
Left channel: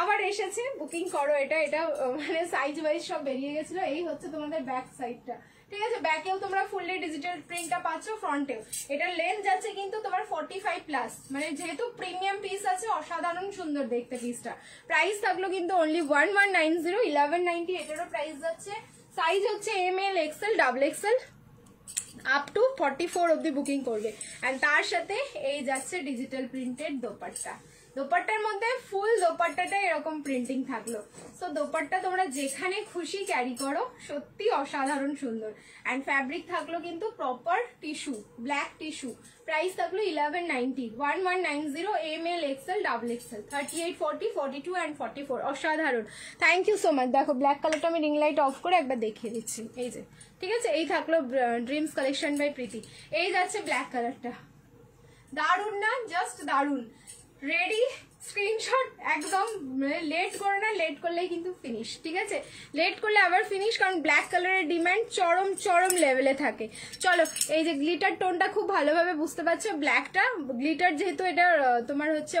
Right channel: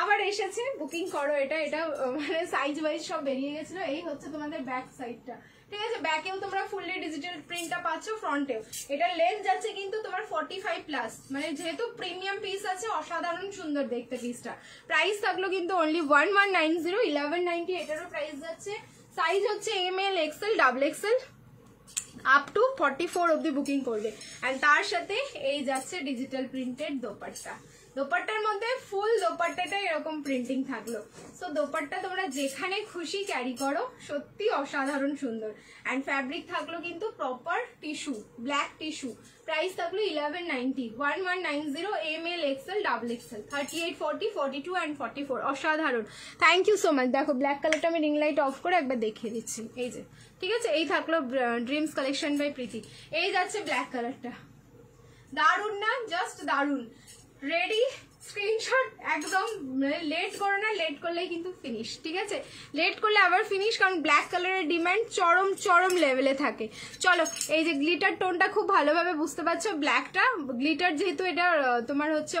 আবার এসেছে, বুকিং করো। এটা মানে সাইজ ওয়াইজ সব বেরিয়ে গেছিল। এই হচ্ছে তোমাদের ব্যাক সাইডটা। ঠিক আছে, ব্যাকেও তোমরা ফুললি ডিজিটাল প্রিন্টটা পাচ্ছ, ফ্রন্টেও। এটার লেন্থ যাচ্ছে কিন্তু তোমার 45+, মানে যেহেতু প্রিমিয়াম পিস আছে, অসাধারণ সুন্দর দেখতে পিসটা। প্রাইস থাকলো কিন্তু অনলি 1190, 1190 এটারও প্রাইস যাচ্ছে। সাইজ হচ্ছে ML, XL, XXL up to 44 অব্দি বুকিং করবে। অ্যান্ড তার সাথে এই যাচ্ছে ডিজিটাল প্রিন্টেড দোপাট্টা। দোপাট্টার মধ্যে ফুল দোপাট্টাটা এরকম প্রিন্টিং থাকলো। সো দোপাট্টা তোমরা যেখানে খুশি ক্যারি করো, সত্যি অসাধারণ সুন্দর। অ্যান্ড ফ্যাব্রিক থাকলো কিন্তু proper tissue, black tissue. Price থাকলো 1190, 1190 ML, XL, XXL, 38, 40, 42 অ্যান্ড 44। অসাধারণ, থ্যাংক ইউ সো মাচ। দেখো ব্ল্যাক কালারটা আমি রিং লাইট অফ করে একবার দেখিয়ে দিচ্ছি, এই যে। ঠিক আছে, এই থাকলো ড্রিমস কালেকশন বাই প্রীতি। এই যাচ্ছে ব্ল্যাক কালারটা, দারুন না? জাস্ট দারুন। রেডি, স্ক্রিনশট একদম, লেট করো না, লেট করলেই কিন্তু ফিনিশ। ঠিক আছে, লেট করলে আবার ফিনিশ, কারণ ব্ল্যাক কালারের ডিমান্ড চরম লেভেলে থাকে। চলো, এই যে গ্লিটার টোনটা খুব ভালোভাবে বুঝতে পারছো, ব্ল্যাকটা গ্লিটার, যেহেতু এটা তোমার হচ্ছে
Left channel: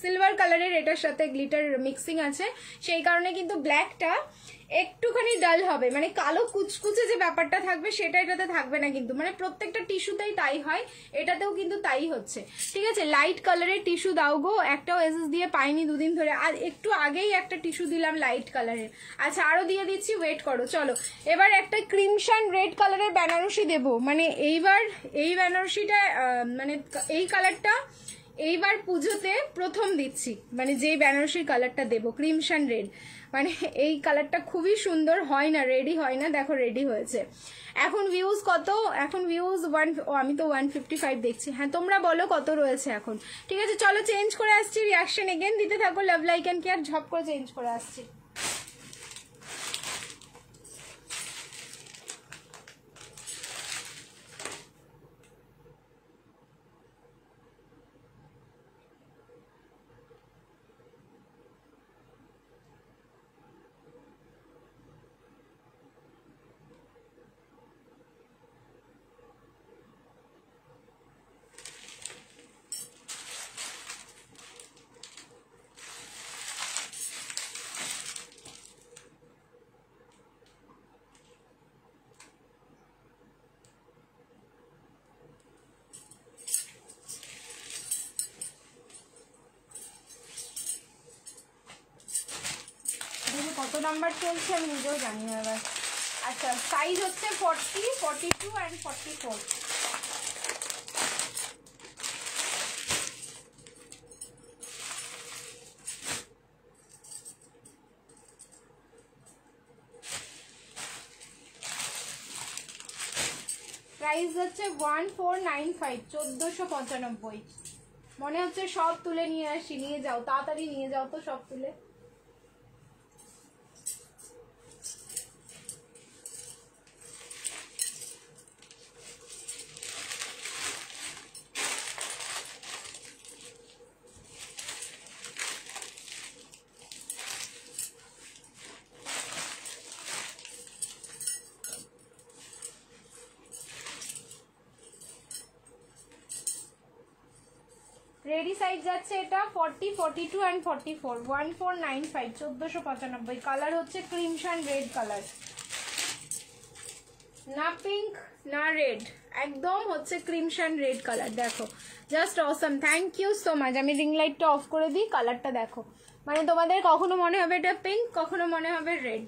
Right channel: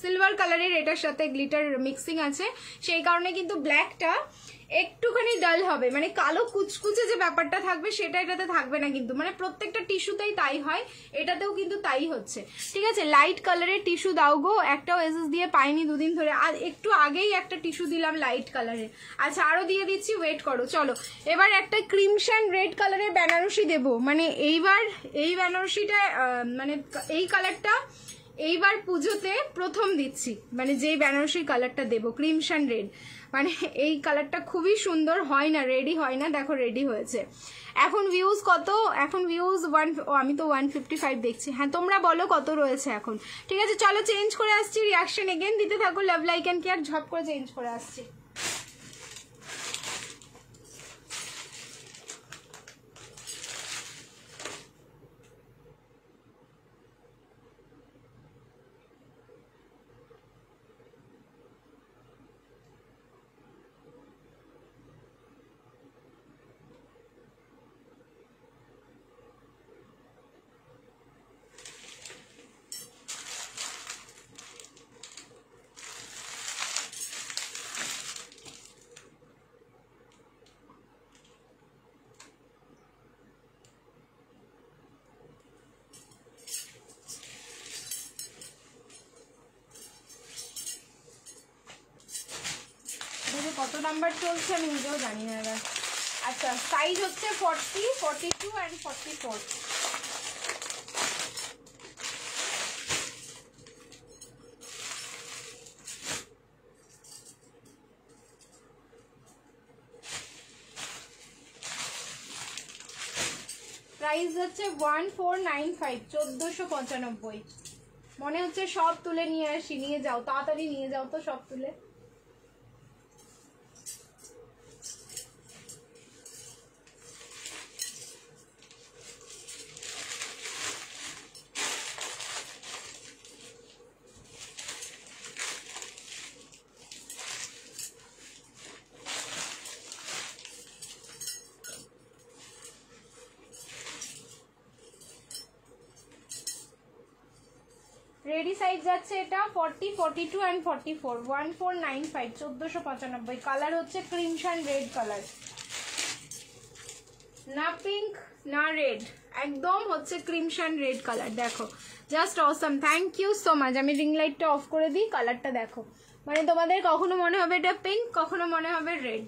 সিলভার কালারের, এটার সাথে গ্লিটার মিক্সিং আছে, সেই কারণে কিন্তু ব্ল্যাকটা একটুখানি ডাল হবে, মানে কালো কুচকুচে যে ব্যাপারটা থাকবে সেটা এটাতে থাকবে না কিন্তু, মানে প্রত্যেকটা টিস্যুতেই তাই হয়, এটাতেও কিন্তু তাই হচ্ছে। ঠিক আছে, লাইট কালারের টিস্যু দাও গো, একটাও এসএস দিয়ে পাইনি দুদিন ধরে, আর একটু আগেই একটা টিস্যু দিলাম লাইট কালারের। আচ্ছা, আরো দিয়ে দিচ্ছি, ওয়েট করো। চলো, এবার একটা ক্রিমশন রেড কালারের বেনারসি দেবো, মানে এইবার এই বেনারসিটা মানে এই কালারটা এইবার পুজোতে প্রথম দিচ্ছি, মানে যেই বেনারসির কালারটা দেবো ক্রিমশন রেড, মানে এই কালারটা খুবই সুন্দর। হয় না, রেডি হয় না, দেখো রেডি হয়েছে। এখন ভিউজ কত? এখন ভিউজ আমি তো 155 দেখছি। হ্যাঁ, তোমরা বলো কত রয়েছে এখন। ঠিক আছে, চলো চেঞ্জ করে আসছি, রিয়াকশন এগেন দিতে থাকো, লাভ লাইক অ্যান্ড কেয়ার, ঝপ করে চেঞ্জ করে আসছি। কত নাম্বার চলছে আমি নিজেও জানি না এবার। আচ্ছা সাইজ হচ্ছে 40, 42 অ্যান্ড 44। প্রাইস হচ্ছে 1495, 1495। মনে হচ্ছে সব তুলে নিয়ে আসি, নিয়ে যাও তাড়াতাড়ি নিয়ে যাও তো সব তুলে। রেডি সাইজ যাচ্ছে এটা 40, 42 অ্যান্ড 44, 1495, 1495। কালার হচ্ছে ক্রিমশন রেড কালার, না পিঙ্ক না রেড, একদম হচ্ছে ক্রিমশন রেড কালার। দেখো just awesome, thank you so much. আমি রিং লাইটটা অফ করে দিই, কালারটা দেখো, মানে তোমাদের কখনো মনে হবে এটা পিঙ্ক, কখনো মনে হবে রেড।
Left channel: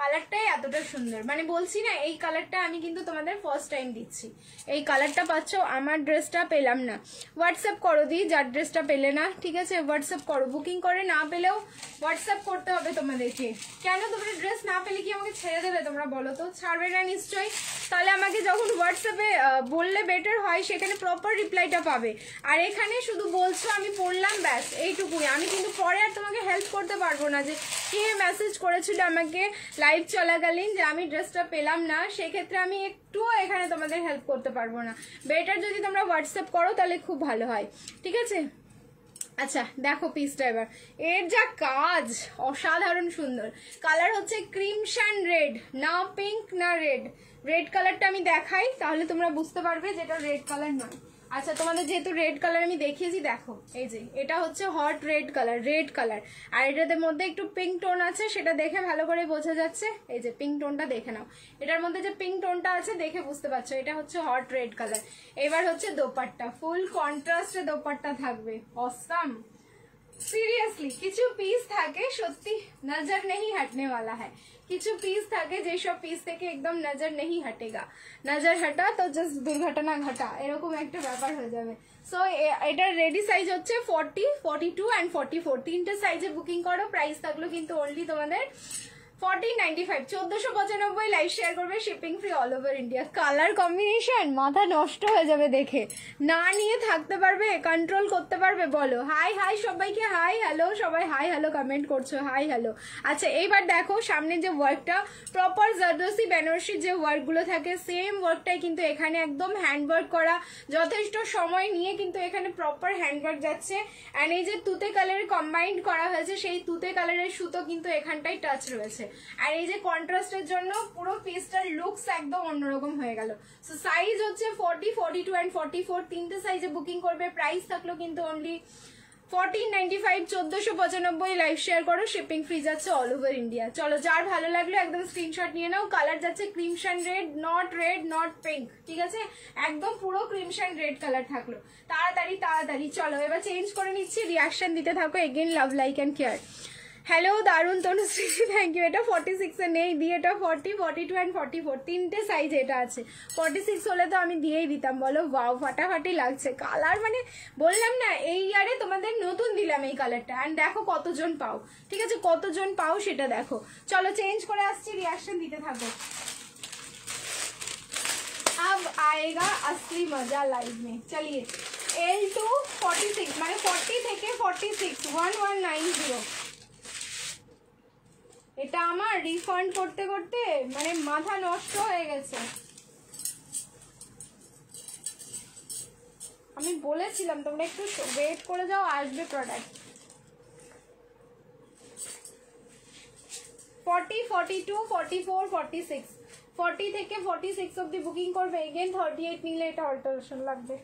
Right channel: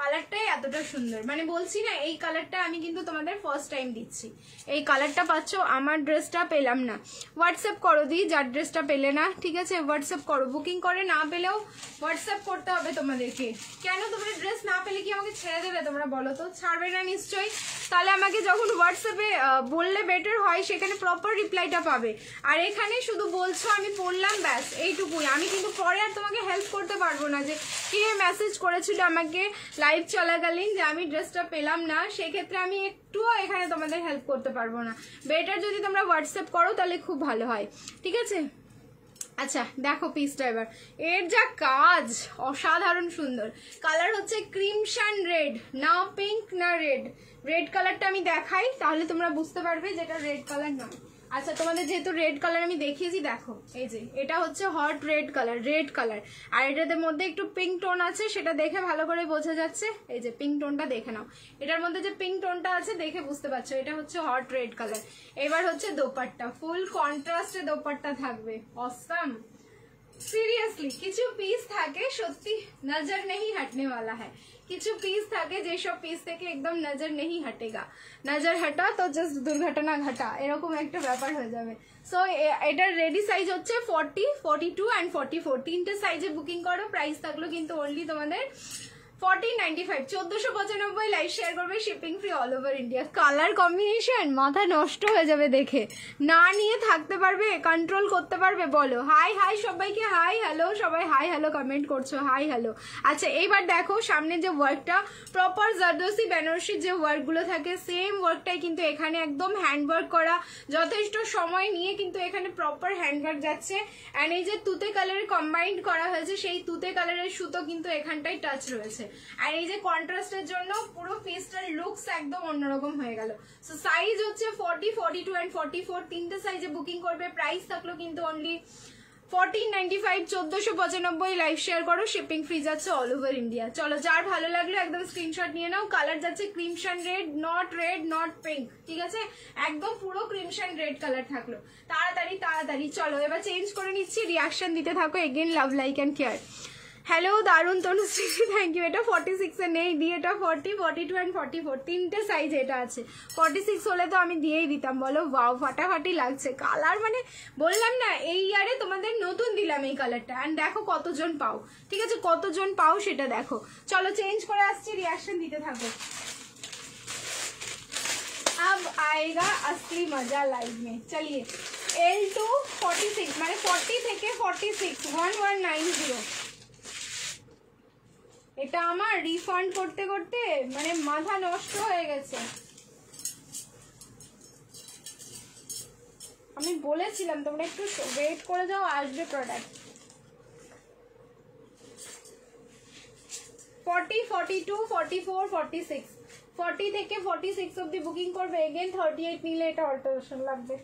কালারটাই এতটা সুন্দর, মানে বলছি না এই কালারটা আমি কিন্তু তোমাদের ফার্স্ট টাইম দিচ্ছি। এই কালারটা পাচ্ছ, আমার ড্রেসটা পেলাম না, হোয়াটসঅ্যাপ করো দি, যার ড্রেসটা পেলে না, ঠিক আছে হোয়াটসঅ্যাপ করো। বুকিং করে না পেলেও হোয়াটসঅ্যাপ করতে হবে তোমাদেরকে। কেন তোমরা ড্রেস না পেলে কি আমাকে ছেড়ে দেবে? তোমরা বলো তো, ছাড়বে না নিশ্চয়ই। তাহলে আমাকে যখন হোয়াটসঅ্যাপে বললে বেটার হয়, সেখানে প্রপার রিপ্লাইটা পাবে। আর এখানে শুধু বলছো আমি পড়লাম, ব্যাস এইটুকুই। আমি কিন্তু পরে আর তোমাকে হেল্প করতে পারবো না যে কে মেসেজ করেছিল আমাকে লাইভ চলাকালীন যে আমি ড্রেসটা পেলাম না, সেক্ষেত্রে আমি একটুও এখানে তোমাদের হেল্প করতে পারবো না। বেটার যদি তোমরা হোয়াটসঅ্যাপ করো তাহলে খুব ভালো হয়, ঠিক আছে। আচ্ছা দেখো পিসটা এবার, এর যা কাজ অসাধারণ সুন্দর। কালার হচ্ছে ক্রিমশন রেড, না পিঙ্ক না রেড। রেড কালারটা আমি দেখাই, তাহলে তোমরা বুঝতে পারবে যেটা রেড কালার নয়। আচ্ছা তোমাদের যেহেতু রেড কালার আমি দেখিয়েছি, দেখো এই যে এটা হচ্ছে hot red colour, red colour. আর এটার মধ্যে একটু পিঙ্ক টোন আছে, সেটা দেখে ভালো করে বোঝা যাচ্ছে। এই যে পিঙ্ক টোনটা দেখে নাও, এটার মধ্যে যে পিঙ্ক টোনটা আছে দেখে বুঝতে পারছো এটা হচ্ছে হট রেড কালার। এবার হচ্ছে দোপাট্টা, ফুল কন্ট্রাস্টে দোপাট্টা থাকবে, অসাম। সিরিয়াসলি কিছু পিস থাকে সত্যি নজর নেই হটনে वाला है, কিছু পিস থাকে যেসব পিস থেকে একদম নজর নেই হটেগা, নজর হটা তো জাস্ট দুর্ঘটনা ঘটা, এরকম একটা ব্যাপার হয়ে যাবে। সো এটার রেডি সাইজ হচ্ছে 40, 42 অ্যান্ড 44, তিনটে সাইজে বুকিং করো। প্রাইস থাকলো কিন্তু অনলি তোমাদের 1495, 1495। লাইভ শেয়ার করবে, shipping free all over India. Colour combination মাথা নষ্ট হয়ে যাবে দেখে, না নিয়ে থাকতে পারবে, কন্ট্রোল করতে পারবে? বলো হাই হাই সবাইকে, হাই হ্যালো, সবাই হাই হ্যালো কমেন্ট করছো, হাই হ্যালো। আচ্ছা এইবার দেখো সামনে যে ওয়ার্কটা, প্রপার জারদোসি বেনারসির যে ওয়ার্কগুলো থাকে সেম ওয়ার্কটাই কিন্তু এখানে একদম হ্যান্ড ওয়ার্ক করা, যথেষ্ট সময় নিয়ে কিন্তু এখানে প্রপার হ্যান্ড ওয়ার্ক যাচ্ছে। অ্যান্ড এই যে তুতে কালারের কম্বাইন্ড করা হয়েছে, সেই তুতে কালারের সুতো কিন্তু এখানটাই টাচ রয়েছে। আর এই যে কন্ট্রাস্টের জন্য পুরো পিসটার লুকস একদম অন্যরকম হয়ে গেল। সো সাইজ হচ্ছে 40, 42 অ্যান্ড 44, তিনটে সাইজে বুকিং করবে। প্রাইস থাকলো কিন্তু অনলি 1495, 1495। লাইভ শেয়ার করো, শিপিং ফ্রি যাচ্ছে অল ওভার ইন্ডিয়া। চলো যার ভালো লাগলো একদম স্ক্রিনশট নিয়ে নাও। কালার যাচ্ছে ক্রিমশন রেড, নট পিঙ্ক, ঠিক আছে, একদম পুরো ক্রিমশন রেড কালার থাকলো। তাড়াতাড়ি তাড়াতাড়ি চলো এবার চেঞ্জ করে নিচ্ছি, রিয়াকশন দিতে থাকো। Again love like and care. Hello দারুন তনুশ্রী, থ্যাংক ইউ। এটা 46 এ নেই দি, এটা 40, 42 অ্যান্ড 44, তিনটে সাইজ এটা আছে। 46 হলে তো আমি দিয়েই দিতাম, বলো ওয়াও ফাটাফাটি লাগছে কালার, মানে বললাম না এই ইয়ারে তোমাদের নতুন দিলাম এই কালারটা। অ্যান্ড দেখো কতজন পাও, ঠিক আছে, কতজন পাও সেটা দেখো। চলো চেঞ্জ করে আসছি, রিয়াকশন দিতে থাকো। अब आएगा असली मजा लाइव में। चलिए L2 46, মানে 40 থেকে 46, 1190। এটা আমার রিফান্ড করতে করতে মানে মাথা নষ্ট হয়ে গেছে। আমি বলেছিলাম তোমরা একটু ওয়েট করে যাও, আসবে প্রোডাক্ট। 40, 42, 44, 46, 40 থেকে 46 অব্দি বুকিং করবে। এগেন 38 নিলে এটা অল্টারেশন লাগবে।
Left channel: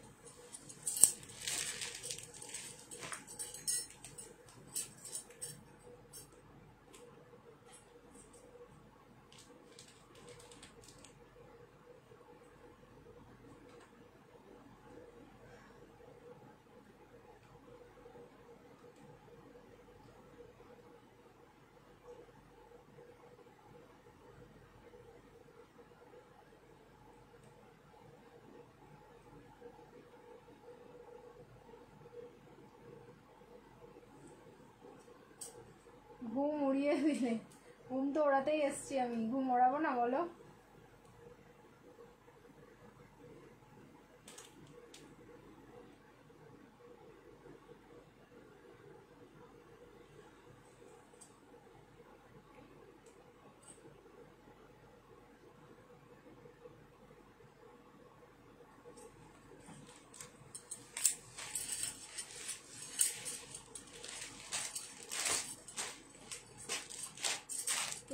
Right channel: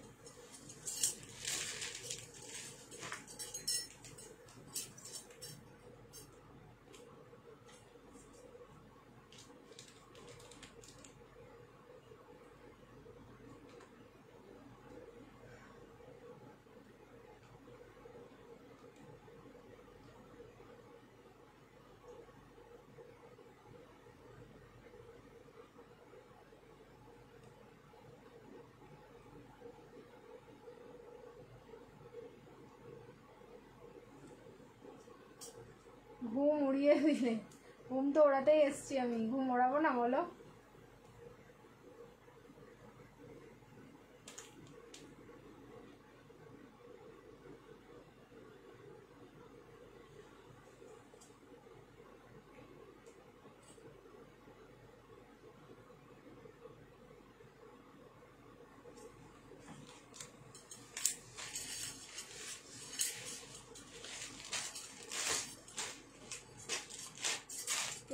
ঘুম উড়িয়ে দিলে। ঘুম তো ওড়াতেই এসছি আমি, ঘুম ওড়াবো না বলো?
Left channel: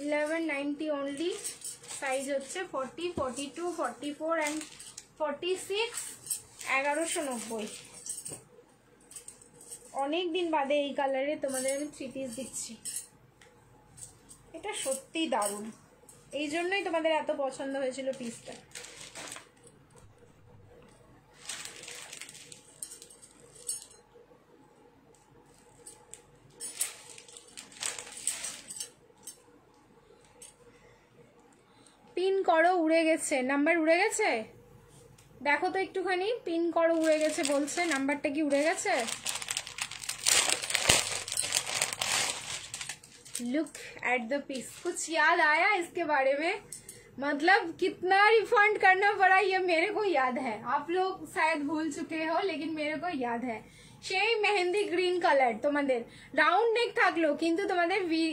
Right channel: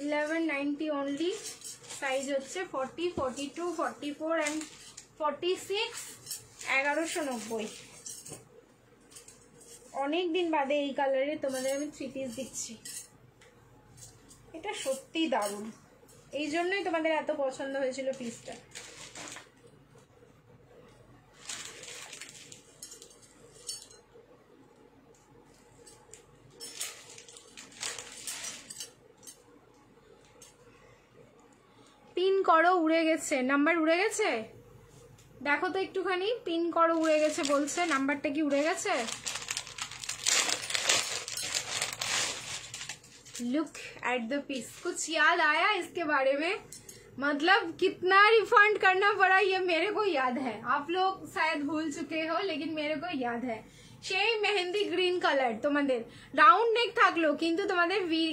$1190 only. সাইজ হচ্ছে 40, 42, 44 and 46, 1190। অনেক দিন বাদে এই কালারে তোমাদের আমি 3 পিস দিচ্ছি। এটা সত্যি দারুণ, এই জন্যই তোমাদের এত পছন্দ হয়েছিল পিসটা। পিন করো, উড়ে গেছে নাম্বার, উড়ে গেছে দেখো তো একটুখানি। পিন করো, উড়ে গেছে বলছে, নাম্বারটা কি উড়ে গেছে? Look at the piece. कुछ याद आया इसके बारे में? मतलब कितना रिफंड करना पड़ा ये मेरे को याद है, आप लोग शायद भूल चुके हो लेकिन मेरे को याद है। সেই মেহেন্দি গ্রিন কালার, তোমাদের রাউন্ড নেক থাকলো কিন্তু তোমাদের ভি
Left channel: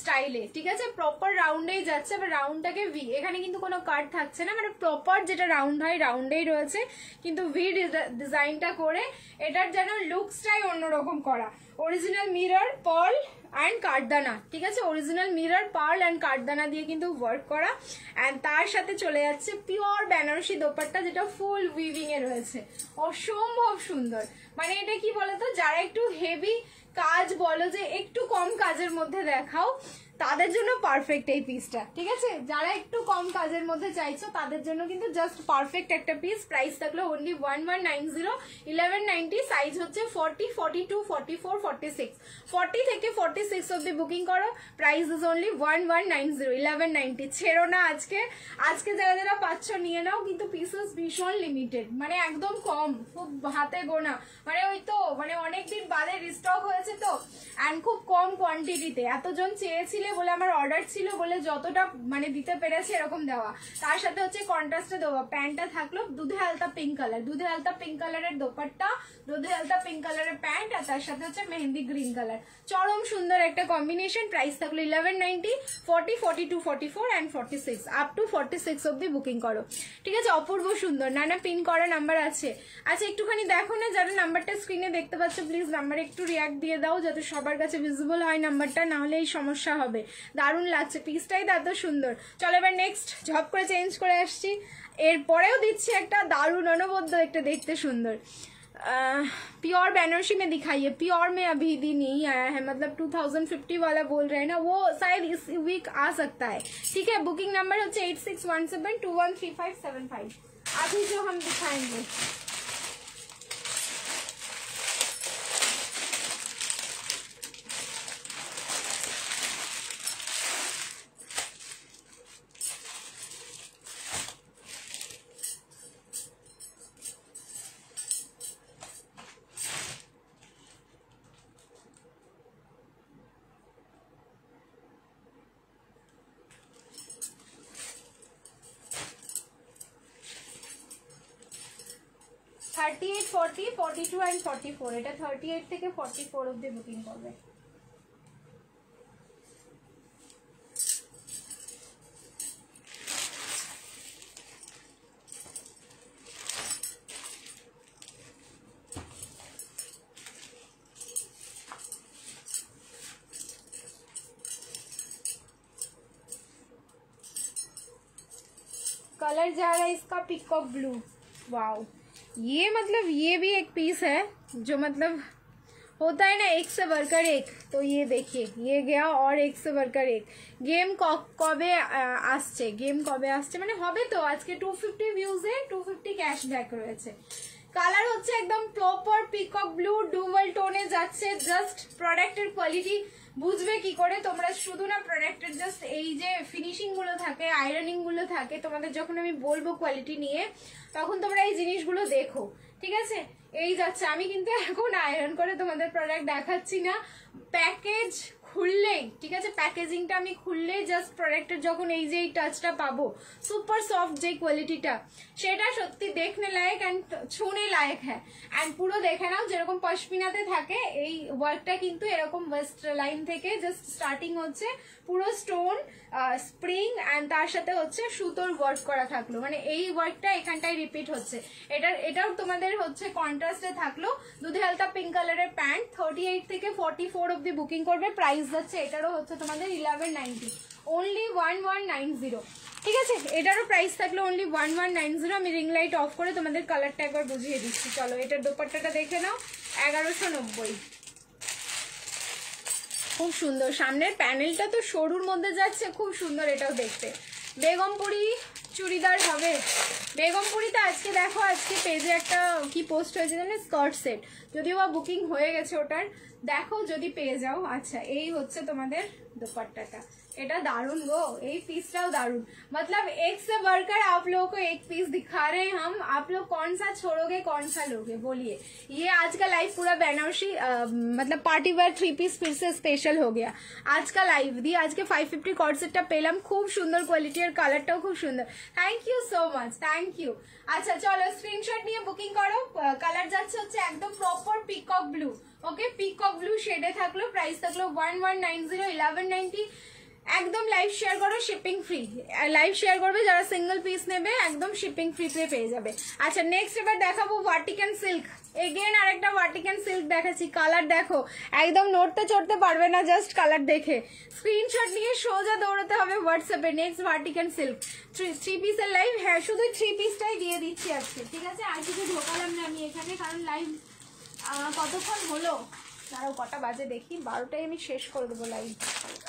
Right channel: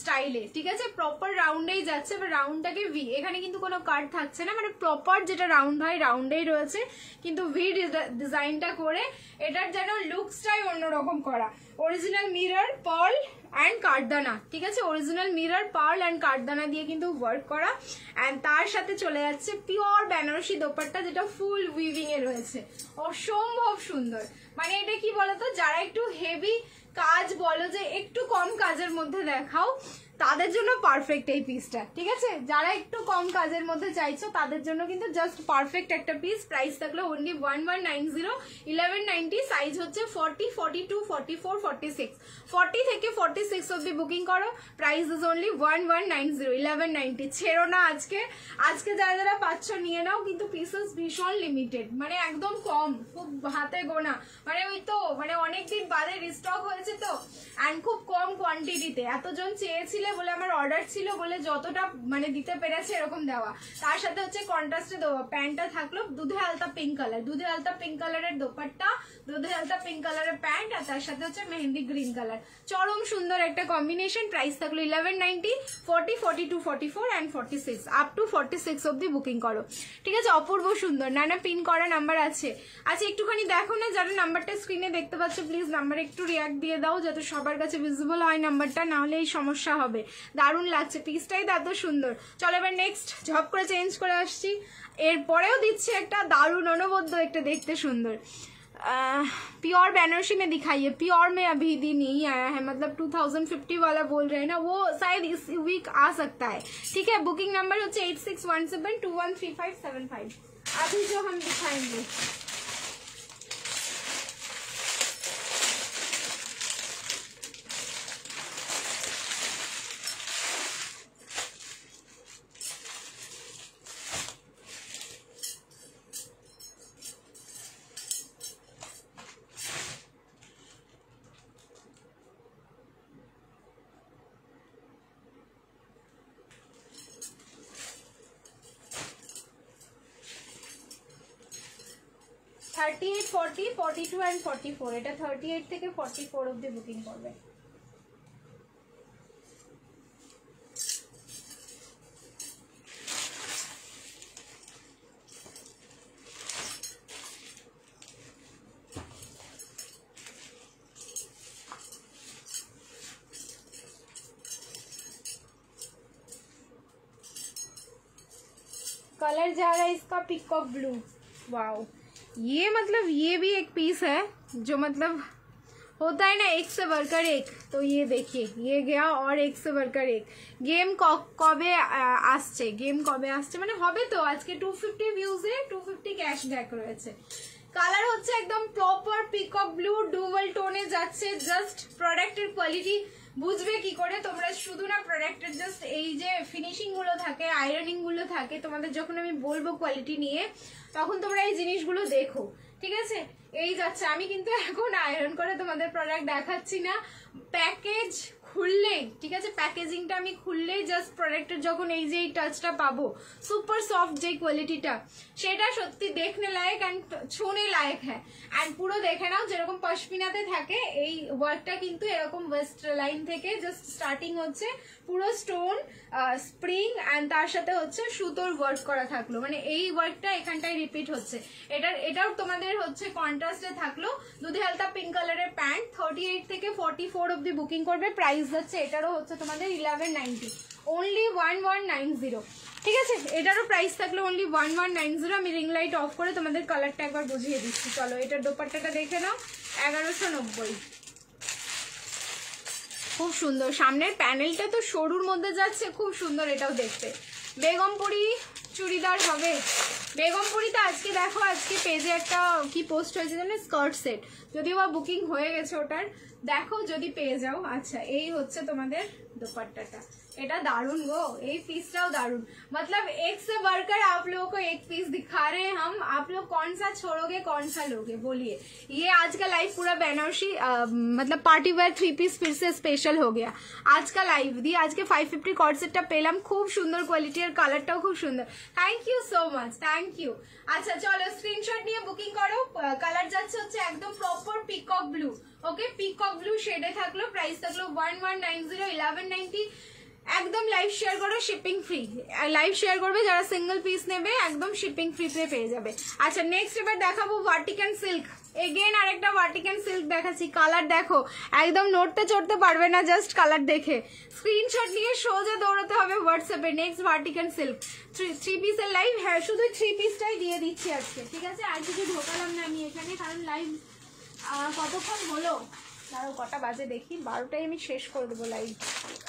স্টাইলে, ঠিক আছে? প্রপার রাউন্ডেই যাচ্ছে, রাউন্ডটাকে ভি, এখানে কিন্তু কোনো কাট থাকছে না, মানে প্রপার যেটা রাউন্ড হয় রাউন্ডেই রয়েছে, কিন্তু ভি ডিজাইনটা করে এটার যেন লুকসটাই অন্যরকম করা। অরিজিনাল মিরর, পার্ল অ্যান্ড কাঠদানা, ঠিক আছে? অরিজিনাল মিরর, পার্ল অ্যান্ড কাঠদানা দিয়ে কিন্তু ওয়ার্ক করা, অ্যান্ড তার সাথে চলে যাচ্ছে পিওর বেনারসি দোপাট্টা যেটা ফুল উইভিং এ রয়েছে। অসম্ভব সুন্দর। মানে এটা কি বলতো, যারা একটু হেভি কাজ বলো যে একটু কম কাজের মধ্যে দেখাও, তাদের জন্য পারফেক্ট এই পিসটা, ঠিক আছে? যারা একটু কম কাজের মধ্যে চাইছো তাদের জন্য কিন্তু জাস্ট পারফেক্ট একটা পিস। প্রাইস থাকলো অনলি 1190, 1190। সাইজ হচ্ছে 40, 42, 44, 46, 40 থেকে 46 অব্দি বুকিং করো। Price is only 1190, 1190। ছেড়ো না আজকে, আজকে যারা যারা পাচ্ছ নিয়ে নাও, কিন্তু পিসেস ভীষণ লিমিটেড, মানে একদম কম, খুব হাতে গোনা, মানে ওই তো মানে অনেকদিন বাদে রিস্টক হয়েছে তো, অ্যান্ড খুব কম কোয়ান্টিটিতে। এতজন চেয়েছিলে বলে আমার অর্ডার ছিল বলে যতটা মানে দিতে পেরেছি এরকম দেওয়া। তার সাথে হচ্ছে কন্ট্রাস্টে দেওয়া প্যান্টটা থাকলো দুধে আলতা পিঙ্ক কালার, দুধে আলতা পিঙ্ক কালারের দোপাট্টা, দুধে আলতা পিঙ্ক কালারের প্যান্ট, আর তার সাথে হচ্ছে মেহেন্দি গ্রিন কালার। চরম সুন্দর একটা কম্বিনেশন। প্রাইস থাকলো 1190, 40, 42, 44 and 46, আপ টু 46 অব্দি বুকিং করো, ঠিক আছে? অপূর্ব সুন্দর। নানা পিন করা নাম্বার আছে। আচ্ছা একটুখানি দেখো না, যারা নাম্বারটা স্ক্রিনে দেখতে পাচ্ছ প্লিজ নাম্বারে একটু রিয়াক্ট দিয়ে দাও, যাতে সবার কাছে ভিজিবল হয় নাম্বারটা, না হলে এই সমস্যা হবে। দারুণ লাগছে পিসটাই, এত সুন্দর। চলো এবার নেক্সট ঝপ করে চেঞ্জ করে আসছি। এরপরেও দিচ্ছি একটা দারুণ অনবদ্য, একটা দেখতে সুন্দর प्योर बनारसी में दिखाइए। प्योर में अभी भी नहीं आया है, मतलब 2050 वाला बोल रहे हैं ना, वो शायद इस वीक आ सकता है, ठीक है? बुकिंग नंबर होता है 8617213575। अभी जो हम दिखाएंगे $38, $40, $42 and $44। এটা 38 থেকে 44 অবধি বুকিং করবে। कलर जा रहा है इसका पिकॉक ब्लू। वाओ, ये मतलब ये भी एक पीस है जो मतलब होता है ना एक से बढ़कर एक। तो ये देखिए, ये गया और एक से बढ़कर एक। गेम कबे আসছে, गेम कबे আসছে মানে হবে তো। আজকে 250 ভিউজে 250 ক্যাশব্যাক রয়েছে। কালার হচ্ছে একদম প্রপার পিকক ব্লু, ডুয়াল টোনে যাচ্ছে। জাস্ট প্রোডাক্টের কোয়ালিটি বুঝবে কি করে তোমরা, শুধু না প্রোডাক্টের জাস্ট এই যে ফিনিশিং গুলো থাকে, আয়রনিং গুলো থাকে, তোমাদের যখন আমি বলবো কোয়ালিটি নিয়ে তখন তোমরা এই জিনিসগুলো দেখো, ঠিক আছে? এই যাচ্ছে। আমি কিন্তু এখন আয়রন করে তোমাদের প্রোডাক্ট দেখাচ্ছি না। প্যাকেজ খুললেই, ঠিক আছে, প্যাকেজিংটা আমি খুললেই জাস্ট প্রোডাক্টের যখন এই যে এই টাচটা পাবো, সুপার সফট যে কোয়ালিটিটা, সেটা সত্যি দেখনে লায়ক অ্যান্ড ছুনে লায়ক হ্যাঁ। অ্যান্ড পুরো দেখে নাও যেরকম পশমিনাতে থাকে এই ওয়ার্কটা কিন্তু এরকম ওয়েস্ট লাইন থেকে জাস্ট স্টার্টিং হচ্ছে, পুরো স্টোন স্প্রিং অ্যান্ড তার সাথে হচ্ছে সুতোর ওয়ার্ক করা থাকলো, মানে এই ওয়ার্কটা এখানটায় রিপিট হচ্ছে। এটাও তোমাদের হচ্ছে কন্ট্রাস্টে থাকলো, দুধে হালকা পিঙ্ক কালারের প্যান্ট, 38 থেকে 44 অব্দি বুকিং করবে। প্রাইস যাচ্ছে এটারও হচ্ছে তোমাদের 1190, অনলি 1190, ঠিক আছে। এটারও প্রাইস থাকলো অনলি 1190। আমি রিং লাইট অফ করে তোমাদের কালারটা একবার বুঝিয়ে দিচ্ছি। চলো এটার দোপাট্টাটা দেখে নাও, 1190, খুব সুন্দর। সামনের প্যানেলটা তো সরুর মধ্যে যাচ্ছে, খুব সুন্দর এটাও দেখতে। বেগমপুরি চুড়িদার হবে, বেগমপুরিতে আজকে দেখো, আজকে পেজে একটা কি পোস্ট হয়েছে জানে, স্কার্ট সেট, যদিও বা বুকিং হয়ে গেছে ওটার, দেখো যদি পেয়ে যাও। আচ্ছা এই হচ্ছে তোমাদের দোপাট্টাটা, এটা दारुण गो, এই পিসটাও दारुण, मतलब एक से बढ़कर आप लोगों को एक पीस दिखा रहे हैं हम, आप लोग कौन सा छोड़ोगे कौन सा लोगे बोलिए। ये आज का लाइव पूरा बनारसी मतलब पार्टी वेयर 3 पीस फिर से स्पेशल हो गया आज का लाइव দিয়ে। আজকে 550 কর্ড সেটটা পেলাম, খুব সুন্দর কোয়ালিটি আর কালারটাও খুব সুন্দর। Thank you so much, thank you. আচ্ছা চলো স্ক্রিনশট নিয়ে বুকিং করো। কালার যাচ্ছে হচ্ছে একদম প্রপার পিকক ব্লু, ওকে, পিকক ব্লু শেডে থাকলো, প্রাইস থাকলো 1190, 1190। একদম লাইভ শেয়ার করো, শিপিং ফ্রি, লাইভ শেয়ার করবে যারা সিঙ্গেল পিস নেবে, একদম শিপিং ফ্রিতে পেয়ে যাবে। আচ্ছা নেক্সট এবার দেখাবো ভার্টিকান সিল্ক, এগেন আরেকটা ভার্টিকান সিল্ক দেখাচ্ছি। কালার দেখো, একদম নড়তে চড়তে পারবে না জাস্ট কালার দেখে, স্ক্রিনশট নিয়ে সোজা দৌড়াতে হবে হোয়াটসঅ্যাপে। নেক্সট ভার্টিকান সিল্ক 3 পিসের লাইভ, হ্যাঁ শুধু 3 পিসটাই দিয়ে দিচ্ছি আজকে, ঠিক আছে, আর কিছু ঢোকালাম না আমি এখানে, কারণ লাইভ কতক্ষণ হলো, আরো কটা বাজে দেখি, 12টায় আমি শেষ করে দেবো লাইভ,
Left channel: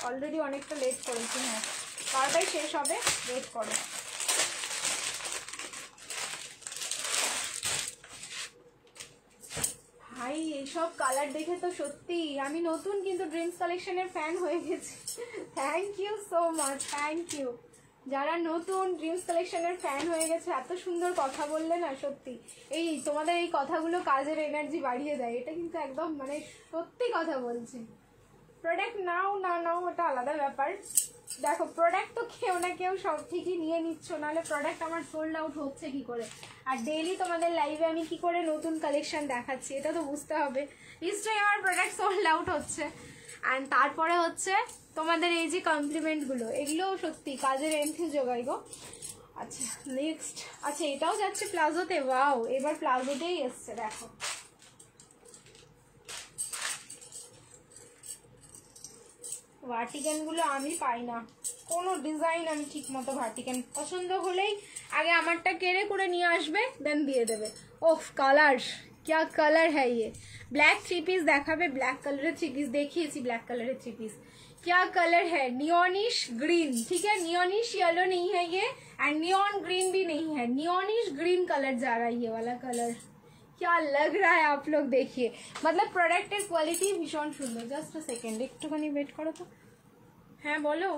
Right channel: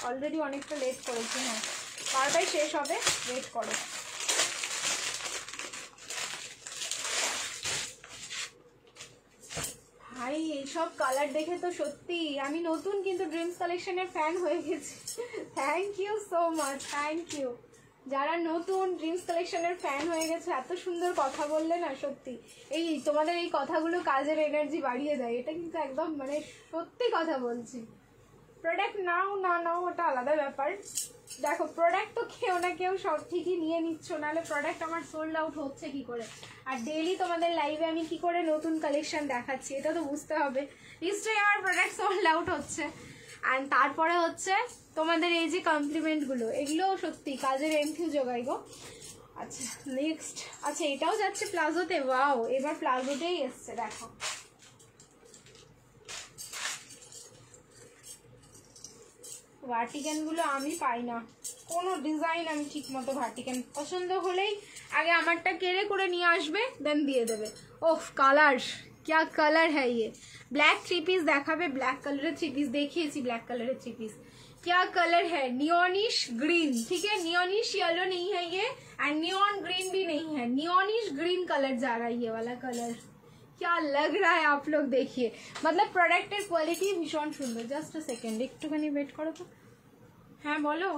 অলরেডি অনেকটা লেট করেছি, হ্যাঁ 12টায় শেষ হবে, ওয়েট করো। ভাই এইসব কালার দেখে তো সত্যি আমি নতুন কিন্তু ড্রিমস কালেকশনের ফ্যান হয়ে গেছি। Thank you so much, thank you যারা নতুন ড্রিমস কালেকশনের ফ্যান হয়ে গেছে, এত সুন্দর কথা বললে না, সত্যি এই তোমাদের এই কথাগুলো কাজের এনার্জি বাড়িয়ে দেয়, এটা কিন্তু একদম মানে সত্যি কথা বলছি। প্রোডাক্ট নাও না নাও ওটা আলাদা ব্যাপার, দেখো প্রোডাক্ট তো কেউ না কেউ সব ঠিকই নিয়ে নিচ্ছ, নাহলে প্রোডাক্ট আমার সোল্ড আউট হচ্ছে কি করে, আর ডেইলি তোমাদের লাইভে আমি কি করে নতুন কালেকশন দেখাচ্ছি এটা তো বুঝতে হবে, নিশ্চয়ই আমার প্রোডাক্ট সোল্ড আউট হচ্ছে। অ্যান্ড তারপরে হচ্ছে তোমাদের এই যে কমপ্লিমেন্টগুলো, এগুলো সত্যি কাজের এন্ট্রি জোগাই গো। আচ্ছা নেক্সট, আচ্ছা এটাও যাচ্ছে প্লাজোতে, ওয়াও এবার প্লাজোতেই এসছে, দেখো ভার্টিকান গুলো আমি পাই না, কোনো ডিজাইন আমি ঠিক মতো ভার্টিকান পছন্দ হলেই আগে আমারটা কেড়ে করে নিয়ে আসবে, দেন দিয়ে দেবে। ওফ কালার, क्या कलर है ये, ब्लैक 3 पीस দেখাবে, ব্ল্যাক কালারের 3 পিস দেখিয়েছি, ব্ল্যাক কালারের 3 पीस, क्या कलर है, नियोनिश ग्रीन, ठीक है, नियोनिश येलो नहीं है ये, एंड नियॉन ग्रीन भी नहीं है, नियोनिश ग्रीन कलर जा रहा है ये वाला कलर, क्या लग रहा है आप लोग देखिए, मतलब प्रोडक्टेर क्वालिटी भीषण सुंदर। जस्ट सेकेंड একটুখানি ওয়েট করো তো, হ্যাঁ বলো,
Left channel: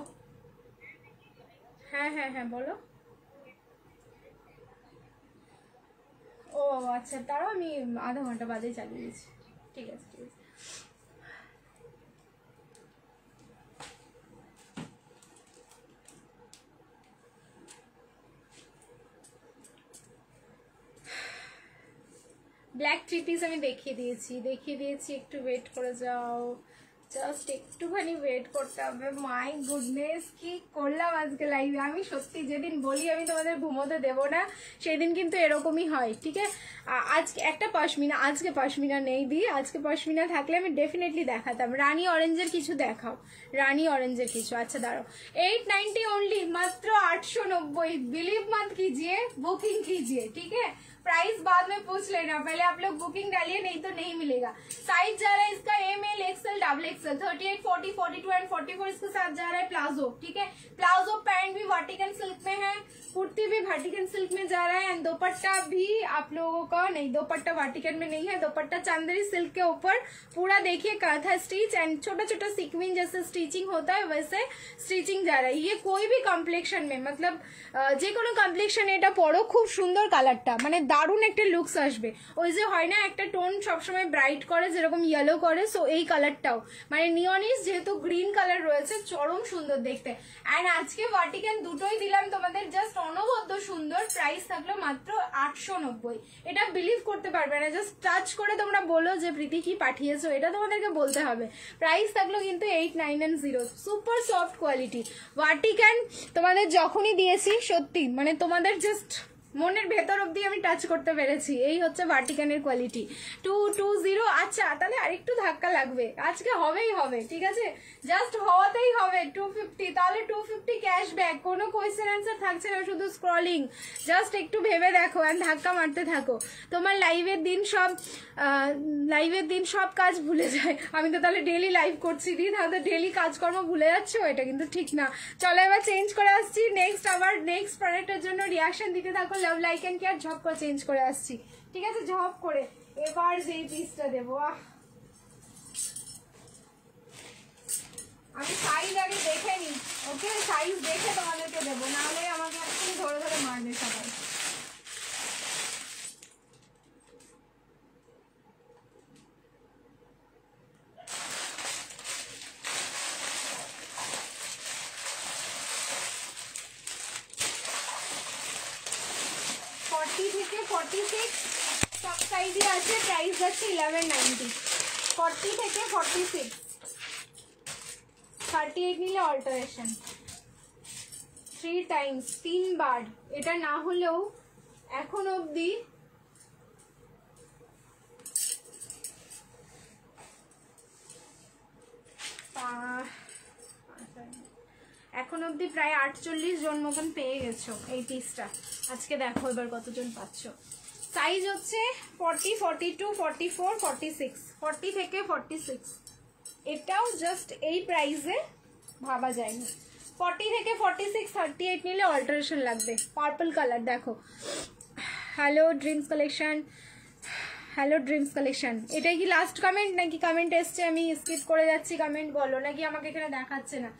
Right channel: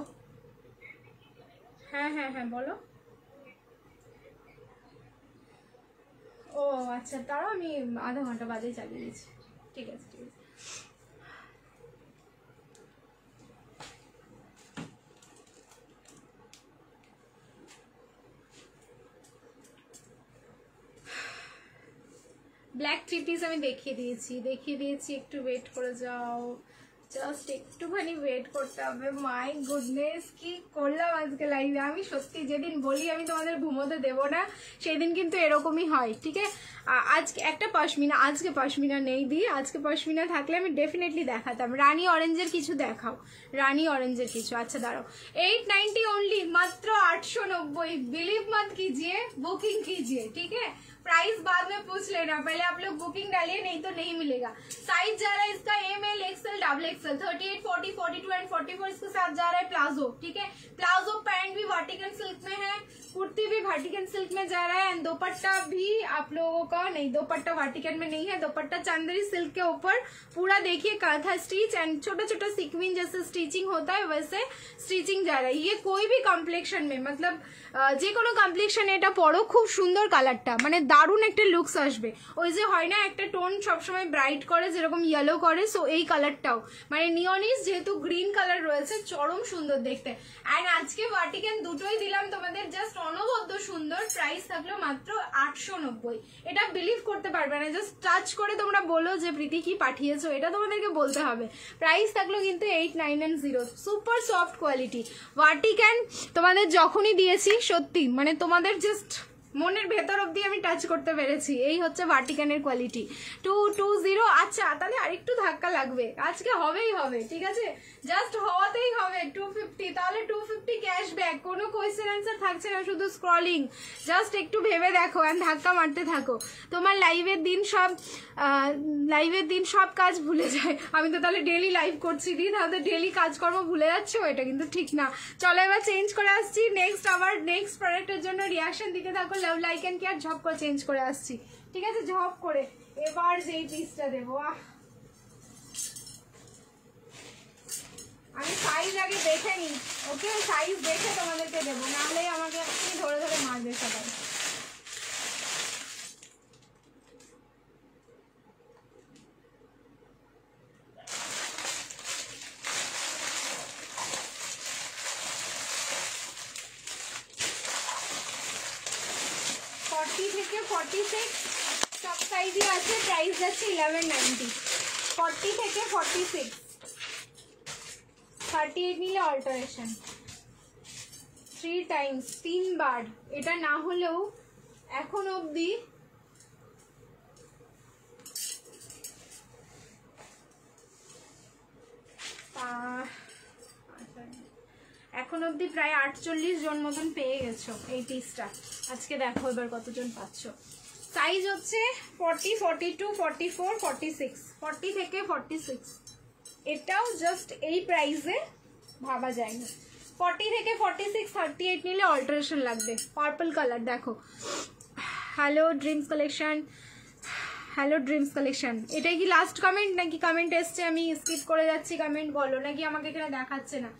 হ্যাঁ হ্যাঁ হ্যাঁ বলো। ও আচ্ছা তারও আমি আধা ঘন্টা বাদে চালিয়ে দিয়েছি, ঠিক আছে ঠিক আছে। ব্ল্যাক 3 পিস আমি দেখিয়ে দিয়েছি, একটু ওয়েট করে যাও, জাস্ট একটুখানি ওয়েট করতে হবে। মাই গুডনেস কি করলাম আজকে লাইভে, আমি সত্যি যেদিন বলি আমি তোমাদের ঘুমোতে দেবো না সেদিন কিন্তু এরকমই হয়, ঠিক আছে। আজকে একটা পশমিনা, আজকে পশমিনা নেই দিই, আজকে পশমিনা থাকলে আমি ডেফিনেটলি দেখাতাম। রানী অরেঞ্জের কিছু দেখাও, রানী অরেঞ্জের কিছু, আচ্ছা দাঁড়াও, 890 ओनली, मात्र 890, बिलीव मत कीजिए, बुकिंग कीजिए, ठीक है, प्राइस बाद में पूछ लेना, पहले आप लोग बुकिंग डालिए, नहीं तो नहीं मिलेगा। साइज जा रहा है इसका ML XL XXL, 38 40 42 एंड 44 इसके साथ जा रहा है प्लाजो, ठीक है, प्लाजो पैंट भी वर्टिकल सिल्क में है, कुर्ती भी वर्टिकल सिल्क में जा रहा है, एंड दोपट्टा भी आप लोगों का नहीं, दोपट्टा वर्टिकल में नहीं है, दोपट्टा चंदेरी सिल्क के ऊपर पूरा देखिए काथा स्टिच एंड छोटा छोटा सिक्विन जैसे स्टिचिंग होता है वैसे स्टिचिंग जा रहा है। ये कोई भी कम्प्लेक्शन में, मतलब যে কোনো কমপ্লেক্সন এটা পরো, খুব সুন্দর কালারটা, মানে দারুণ একটা লুকস আসবে। ওই যে হয় না একটা টোন সবসময় ব্রাইট করে যেরকম ইয়েলো করে, সো এই কালারটাও মানে নিয়নিস যেহেতু গ্রিন কালার রয়েছে, চরম সুন্দর দেখতে। অ্যান্ড আজকে ভার্টিকান দুটোই দিলাম তোমাদের, জাস্ট অনবদ্য সুন্দর। প্রাইস থাকলো মাত্র 890। এটা বিলিভ করতে পারবে না, জাস্ট টাচ করে তোমরা বলো যে প্রীতি কি পাঠিয়েছো, এটা তোমাদেরকে বলতে হবে। প্রাইস থাকলো কিন্তু 8990। সুপার সফট কোয়ালিটি ভার্টিকান তোমাদের যখনই দিয়েছি, সত্যি মানে তোমাদের জাস্ট মনের ভেতর অব্দি আমি টাচ করতে পেরেছি। এই হচ্ছে ভার্টিকানের কোয়ালিটি 220। আচ্ছা তাহলে আরেকটু ধাক্কা লাগবে, আজকে হবেই হবে, ঠিক আছে, জাস্ট হওয়াতেই হবে 250। তাহলে 250 ক্যাশব্যাক, কোনো কোয়েশ্চেন অ্যান্সার থাকছে না, শুধু স্ক্রলিং। জাস্ট একটু ভেবে দেখো এন্ড ধাক্কা মারতে থাকো। তোমার লাইভের দিন সব কাজ ভুলে যায়। আমি তো তাহলে ডেলি লাইভ করছি, তাহলে ডেলি কাজকর্ম ভুলে যাচ্ছি, এটা কিন্তু ঠিক না। চলো এবার চেঞ্জ করে আসছি নেক্সট, আবার নেক্সট প্রোডাক্টের জন্য রিয়াকশন দিতে থাকো। লাভ লাইক এন্ড কেয়ার ঝপ করে চেঞ্জ করে আসছি, ঠিক আছে, ঝপ করে। এবার যেই পিসটা দেবো, আমি সাইজ আগে দেখে নি, ওকে, সাইজ দেখে তোমাদেরকে দেবো, নাহলে আমাকে ধরে ধরে মারবে সবাই। থেকে 46 সব সাইজই আছে, প্রাইস যাচ্ছে 1190। 40 থেকে 46, 38 নিলে অল্টারেশন 3 টাইমস, 3 বার। এটা না হলেও এখন অবধি প্রায় 48 জন মতন পেয়ে গেছো এই পিসটা। আজকে দেখো এবার কতজন পাচ্ছ। সাইজ হচ্ছে 40, 42, 44, 46, 40 থেকে 46। এটাও জাস্ট এই প্রাইসে ভাবা যায় না। 40 থেকে 46, 38 নিলে অল্টারেশন লাগবে। পার্পল কালার দেখো, hello dreams collection, hello dreams collection. এটাই কি লাস্ট কমেন্ট নাকি কমেন্ট এসছে আমি স্কিপ করে যাচ্ছি? কমেंट बोलो, নাকি আমাকে এখানে দেখাচ্ছে না।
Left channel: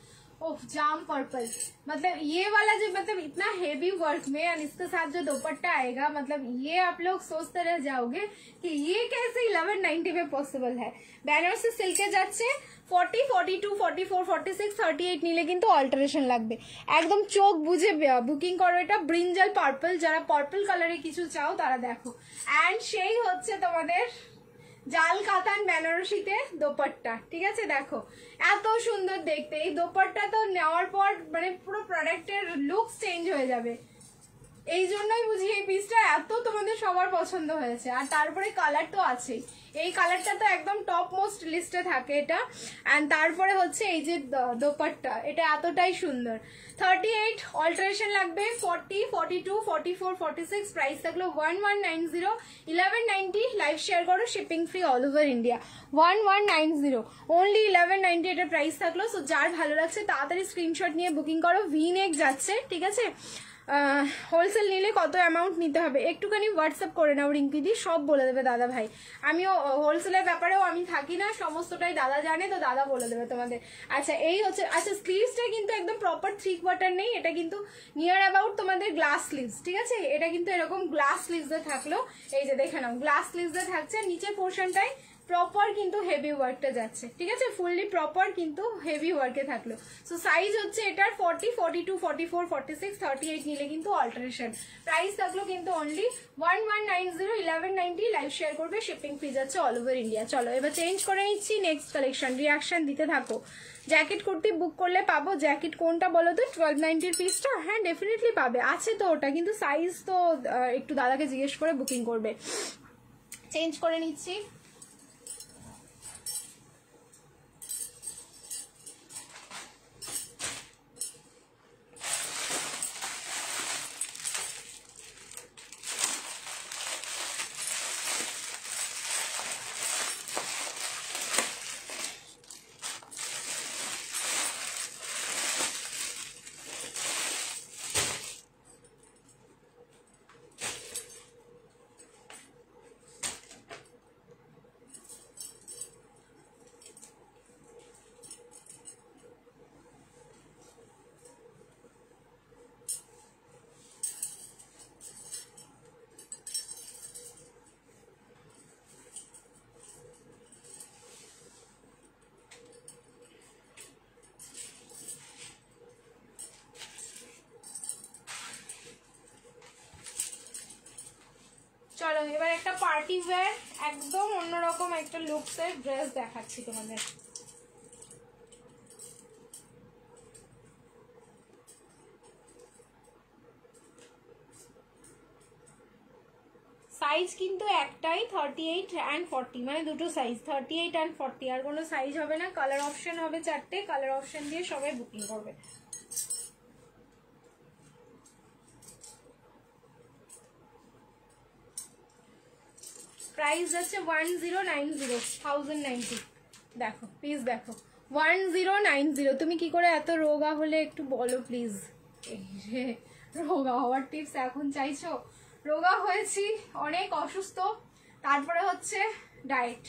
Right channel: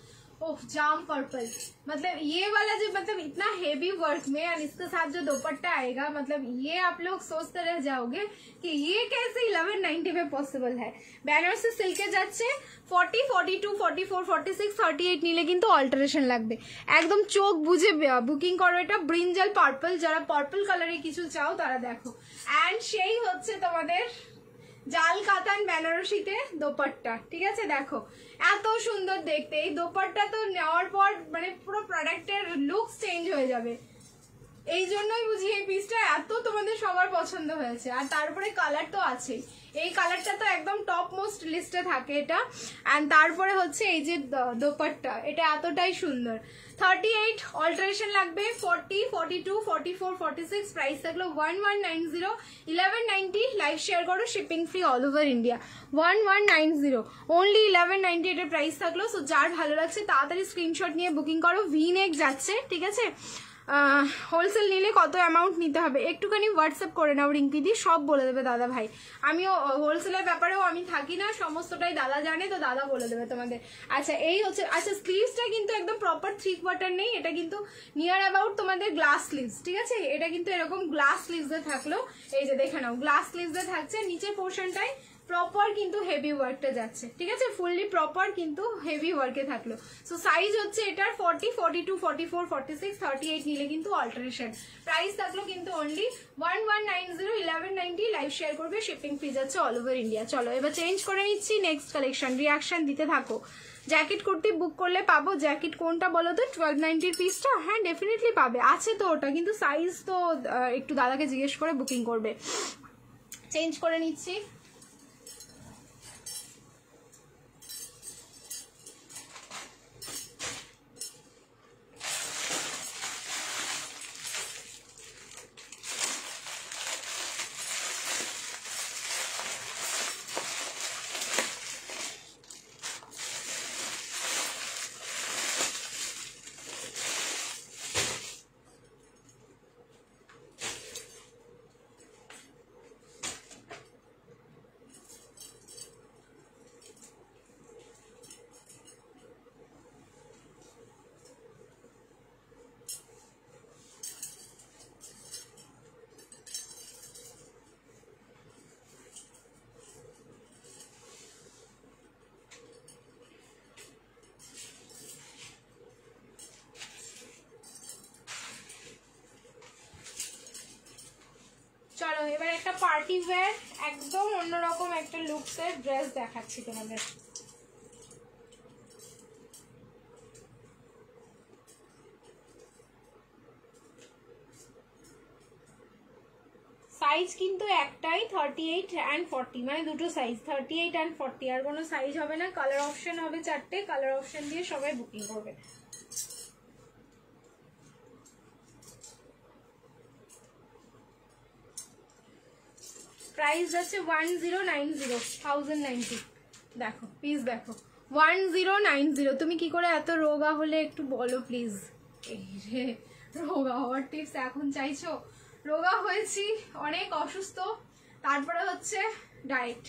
ओह जाम पर्पल, मतलब ये वाला जो मतलब इतना हेवी वर्क में और इसके साथ जो दुपट्टा आएगा, मतलब ये आप लोग सोचते रह जाओगे कि ये कैसे 1190 में पॉसिबल है। বেনারসি সিল্কে যাচ্ছে 40, 42, 44, 46, 38 নিলে কিন্তু অল্টারেশন লাগবে। একদম চোখ বুঝে বুকিং করো। এটা ব্রিঞ্জাল পার্পল, যারা পার্পল কালারে কিছু চাও তারা দেখো। এন্ড সেই হচ্ছে তোমাদের জাল কাতান বেনারসিতে দোপাট্টা, ঠিক আছে, দেখো এত সুন্দর দেখতে। এই দোপাট্টা তো নেওয়ার পর মানে পুরো প্রোডাক্টের লুক চেঞ্জ হয়ে যাবে। এই জন্যই বুঝি এই পিসটা এত তোমাদের সবার পছন্দ হয়েছে। আর তারপরে কালার তো আছেই, এই কালারটা তো একদম টপ মোস্ট লিস্টে থাকে এটা। এন্ড তারপরে হচ্ছে এই যে দোপাট্টা, এটা এতটাই সুন্দর। 38 অল্টারেশন লাগবে। 40, 42, 44, 46 প্রাইস থাকলো 1190, 1190। লাইভ শেয়ার করো, shipping free all over India. 1190 only 1190 এটা প্রাইস থাকলো। সো যার ভালো লাগছে তাড়াতাড়ি স্ক্রিনশট নিয়ে বুকিং করো। ভি নেক যাচ্ছে, ঠিক আছে। হোলসেল নিলে কত অ্যামাউন্ট নিতে হবে একটুখানি হোয়াটসঅ্যাপ করে নাও, রিঙ্কিদি সব বলে দেবে দাদা ভাই। আমিও হোলসেলের ব্যাপারেও আমি থাকি না, সমস্তটাই দাদা জানে, তো দাদা বলে দেবে তোমাদের। আচ্ছা এই হচ্ছে, আচ্ছা স্লিভসটা কিন্তু একদম প্রপার 3 কোয়ার্টার নেই, এটা কিন্তু নিয়ার অ্যাবাউট তোমাদের গ্লাস স্লিভস, ঠিক আছে। এটা কিন্তু এরকম গ্লাস স্লিভসে থাকলো, এই যে দেখে নাও গ্লাস স্লিভসে থাকছে। নিচের পোর্শনটাই প্রপার কিন্তু হেভি ওয়ার্কটা যাচ্ছে, ঠিক আছে, ফুললি প্রপার কিন্তু হেভি ওয়ার্কে থাকলো। সো সাইজ হচ্ছে এটার 40, 42, 44, 46, 38 নিলে কিন্তু অল্টারেশন। প্রাইস থাকলো কিন্তু অনলি 1190, 1190। লাইভ শেয়ার করবে, শিপিং ফ্রি যাচ্ছে অল ওভার ইন্ডিয়া। চলো এবার চেঞ্জ করে নিচ্ছি নেক্সট কালেকশন। রিয়াকশন দিতে থাকো। জ্যাকেট কুর্তি বুক করলে পাবো। জ্যাকেট কোনটা বলো তো? 1290 পিসটা? হ্যাঁ ডেফিনেটলি পাবে, আছে তো ওটা, কিন্তু সাইজ তো একটু দাদাকে জিজ্ঞেস করে বুকিং করবে। চেঞ্জ করে নিচ্ছি। এবার একটা পার্টি ওয়্যার একদম অন্যরকম একটা লুকসের ড্রেস দেখাচ্ছি তোমাদের। সাইজ কিন্তু একটাই 38 and 40, মানে দুটো সাইজ 38 and 40, আর কোনো সাইজ হবে না। কালার অপশন হবে 4টে, কালার অপশন দিয়ে সবাই বুকিং করবে। প্রাইস আছে 1090 দেখো প্লিজ দেখো 1090। তুমি কি করে এত রোগা হলে একটু বলো প্লিজ। রোগা হওয়ার টিপস এখন চাইছো? রোগা হয়েছি, অনেক অসুস্থ, তারপরে হচ্ছে ডায়েট,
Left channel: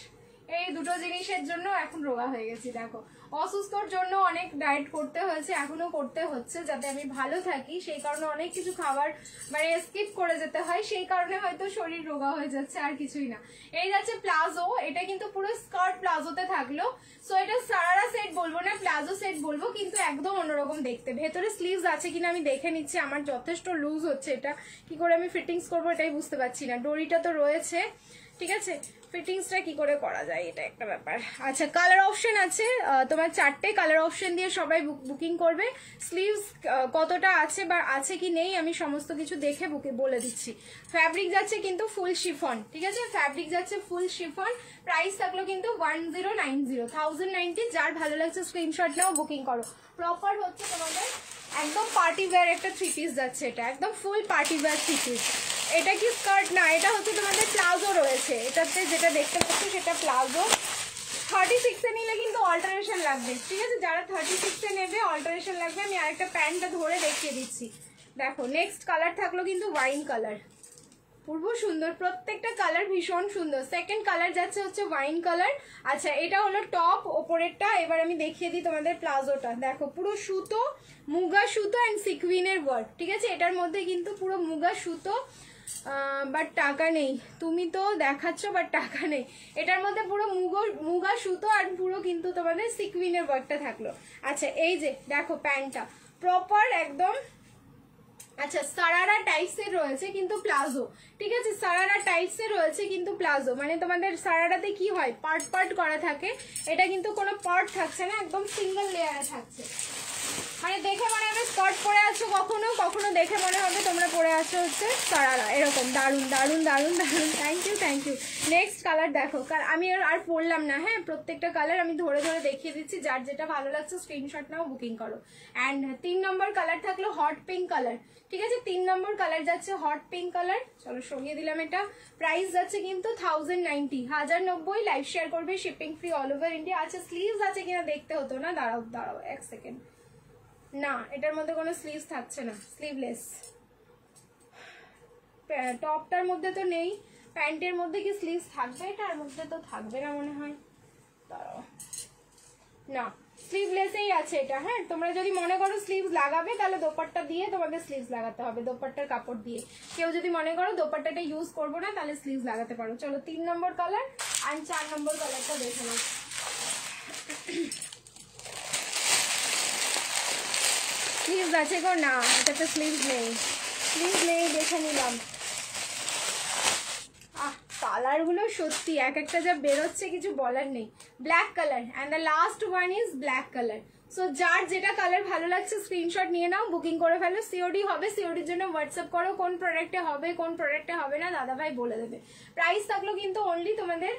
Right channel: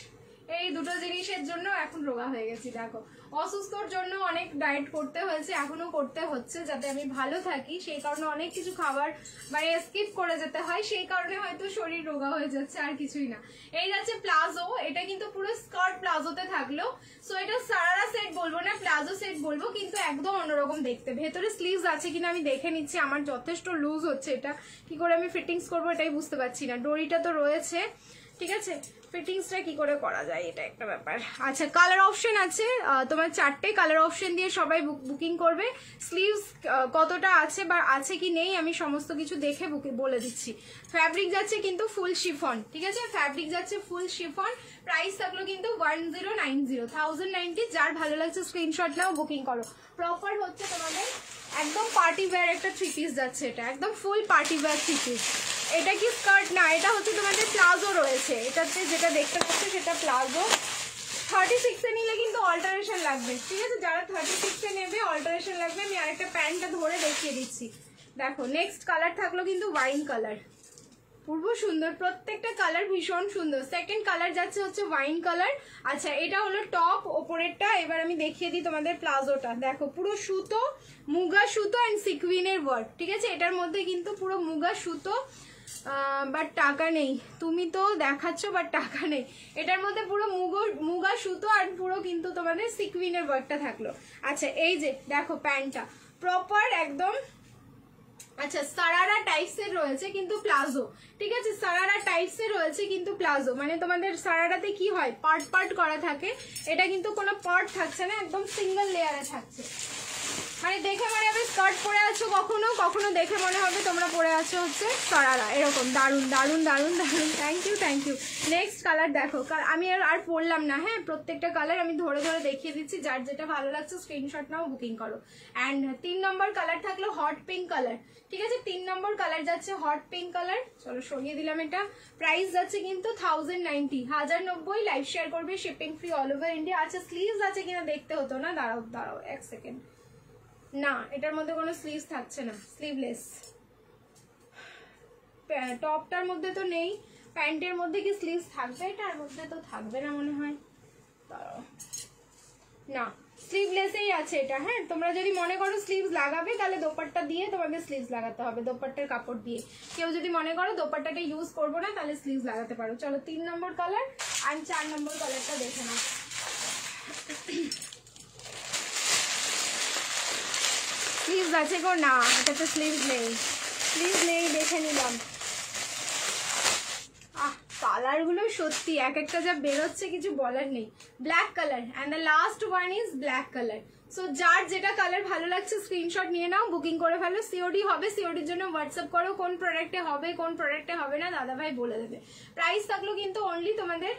এই দুটো জিনিসের জন্য এখন রোগা হয়ে গেছি। দেখো অসুস্থর জন্য অনেক ডায়েট করতে হয়েছে, এখনো করতে হচ্ছে যাতে আমি ভালো থাকি, সেই কারণে অনেক কিছু খাবার মানে স্কিপ করে যেতে হয়, সেই কারণে হয়তো শরীর রোগা হয়ে যাচ্ছে, আর কিছুই না। এই যাচ্ছে প্লাজো, এটা কিন্তু পুরো স্কার্ট প্লাজোতে থাকলো। সো এটা সারারা সেট বলবো না, প্লাজো সেট বলবো, কিন্তু একদম অন্যরকম দেখতে। ভেতরে স্লিভস আছে কিনা আমি দেখে নিচ্ছি, আমার যথেষ্ট লুজ হচ্ছে, এটা কি করে আমি ফিটিংস করবো এটাই বুঝতে পারছি না। ডোরিটা তো রয়েছে, ঠিক আছে, ফিটিংসটা কি করে করা যায় এটা একটা ব্যাপার। আচ্ছা কালার অপশন আছে তোমার 4টে, কালার অপশন দিয়ে সবাই বুকিং করবে। স্লিভস কতটা আছে বা আছে কি নেই আমি সমস্ত কিছু দেখে বলে দিচ্ছি। ফ্যাব্রিক যাচ্ছে কিন্তু ফুল শিফন, ঠিক আছে, ফ্যাব্রিক যাচ্ছে ফুল শিফন। প্রাইস থাকলো কিন্তু 1090, যার ভালো লাগছে স্ক্রিনশট নাও, বুকিং করো। প্রপার হচ্ছে তোমাদের একদম পার্টি ওয়্যার একটা 3 পিস যাচ্ছে, এটা একদম ফুল পার্টি ওয়্যার 3 পিস। এটা কি স্কার্ট না, এটা হচ্ছে তোমাদের প্লাজো রয়েছে, এটাতে যেটা দেখতে পাচ্ছ সেটা প্লাজো। 36 এ নিলে কিন্তু অল্টারেশন লাগবে, ঠিক আছে, যারা 36 এ নেবে অল্টারেশন লাগবে। আমি আরেকটা প্যান্টটা ধরে দেখিয়ে দিচ্ছি। দেখো নেক্সট কালার থাকলো কিন্তু ওয়াইন কালার, পূর্ব সুন্দর, প্রত্যেকটা কালার ভীষণ সুন্দর। সেকেন্ড কালার যাচ্ছে হচ্ছে ওয়াইন কালার। আচ্ছা এটা হলো টপ ওপরেরটা, এবার আমি দেখিয়ে দিই তোমাদের প্লাজোটা। দেখো পুরো সুতো, মুগা সুতো অ্যান্ড সিকুইনের ওয়ার্ক, ঠিক আছে, এটার মধ্যে কিন্তু পুরো মুগা সুতো, বাট টাকা নেই, তুমি তো দেখাচ্ছ বাট টাকা নেই। এটার মধ্যে পুরো মুগা সুতো আর পুরো কিন্তু তোমাদের সিকুইনের ওয়ার্কটা থাকলো। আচ্ছা এই যে দেখো প্যান্টটা প্রপার একদম, আচ্ছা সারারা টাইপস এর রয়েছে কিন্তু প্লাজো, ঠিক আছে, সারারা টাইপস এর রয়েছে কিন্তু প্লাজো, মানে তোমাদের সারারাতে কি হয় পার্ট পার্ট করা থাকে, এটা কিন্তু কোনো পার্ট থাকছে না, একদম সিঙ্গেল লেয়ারে থাকছে। মানে দেখে মনে হবে স্কার্ট পরে আছো, কখনো কখনো দেখে মনে হবে তোমরা পরে আছো হচ্ছে সারারা, এরকম দারুন দারুন দারুন দারুন। Thank you. নেক্সট কালার দেখো, কারণ আমি আর পরলাম না, হ্যাঁ প্রত্যেকটা কালার আমি ধরে ধরে দেখিয়ে দিচ্ছি, যার যেটা ভালো লাগছে স্ক্রিনশট নাও, বুকিং করো। অ্যান্ড 3 নম্বর কালার থাকলো হট পিঙ্ক কালার, ঠিক আছে, 3 নম্বর কালার যাচ্ছে হট পিঙ্ক কালার। চলো সরিয়ে দিলাম এটা। প্রাইস যাচ্ছে কিন্তু 1090, লাইভ শেয়ার করবে, shipping free all over India. আচ্ছা স্লিভস আছে কিনা দেখতে হতো না, দাঁড়াও 1 সেকেন্ড, না এটার মধ্যে কোনো স্লিভস থাকছে না, স্লিভলেস। টপটার মধ্যে তো নেই, প্যান্টের মধ্যে কি স্লিভস থাকবে? এটার মধ্যে তো থাকবে না মনে হয়, দাঁড়াও, না স্লিভলেসই আছে এটা। হ্যাঁ তোমরা যদি মনে করো স্লিভস লাগাবে তাহলে দোপাট্টা দিয়ে তোমাদের স্লিভস লাগাতে হবে, দোপাট্টার কাপড় দিয়ে। কেউ যদি মনে করো দোপাট্টাটা ইউজ করবো না তাহলে স্লিভস লাগাতে পারো। চলো 3 নম্বর কালার আর 4 নম্বর কালারটা দেখে নাও। স্লিভস আছে গো? না এটাতে স্লিভস নেই, দেখে নিলাম। কালার গুলো সত্যি এক একটা যা বেরোচ্ছে কিছু বলার নেই। Black colour and the last one is black colour. So যার যেটা কালার ভালো লাগছে স্ক্রিনশট নিয়ে নাও, বুকিং করে ফেলো। সিওডি হবে, সিওডির জন্য হোয়াটসঅ্যাপ করো, কোন প্রোডাক্টে হবে কোন প্রোডাক্টে হবে না দাদা ভাই বলে দেবে। প্রাইস থাকলো কিন্তু অনলি তোমাদের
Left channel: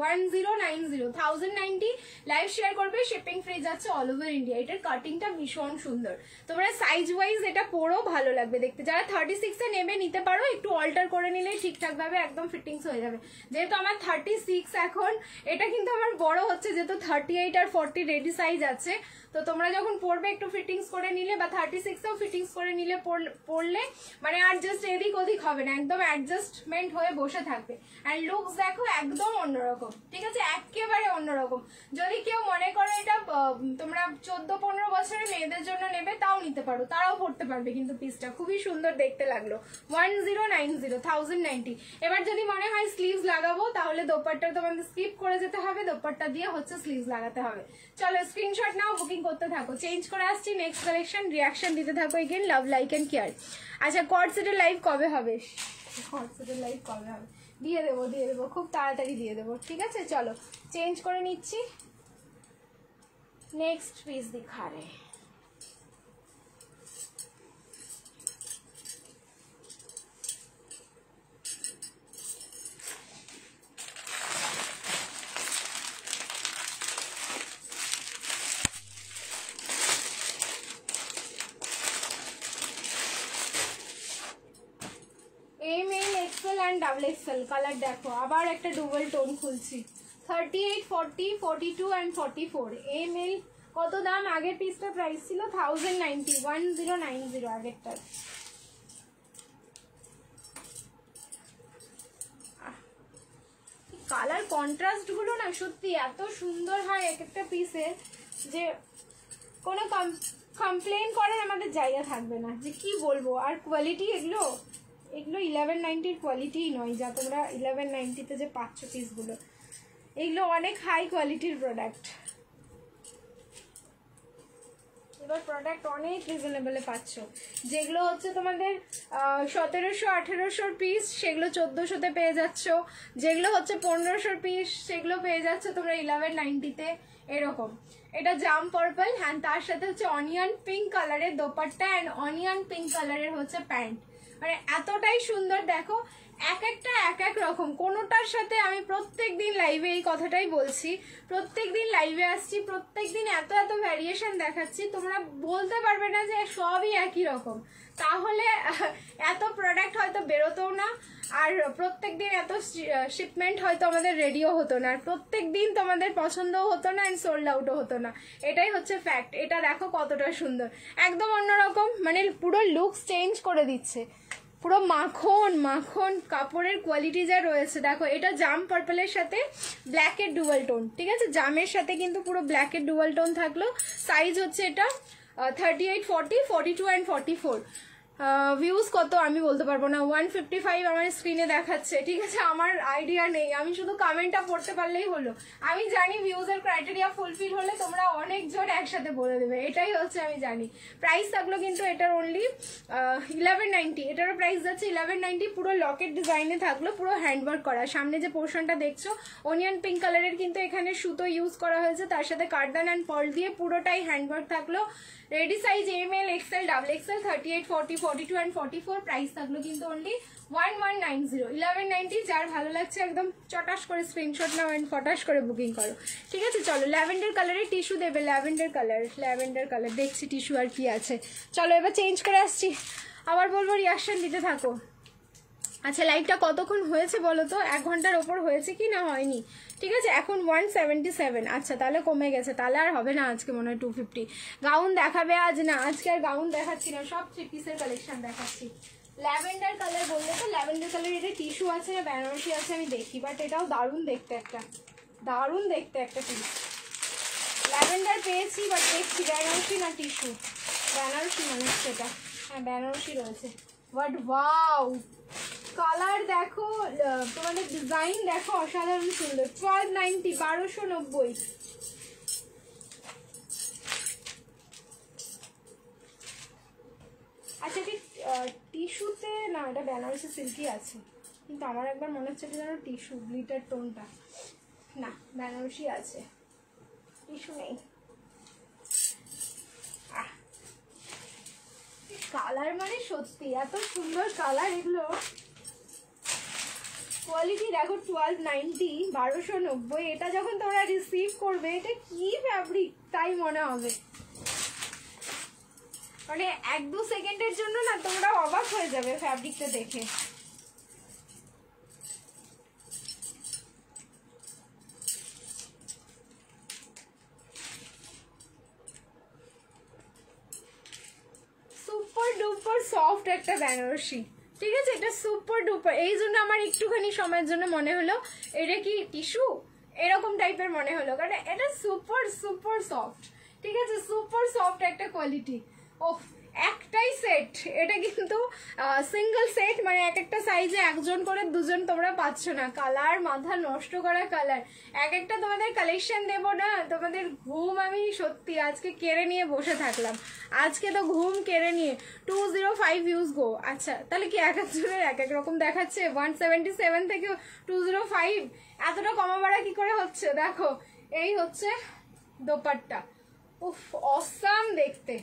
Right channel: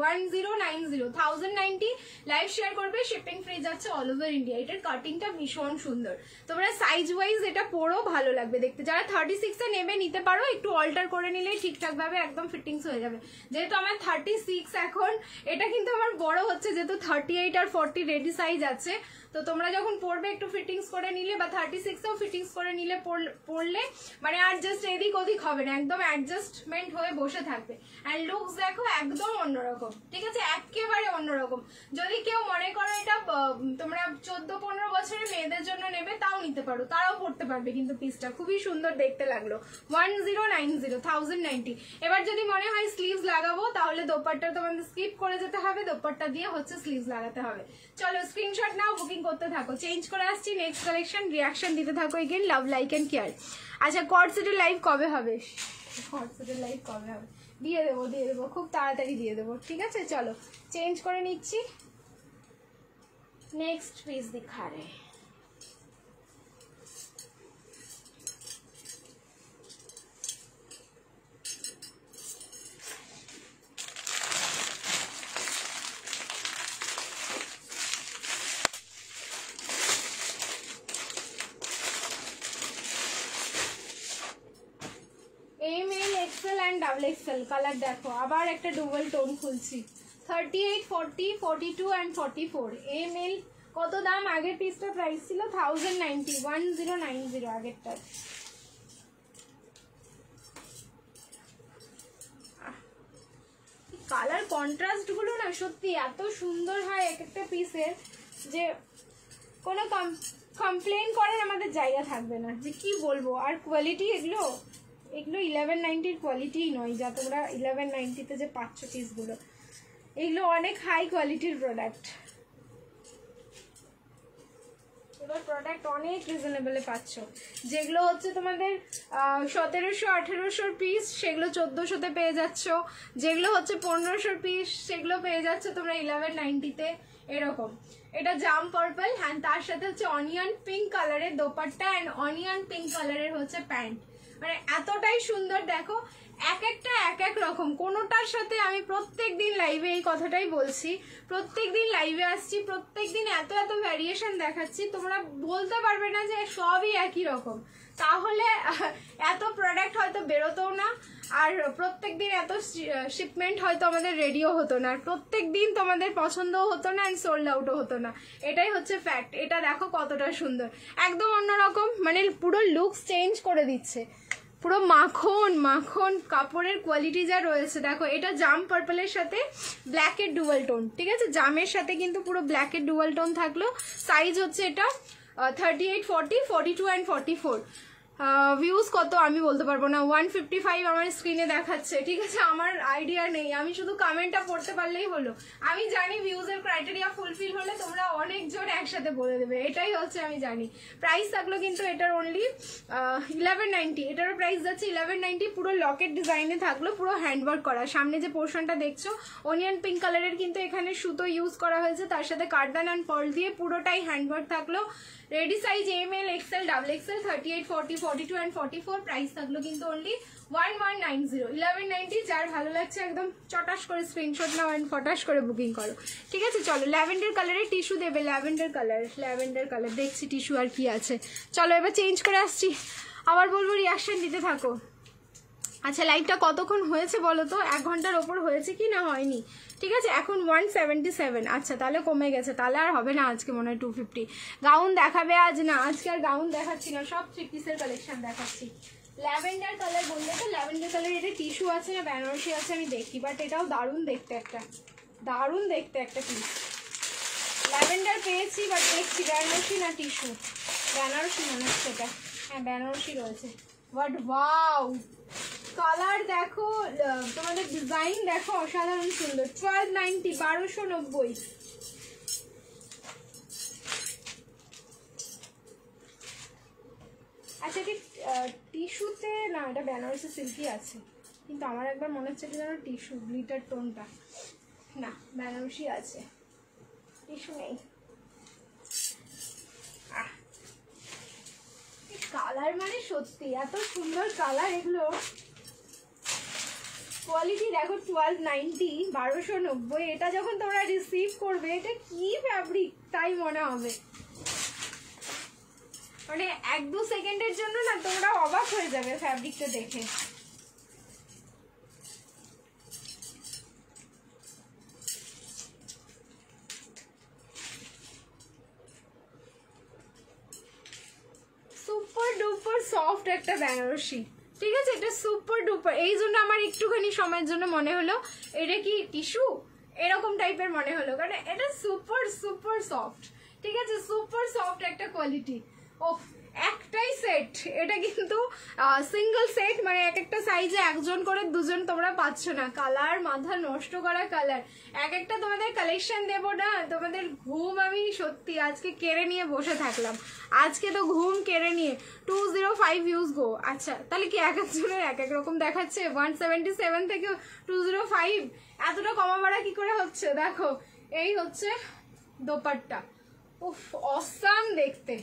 1090, লাইভ শেয়ার করবে, শিপিং ফ্রি যাচ্ছে অল ওভার ইন্ডিয়া। এটার কাটিংটা ভীষণ সুন্দর, তোমরা সাইজ ওয়াইজ এটা পরো ভালো লাগবে দেখতে। যারা 36 এ নেবে নিতে পারো, একটু অল্টার করে নিলেই ঠিকঠাক ভাবে একদম ফিটিংস হয়ে যাবে। যেহেতু আমার 36 এখন, এটা কিন্তু আমার বড় হচ্ছে, যেহেতু 38 আর 40 রেডি সাইজ আছে, তো তোমরা যখন পরবে একটু ফিটিংস করে নিলে বা 36 এও ফিটিংস করে নিলে পরলে মানে আর জাস্ট এদিক ওদিক হবে না, একদম অ্যাডজাস্টমেন্ট হয়ে বসে থাকবে। অ্যান্ড লুকস দেখো একদম অন্যরকম, ঠিক আছে, একেবারে অন্যরকম। যদি কেউ মনে করো এটা তোমরা 14-15 বছরের মেয়েদের জন্য নেবে তাও নিতে পারো, তারাও পরতে পারবে, কিন্তু পিসটা খুবই সুন্দর দেখতে লাগলো। 1090। এবার যদি মনে হয় স্লিভস লাগাবো তাহলে দোপাট্টা তোমাদের স্কিপ করে যেতে হবে, দোপাট্টা দিয়ে হচ্ছে স্লিভস লাগাতে হবে। চলো স্ক্রিনশট নাও, বুকিং করতে থাকো। চেঞ্জ করে আসছি নেক্সট কালেকশন, রিয়াকশন দিতে থাকো again, love like and care. আচ্ছা কর্ড সেটের লাইভ কবে হবে? দিয়ে দেবো খুব তাড়াতাড়ি দিয়ে দেবো। ঠিক আছে, চলো চেঞ্জ করে নিচ্ছি। नेक्स्ट पीस दिखा रहे हैं। M L XL and double XL colour देखो आबार एक डुबल टोन खुलছি 38, 40, 42 एंड 44 एम एल কত দাম আগের পিসটা প্রাইস ছিল 1090 1090 আগেরটা। কালার কন্ট্রাস্ট গুলো না সত্যি এত সুন্দর হয় এক একটা পিসের যে কোনো কমপ্লেইন করার আমাদের জায়গা থাকবে না যে কি বলবো। আর কোয়ালিটি এগুলো 1190 কোয়ালিটি নয় যা তোমরা 1190 তে যে পাচ্ছ পিসগুলো, এগুলো অনেক হাই কোয়ালিটির প্রোডাক্ট। এবার প্রোডাক্ট অনেক রিজনেবলে পাচ্ছ। যেগুলো হচ্ছে তোমাদের 1700-1800 পিস সেগুলো 1400-তে পেয়ে যাচ্ছ, যেগুলো হচ্ছে 1500 পিস সেগুলো পেয়ে যাচ্ছ তোমরা 1190-তে এরকম। এটা জাম পার্পল হ্যাঁ, তার সাথে হচ্ছে অনিয়ন পিঙ্ক কালারের দোপাট্টা এন্ড অনিয়ন পিঙ্ক কালারের হচ্ছে প্যান্ট। মানে এতটাই সুন্দর দেখো, এক একটা এক এক রকম। কোনোটার সাথে আমি প্রত্যেকদিন লাইভে এই কথাটাই বলছি, প্রত্যেকদিন লাইভে আসছি, প্রত্যেকদিন এত এত ভ্যারিয়েশন দেখাচ্ছি, তোমরা বলতে পারবে না যে সবই একই রকম। তাহলে এত প্রোডাক্ট হয়তো বেরোতো না, আর প্রত্যেকদিন এত শিপমেন্ট হয়তো আমাদের রেডিও হতো না, আর প্রত্যেকদিন তোমাদের পছন্দও হতো না এন্ড সোল্ড আউটও হতো না। এটাই হচ্ছে ফ্যাক্ট। এটা দেখো কতটা সুন্দর, একদম অন্যরকম, মানে পুরো লুকস চেঞ্জ করে দিচ্ছে। পুরো মাখন মাখন কাপড়ের কোয়ালিটি যা রয়েছে দেখো। এটা জাম পার্পলের সাথে ব্ল্যাকের ডুয়াল টোন, ঠিক আছে, জামের সাথে কিন্তু পুরো ব্ল্যাকের ডুয়াল টোন থাকলো। সাইজ হচ্ছে এটা 38, 40, 42 এন্ড 44। ভিউজ কত আমি বলতে পারবো না, 155 আমার স্ক্রিনে দেখাচ্ছে, ঠিক আছে, আমার আইডিয়া নেই, আমি শুধু কমেন্টটা পড়তে পারলেই হলো। আমি জানি ভিউজের ক্রাইটেরিয়া ফুলফিল হলে তোমরা অনেকজন একসাথে বলে দেবে, এটাই হচ্ছে আমি জানি। প্রাইস থাকলো কিন্তু এটার অনলি 1190, এটারও প্রাইস যাচ্ছে 1190। পুরো লকেট ডিজাইনে থাকলো, পুরো হ্যান্ডওয়ার্ক করা। সামনে যে পোর্শনটা দেখছো অনিয়ন পিঙ্ক কালারের কিন্তু এখানে সুতো ইউজ করা হয়েছে, তার সাথে কার্দান অ্যান্ড পার্ল দিয়ে পুরোটাই হ্যান্ডওয়ার্ক থাকলো। Ready size M L XL double XL 38, 40, 42 and 44। Price থাকলো কিন্তু অনলি 1190 1190। যার ভালো লাগছে একদম চটাস করে স্ক্রিনশট নাও এন্ড ফটাস করে বুকিং করো, ঠিক আছে। চলো ল্যাভেন্ডার কালারের টিস্যু দেবে, ল্যাভেন্ডার কালার দেখছি টিস্যু আর কি আছে। চলো এবার চেঞ্জ করে আসছি, আবার বলবো রিয়াকশন দিতে থাকো। আচ্ছা লাইভটা কতক্ষণ হয়েছে বলো তো, 1 ঘন্টার ওপর হয়েছে কি না হয়নি, ঠিক আছে। এখন 177। আচ্ছা তাহলে কমে গেছে, তাহলে আর হবে না আজকে, মনে হয় 250। গাউন দেখাবে আজ না, আজকে আর গাউন দেখাচ্ছি না, সব 3 পিসের কালেকশন দেখাচ্ছি। ল্যাভেন্ডার কালার বললে তো, ল্যাভেন্ডার কালার এটা টিস্যু আছে না বেনারসি আছে আমি দেখি, বাট এটাও দারুণ দেখতে একটা পিস। ল্যাভেন্ডার পেয়েছি বাট দেখছি বেনারসি না টিস্যু, বেনারসি মনে হচ্ছে এটা, হ্যাঁ বেনারসি রয়েছে। বাট ওয়াও কালার দেখো, তোমাদের ডিজাইন দেখো অসাধারণ সুন্দর। 1290 1290। আচ্ছা কি টিস্যুতে না, এটা বেনারসি সিল্কি আছে, কিন্তু আমার একবার মনে হচ্ছে কি যেন টিস্যু গ্লিটার টোনটা, না বেনারসি আছে, টিস্যু নেই। কালার মানে সত্যি এত সুন্দর কালার, এগুলো কোয়ালিটি দেখো 1290 1290। এটা যখন তোমরা রিসিভ করবে এটা কি ফ্যাব্রিক তাই মনে হবে, মানে 1-2 সেকেন্ডের জন্য না তোমরা অবাক হয়ে যাবে ফ্যাব্রিকটা দেখে। সুপার ডুপার সফট একটা বেনারসি, ঠিক আছে, এটা সুপার ডুপার। এই জন্য আমার একটুখানি সময়ের জন্য মনে হলো এটা কি টিস্যু এরকম টাইপের মনে হলো, কারণ এটা সুপার সুপার সফট, ঠিক আছে, সুপার সফট একটা কোয়ালিটি। ও একটাই সেট, এটা কিন্তু সিঙ্গেল সেট, মানে এক একটা সাইজে একজন করে দুজন তোমরা পাচ্ছ না। কালার মাথা নষ্ট করা কালার, এক একটা তোমাদের কালেকশন দেবো না, তোমাদের ঘুম আমি সত্যি আজকে কেড়ে নিয়ে বসে থাকলাম। আজকে তো ঘুম কেড়ে নিয়ে 205 ভিউজ গো। আচ্ছা তাহলে কি এক একজনের এক এক রকম দেখাচ্ছে? 177 থেকে 205 এতটা কমা বাড়া কি করে হচ্ছে? দেখো এই হচ্ছে দোপাট্টা, উফ অসাম দেখতে,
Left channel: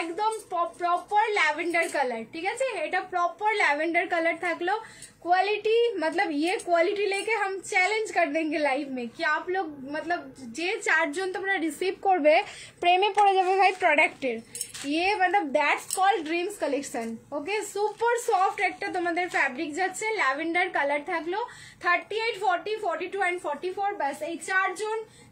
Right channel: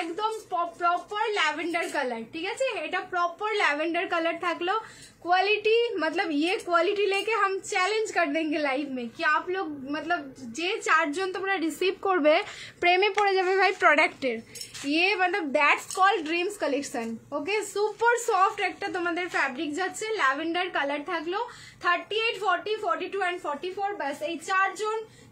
একদম प्रॉपर लैवेंडर कलर। ठीक है, এটা प्रॉपर लैवेंडर कलर থাকলো। क्वालिटी मतलब ये क्वालिटी लेके हम चैलेंज कर देंगे लाइव में कि आप लोग मतलब যে চারজন তোমরা রিসিভ করবে প্রেমে পড়ে যাবে ভাই প্রোডাক্টের। ये मतलब that's called dreams collection. Okay, super soft একটা তোমাদের ফ্যাব্রিক যাচ্ছে, ল্যাভেন্ডার কালার থাকলো। 38, 40, 42 এন্ড 44, বাস এই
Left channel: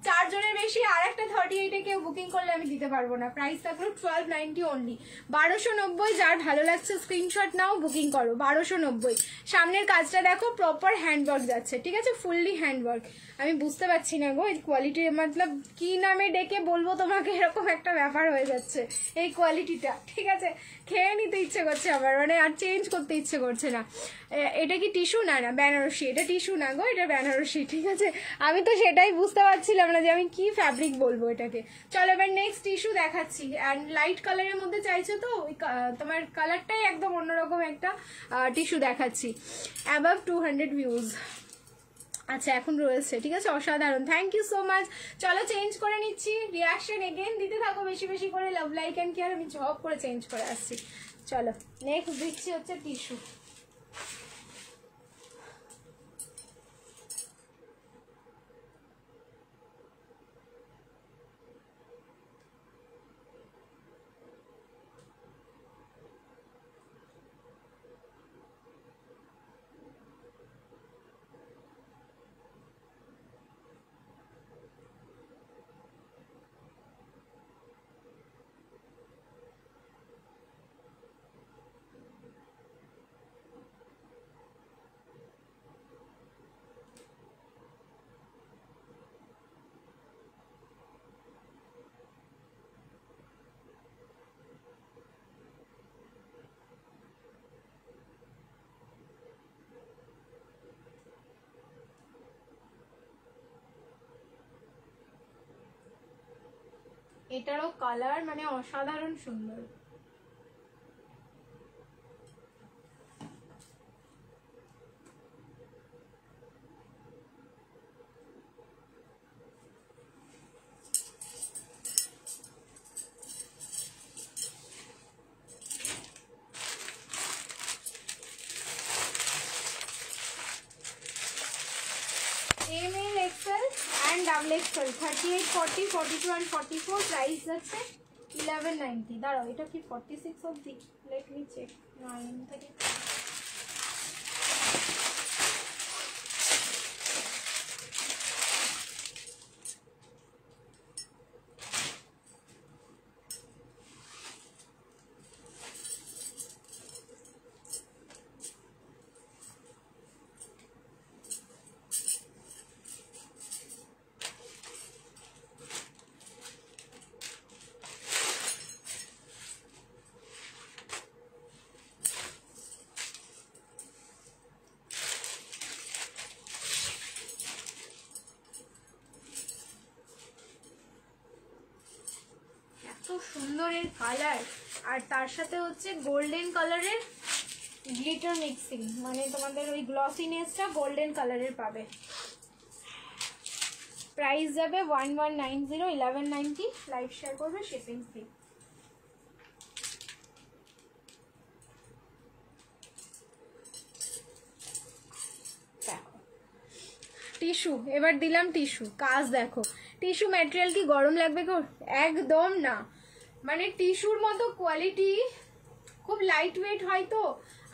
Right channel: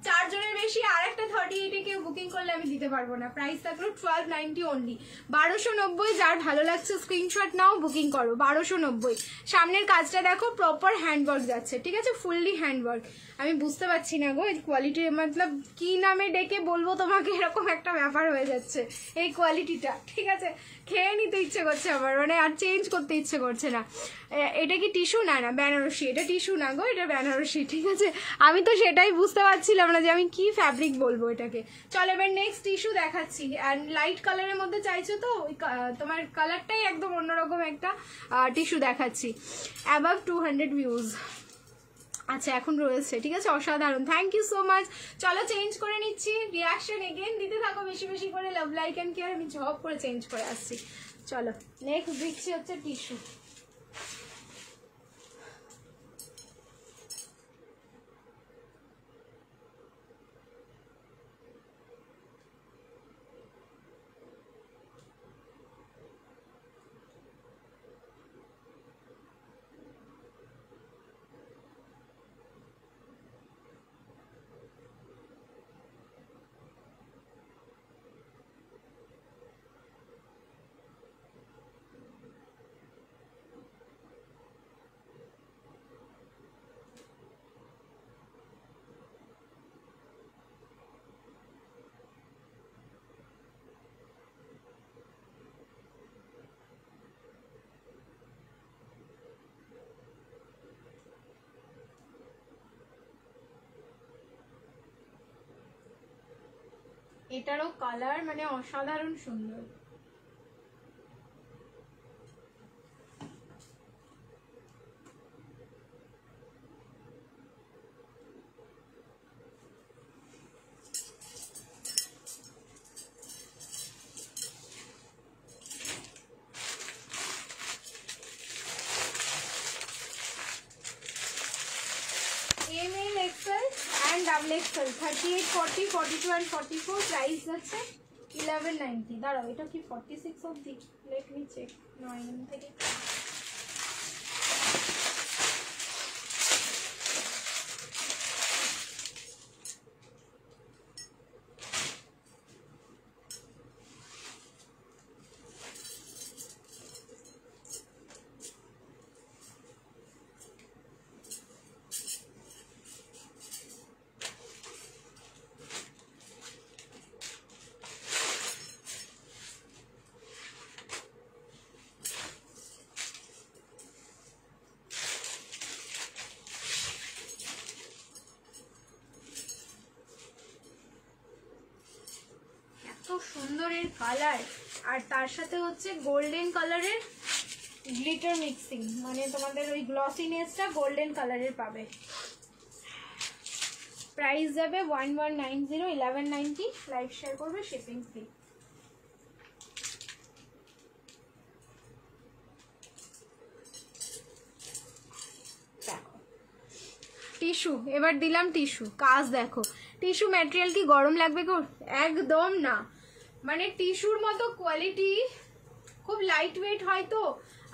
চারজনের বেশি আর একটা 38 এ কেউ বুকিং করলে আমি দিতে পারবো না। প্রাইস থাকলো 1290 অনলি, 1290। যার ভালো লাগছে স্ক্রিনশট নাও, বুকিং করো। 1290। সামনের কাজটা দেখো, প্রপার হ্যান্ডওয়ার্ক যাচ্ছে। ঠিক আছে, ফুললি হ্যান্ডওয়ার্ক। আমি বুঝতে পারছি না গো এই কোয়ালিটি, মতলব কি নামে ডেকে বলবো তোমাকে, এরকম একটা ব্যাপার হয়ে যাচ্ছে এই কোয়ালিটিটা। ঠিক আছে, খেয়ে নিতে ইচ্ছে করছে আমার, মানে আর চেঞ্জ করতে ইচ্ছে করছে না। এটা কি টিস্যু? না না বেনারসি, এটা টিস্যু না গো, এটা বেনারসি। ঠিক আছে, আমি তো সেটাই বুঝতে পারছিলাম না যে আমি কি ফ্যাব্রিক বলবো এটাকে। চলো এবার নেক্সট টিস্যু দেখাচ্ছি। অ্যান্ড লাইট কালারের মধ্যে চাইছো তো তোমার কালারটাই একদম অন্যরকম একটা টিস্যু দেখাচ্ছি। Above 200 views. আচ্ছা এখন রয়েছে। ঠিক আছে, অসাধারণ, থ্যাংক ইউ সো মাচ। চলো চেঞ্জ করে নিচ্ছি, রিয়াকশন এগেন দিতে থাকো বেশি বেশি করে, লাভ লাইক অ্যান্ড কেয়ার। আমি জব করে চেঞ্জ করে আসছি। চলো নেক্সট দিচ্ছি হচ্ছে টিস্যু। এটারও কালার মানে অসাধারণ সুন্দর। ML, XL and double XL, 38, 40, 42 and 44, price যাচ্ছে 1190। দাঁড়াও এটা কি 46 অবধি? Let me check. 9 থেকে সুন্দর এর কালার, আর তার সাথে হচ্ছে গোল্ডেন কালারের গ্লিটার মিক্সিং, মানে তোমাদের ওই গ্লসিনেসটা গোল্ডেন কালারের পাবে। প্রাইস যাবে 1190, 1190। লাইভ শেয়ার করবে, শিপিং ফ্রি। দেখো টিস্যু, এবার দিলাম টিস্যু। কাজ দেখো, টিস্যু ম্যাটেরিয়াল কি গরম লাগবে গো? একদম না, মানে টিস্যুর মতো কোয়ালিটি, খুব লাইট ওয়েট হয় তো,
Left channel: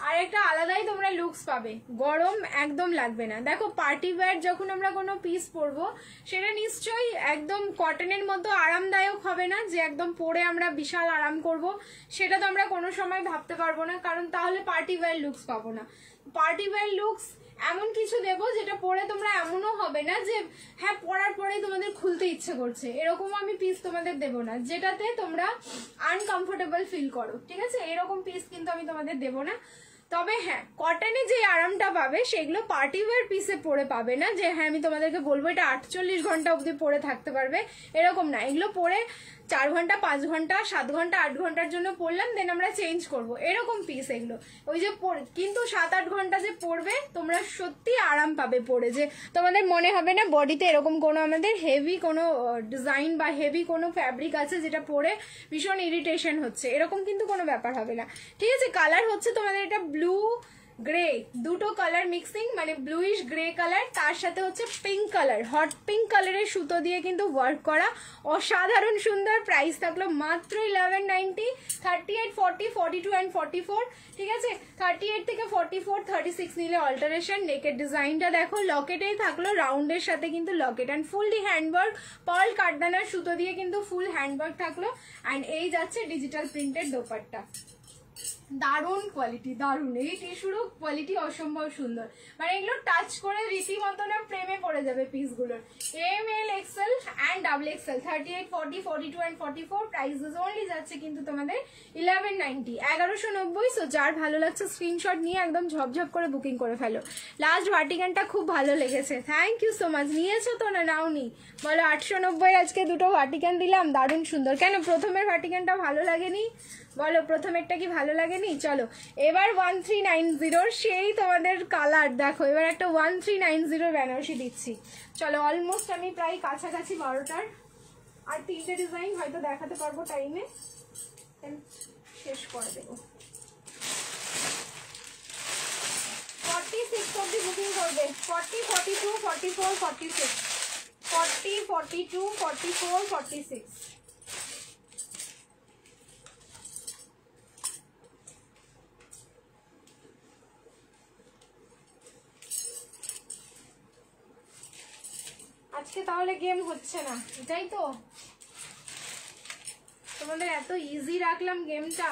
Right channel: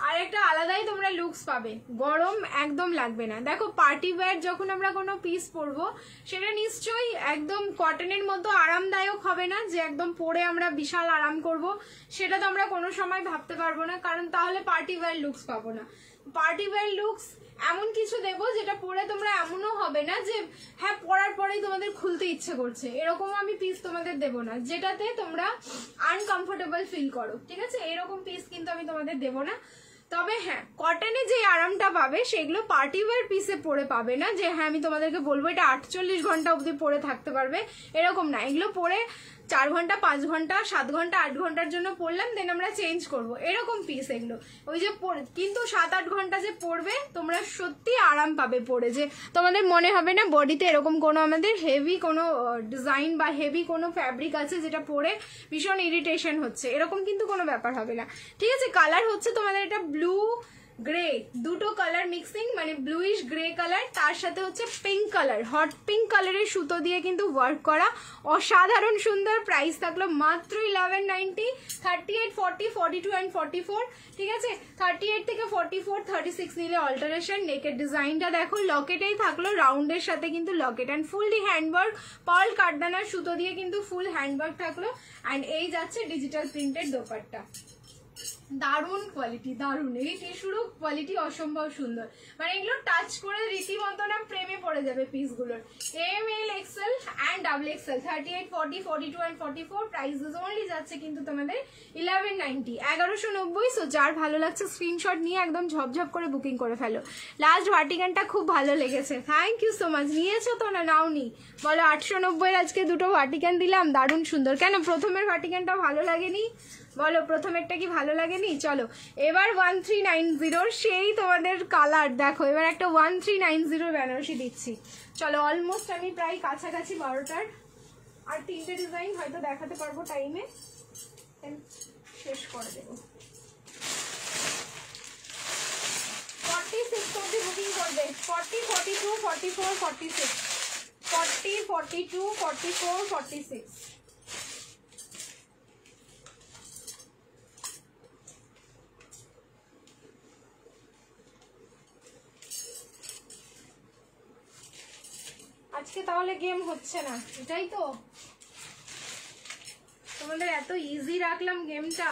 আর একটা আলাদাই তোমরা লুকস পাবে, গরম একদম লাগবে না। দেখো পার্টি ওয়্যার যখন আমরা কোনো পিস পরবো সেটা নিশ্চয়ই একদম কটনের মতো আরামদায়ক হবে না, যে একদম পরে আমরা বিশাল আরাম করব, সেটা তো আমরা কোনো সময় ভাবতে পারবো না, কারণ তাহলে পার্টি ওয়্যার লুকস পাবো না। পার্টি ওয়্যার লুকস এমন কিছু দেবো যেটা পরে তোমরা এমনও হবে না যে হ্যাঁ পরার পরেই তোমাদের খুলতে ইচ্ছে করছে, এরকম আমি পিস তোমাদের দেবো না যেটাতে তোমরা আনকমফোর্টেবল ফিল করো, ঠিক আছে? এরকম পিস কিন্তু আমি তোমাদের দেবো না। তবে হ্যাঁ, কটনে যে আরামটা পাবে সেগুলো পার্টি ওয়্যার পিসে পরে পাবে না, যে হ্যাঁ আমি তোমাদেরকে বলবো এটা 48 ঘন্টা অবধি পরে থাকতে পারবে, এরকম না। এগুলো পরে 4 ঘন্টা 5 ঘন্টা 7 ঘন্টা 8 ঘন্টার জন্য পরলাম, দেন আমরা চেঞ্জ করব, এরকম পিস এগুলো। ওই যে কিন্তু 7-8 ঘন্টা যে পরবে তোমরা সত্যি আরাম পাবে পরে, যে তোমাদের মনে হবে না বডিতে এরকম কোনো আমাদের হেভি কোনো ডিজাইন বা হেভি কোনো ফ্যাব্রিক আছে যেটা পরে ভীষণ ইরিটেশন হচ্ছে, এরকম কিন্তু কোনো ব্যাপার হবে না, ঠিক আছে? কালার হচ্ছে তোমাদের এটা ব্লু গ্রে, দুটো কালার মিক্সিং, মানে ব্লুইশ গ্রে কালার, তার সাথে হচ্ছে পিঙ্ক কালার, হট পিঙ্ক কালারের সুতো দিয়ে কিন্তু ওয়ার্ক করা, অসাধারণ সুন্দর। প্রাইস থাকলো মাত্র 1190, 38, 40, 42 and 44, ঠিক আছে? 38 থেকে 44, 36 নিলে অল্টারেশন। নেকের ডিজাইনটা দেখো, লকেটেই থাকলো, রাউন্ডের সাথে কিন্তু locket and fully handwork, pearl কাঠদানার সুতো দিয়ে কিন্তু ফুল হ্যান্ডওয়ার্ক থাকলো। অ্যান্ড এই যাচ্ছে ডিজিটাল প্রিন্টেড দোপাট্টা, দারুণ কোয়ালিটি, দারুণ। এই টিস্যুরও কোয়ালিটি অসম্ভব সুন্দর, মানে এগুলো টাচ করে রীতিমতো না প্রেমে পড়ে যাবে পিসগুলোর। ML, XL and XXL, 38, 40, 42 and 44, prices only যাচ্ছে কিন্তু তোমাদের 1190, 1190। সো যার ভালো লাগছে স্ক্রিনশট নিয়ে একদম ঝপঝপ করে বুকিং করে ফেলো। লাস্ট ভার্টিকানটা খুব ভালো লেগেছে, থ্যাংক ইউ সো মাচ। নিয়েছো তো না নাওনি? বলো 890 আজকে দুটো ভার্টিকান দিলাম, দারুণ সুন্দর। কেন প্রথমের ভার্টিকানটা ভালো লাগেনি? বলো প্রথমেরটা কি ভালো লাগেনি? চলো এবার 1390 সেই তোমাদের কালার দেখো, এবার একটা 1390 বেনারসি দিচ্ছি। চলো অলমোস্ট আমি প্রায় কাছাকাছি 12টার, আর 3টে ডিজাইন হয়তো দেখাতে পারবো টাইমে, শেষ করে দেবো। 46 অব্দি বুকিং করবে, 40, 42, 44, 46, 40, 42, 44, 46। আজকে তাহলে গেম হচ্ছে না, এটাই তো তোমাদের এত ইজি রাখলাম গেমটা।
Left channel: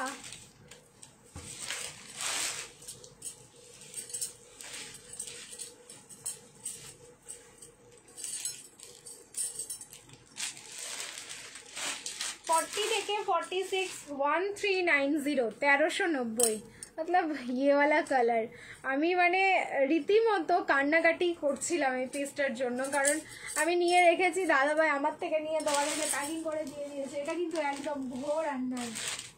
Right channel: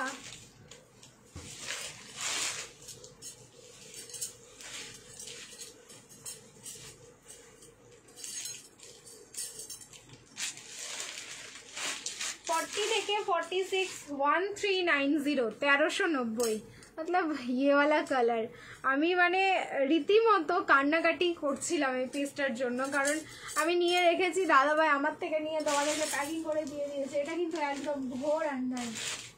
থেকে 46, 1390, 1390, मतलब ये वाला কালার। আমি মানে রীতিমতো কান্নাকাটি করছিলাম এই পিসটার জন্য, কারণ আমি নিয়ে রেখেছি, দাদাভাই আমার থেকে নিয়ে তোমাদেরকে প্যাকিং করে দিয়ে দিয়েছে। এটা কিন্তু একদম ঘোর अन्याय,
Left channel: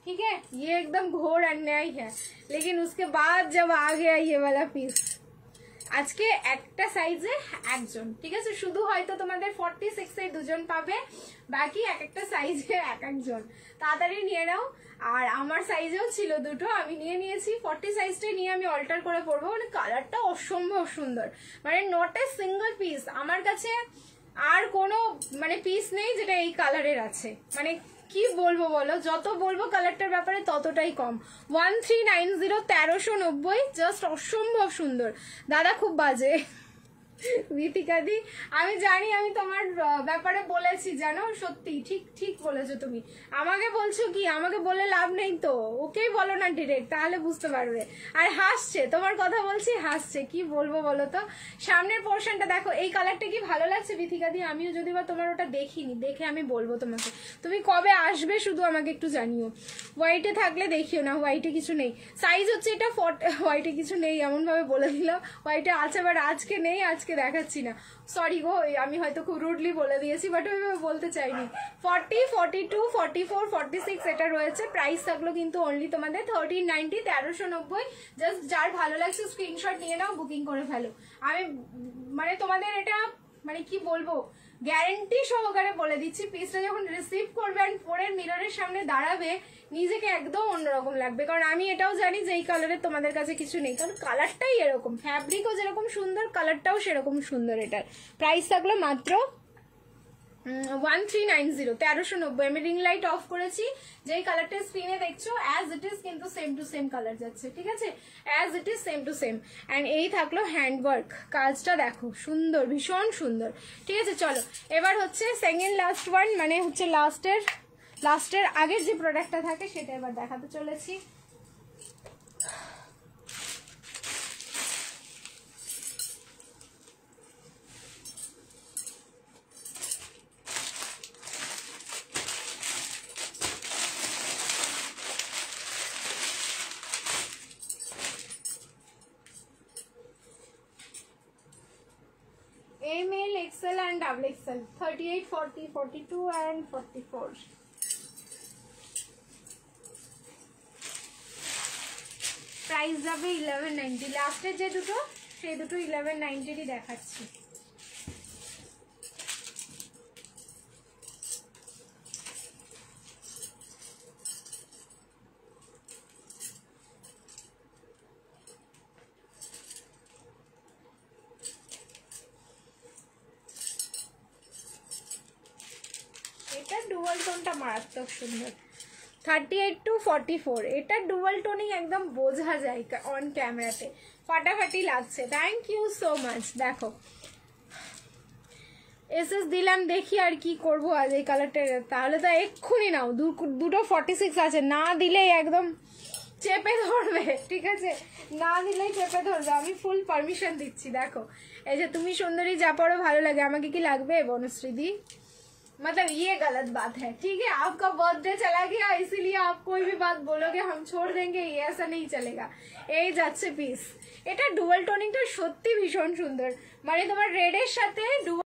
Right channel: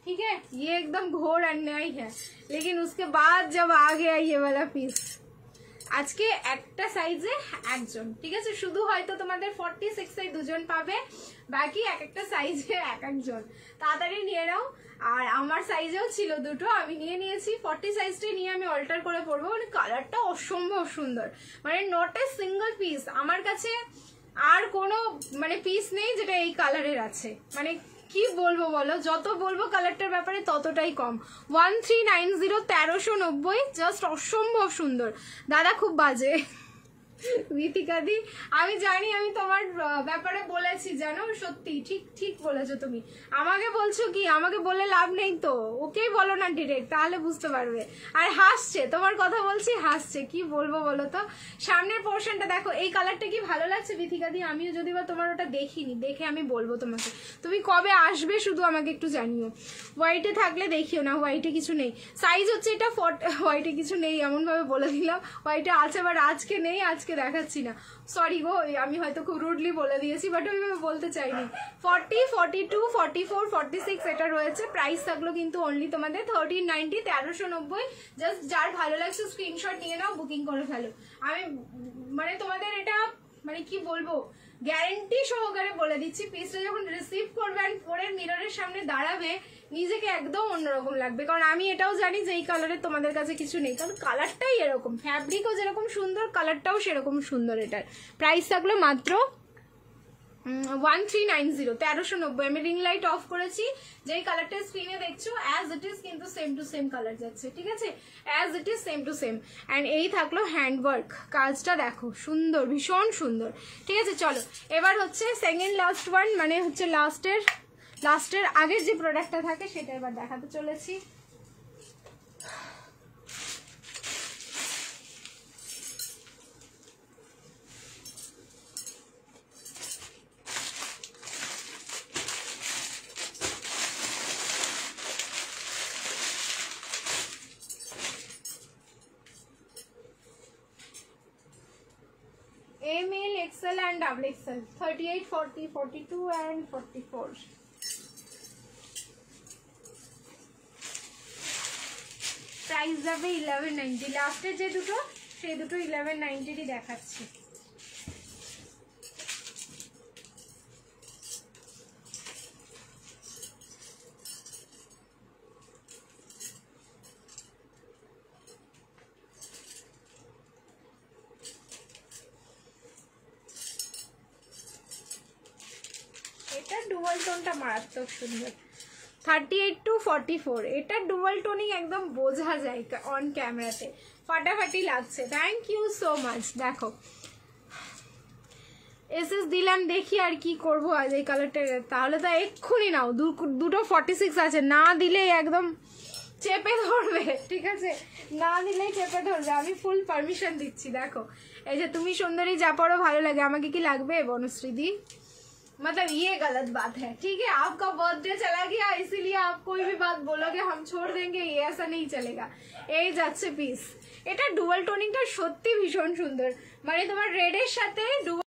ठीक है? ये एकदम घोर अन्याय है, लेकिन उसके बाद जब आ गया ये वाला पीस, আজকে একটা সাইজে একজন, ঠিক আছে? শুধু হয়তো তোমাদের 46 এ দুজন পাবে, বাকি এক একটা সাইজে এক একজন। তাড়াতাড়ি নিয়ে নাও। আর আমার সাইজেও ছিল দুটো, আমি নিয়ে নিয়েছি। 40 সাইজটাই নিয়ে আমি অল্টার করে পরবো। মানে কালারটা অসম্ভব সুন্দর, মানে নট এ সিঙ্গল পিস। আমার কাছে আর কোনো মানে পিস নেই যেটা এই কালারের আছে। মানে কি বলবো বলো, যত বলবো কালারটার ব্যাপারে ততটাই কম। 1390, 1390, জাস্ট অসম্ভব সুন্দর। দাদা খুব বাজে ঋতিকা দি, আমি জানি, আমি তোমার ব্যাপারে বলেছি জানো, সত্যি ঠিক ঠিক বলেছো তুমি। আমাকে বলছো কি, আমাকে বলে লাভ নেই তো, ওকেই বলো না ডিরেক্ট, তাহলে বুঝতে পারবে। আর হাসছে, তোমার কথা বলছি হাসছে, কি বলবো বলো তো। সামনের পোর্শনটা দেখো, এই কালারটা কি ভালো লাগছে ঋতিকা দি? আমিও যদি বা তোমার ওটা দেখিনি, দেখে আমি বলবো তোমাকে। তুমি কবে আসবে শুধু আমাকে একটু জানিও। হোয়াইটে থাকলে দেখিও না, হোয়াইটে কিছু নেই। সাইজ হচ্ছে এটা হোয়াইটে কিছু নেই এমন ভাবে বলে দিলাম। হোয়াইটে আছে বাট আজকে নেই, আজকে দেখাচ্ছি না। সরি গো, আমি হয়তো খুব রুডলি বলে দিয়েছি, বাট ওইভাবে বলতে চাইনি। 40, 42, 44, 46 এটা রয়েছে। প্রাইস থাকলো কিন্তু অনলি তোমাদের 1390, 1390। জাস্ট যার ভালো লাগছে স্ক্রিনশট নিয়ে নাও, বুকিং করে ফেলো। আমি মানে তোমাদের এটা মানে কি বলবো, গ্যারেন্টি সহকারে বলে দিচ্ছি, পিসটা যখন রিসিভ করবে আর পরের মিররের সামনে দাঁড়াবে, নিজেকে একদম অন্যরকম লাগবে। কারণ আমি এটাও জানি যে এই কালারের তোমাদের কাছে কিছু নেই, কারণ কালারটাই এরকম, ফ্যাব্রিকও যেরকম সুন্দর, কালারটাও সেরকম সুন্দর। এটার প্রাইস থাকলো মাত্র 1390, 1390। আমি রিং লাইট অফ করেছি, যেই কালারটা স্ক্রিনে দেখছো অ্যাজ ইট ইজ কিন্তু সেম টু সেম কালার যাচ্ছে, ঠিক আছে? As it is same to same. And এই থাকলো হ্যান্ডওয়ার্ক, কাজটা দেখো সুন্দর, ভীষণ সুন্দর, ঠিক আছে? চলো এবার হচ্ছে সেকেন্ড লাস্ট ওয়ান, মানে হচ্ছে লাস্টের আগের যে প্রোডাক্টটা থাকে সেটা এবার দেখাতে চলেছি। ডাবল এক্সেল 38 40 42 and 44 প্রাইস যাবে 1190 লাস্টে যে দুটো সেই দুটো 1190 দেখাচ্ছি এটা ডুয়াল টোনটা মারাত্মক সুন্দর 38 to 44 এটা ডুয়াল টোনিং একদম বোঝা যায় অন ক্যামেরাতে ফাটাফাটি লাগছে থ্যাংক ইউ সো মাচ দেখো এসএস দিলাম দেখি আর কি করব আজ এই কালারটা তাহলে তো এক্ষুনি নাও দুটো 46 আছে না দিলেই একদম চেপে ধরবে ঠিক আছে না দিলেই চেপে ধরবে আমি ফুল পারমিশন দিচ্ছি দেখো এই যে তুমি সুন্দরী যা পড়ো ভালো লাগে আমাকে কি লাগবে বনশ্রী দি मतलब ये गलत बात है ठीक है आपका बर्थडे चला गया इसीलिए आप कोई भी बात बोलोगे हम छोड़ देंगे ये ऐसा नहीं चलेगा এই যাচ্ছে পিস এটা ডুয়াল টোনিংটা সত্যি ভীষণ সুন্দর মানে তোমার রেড এর সাথে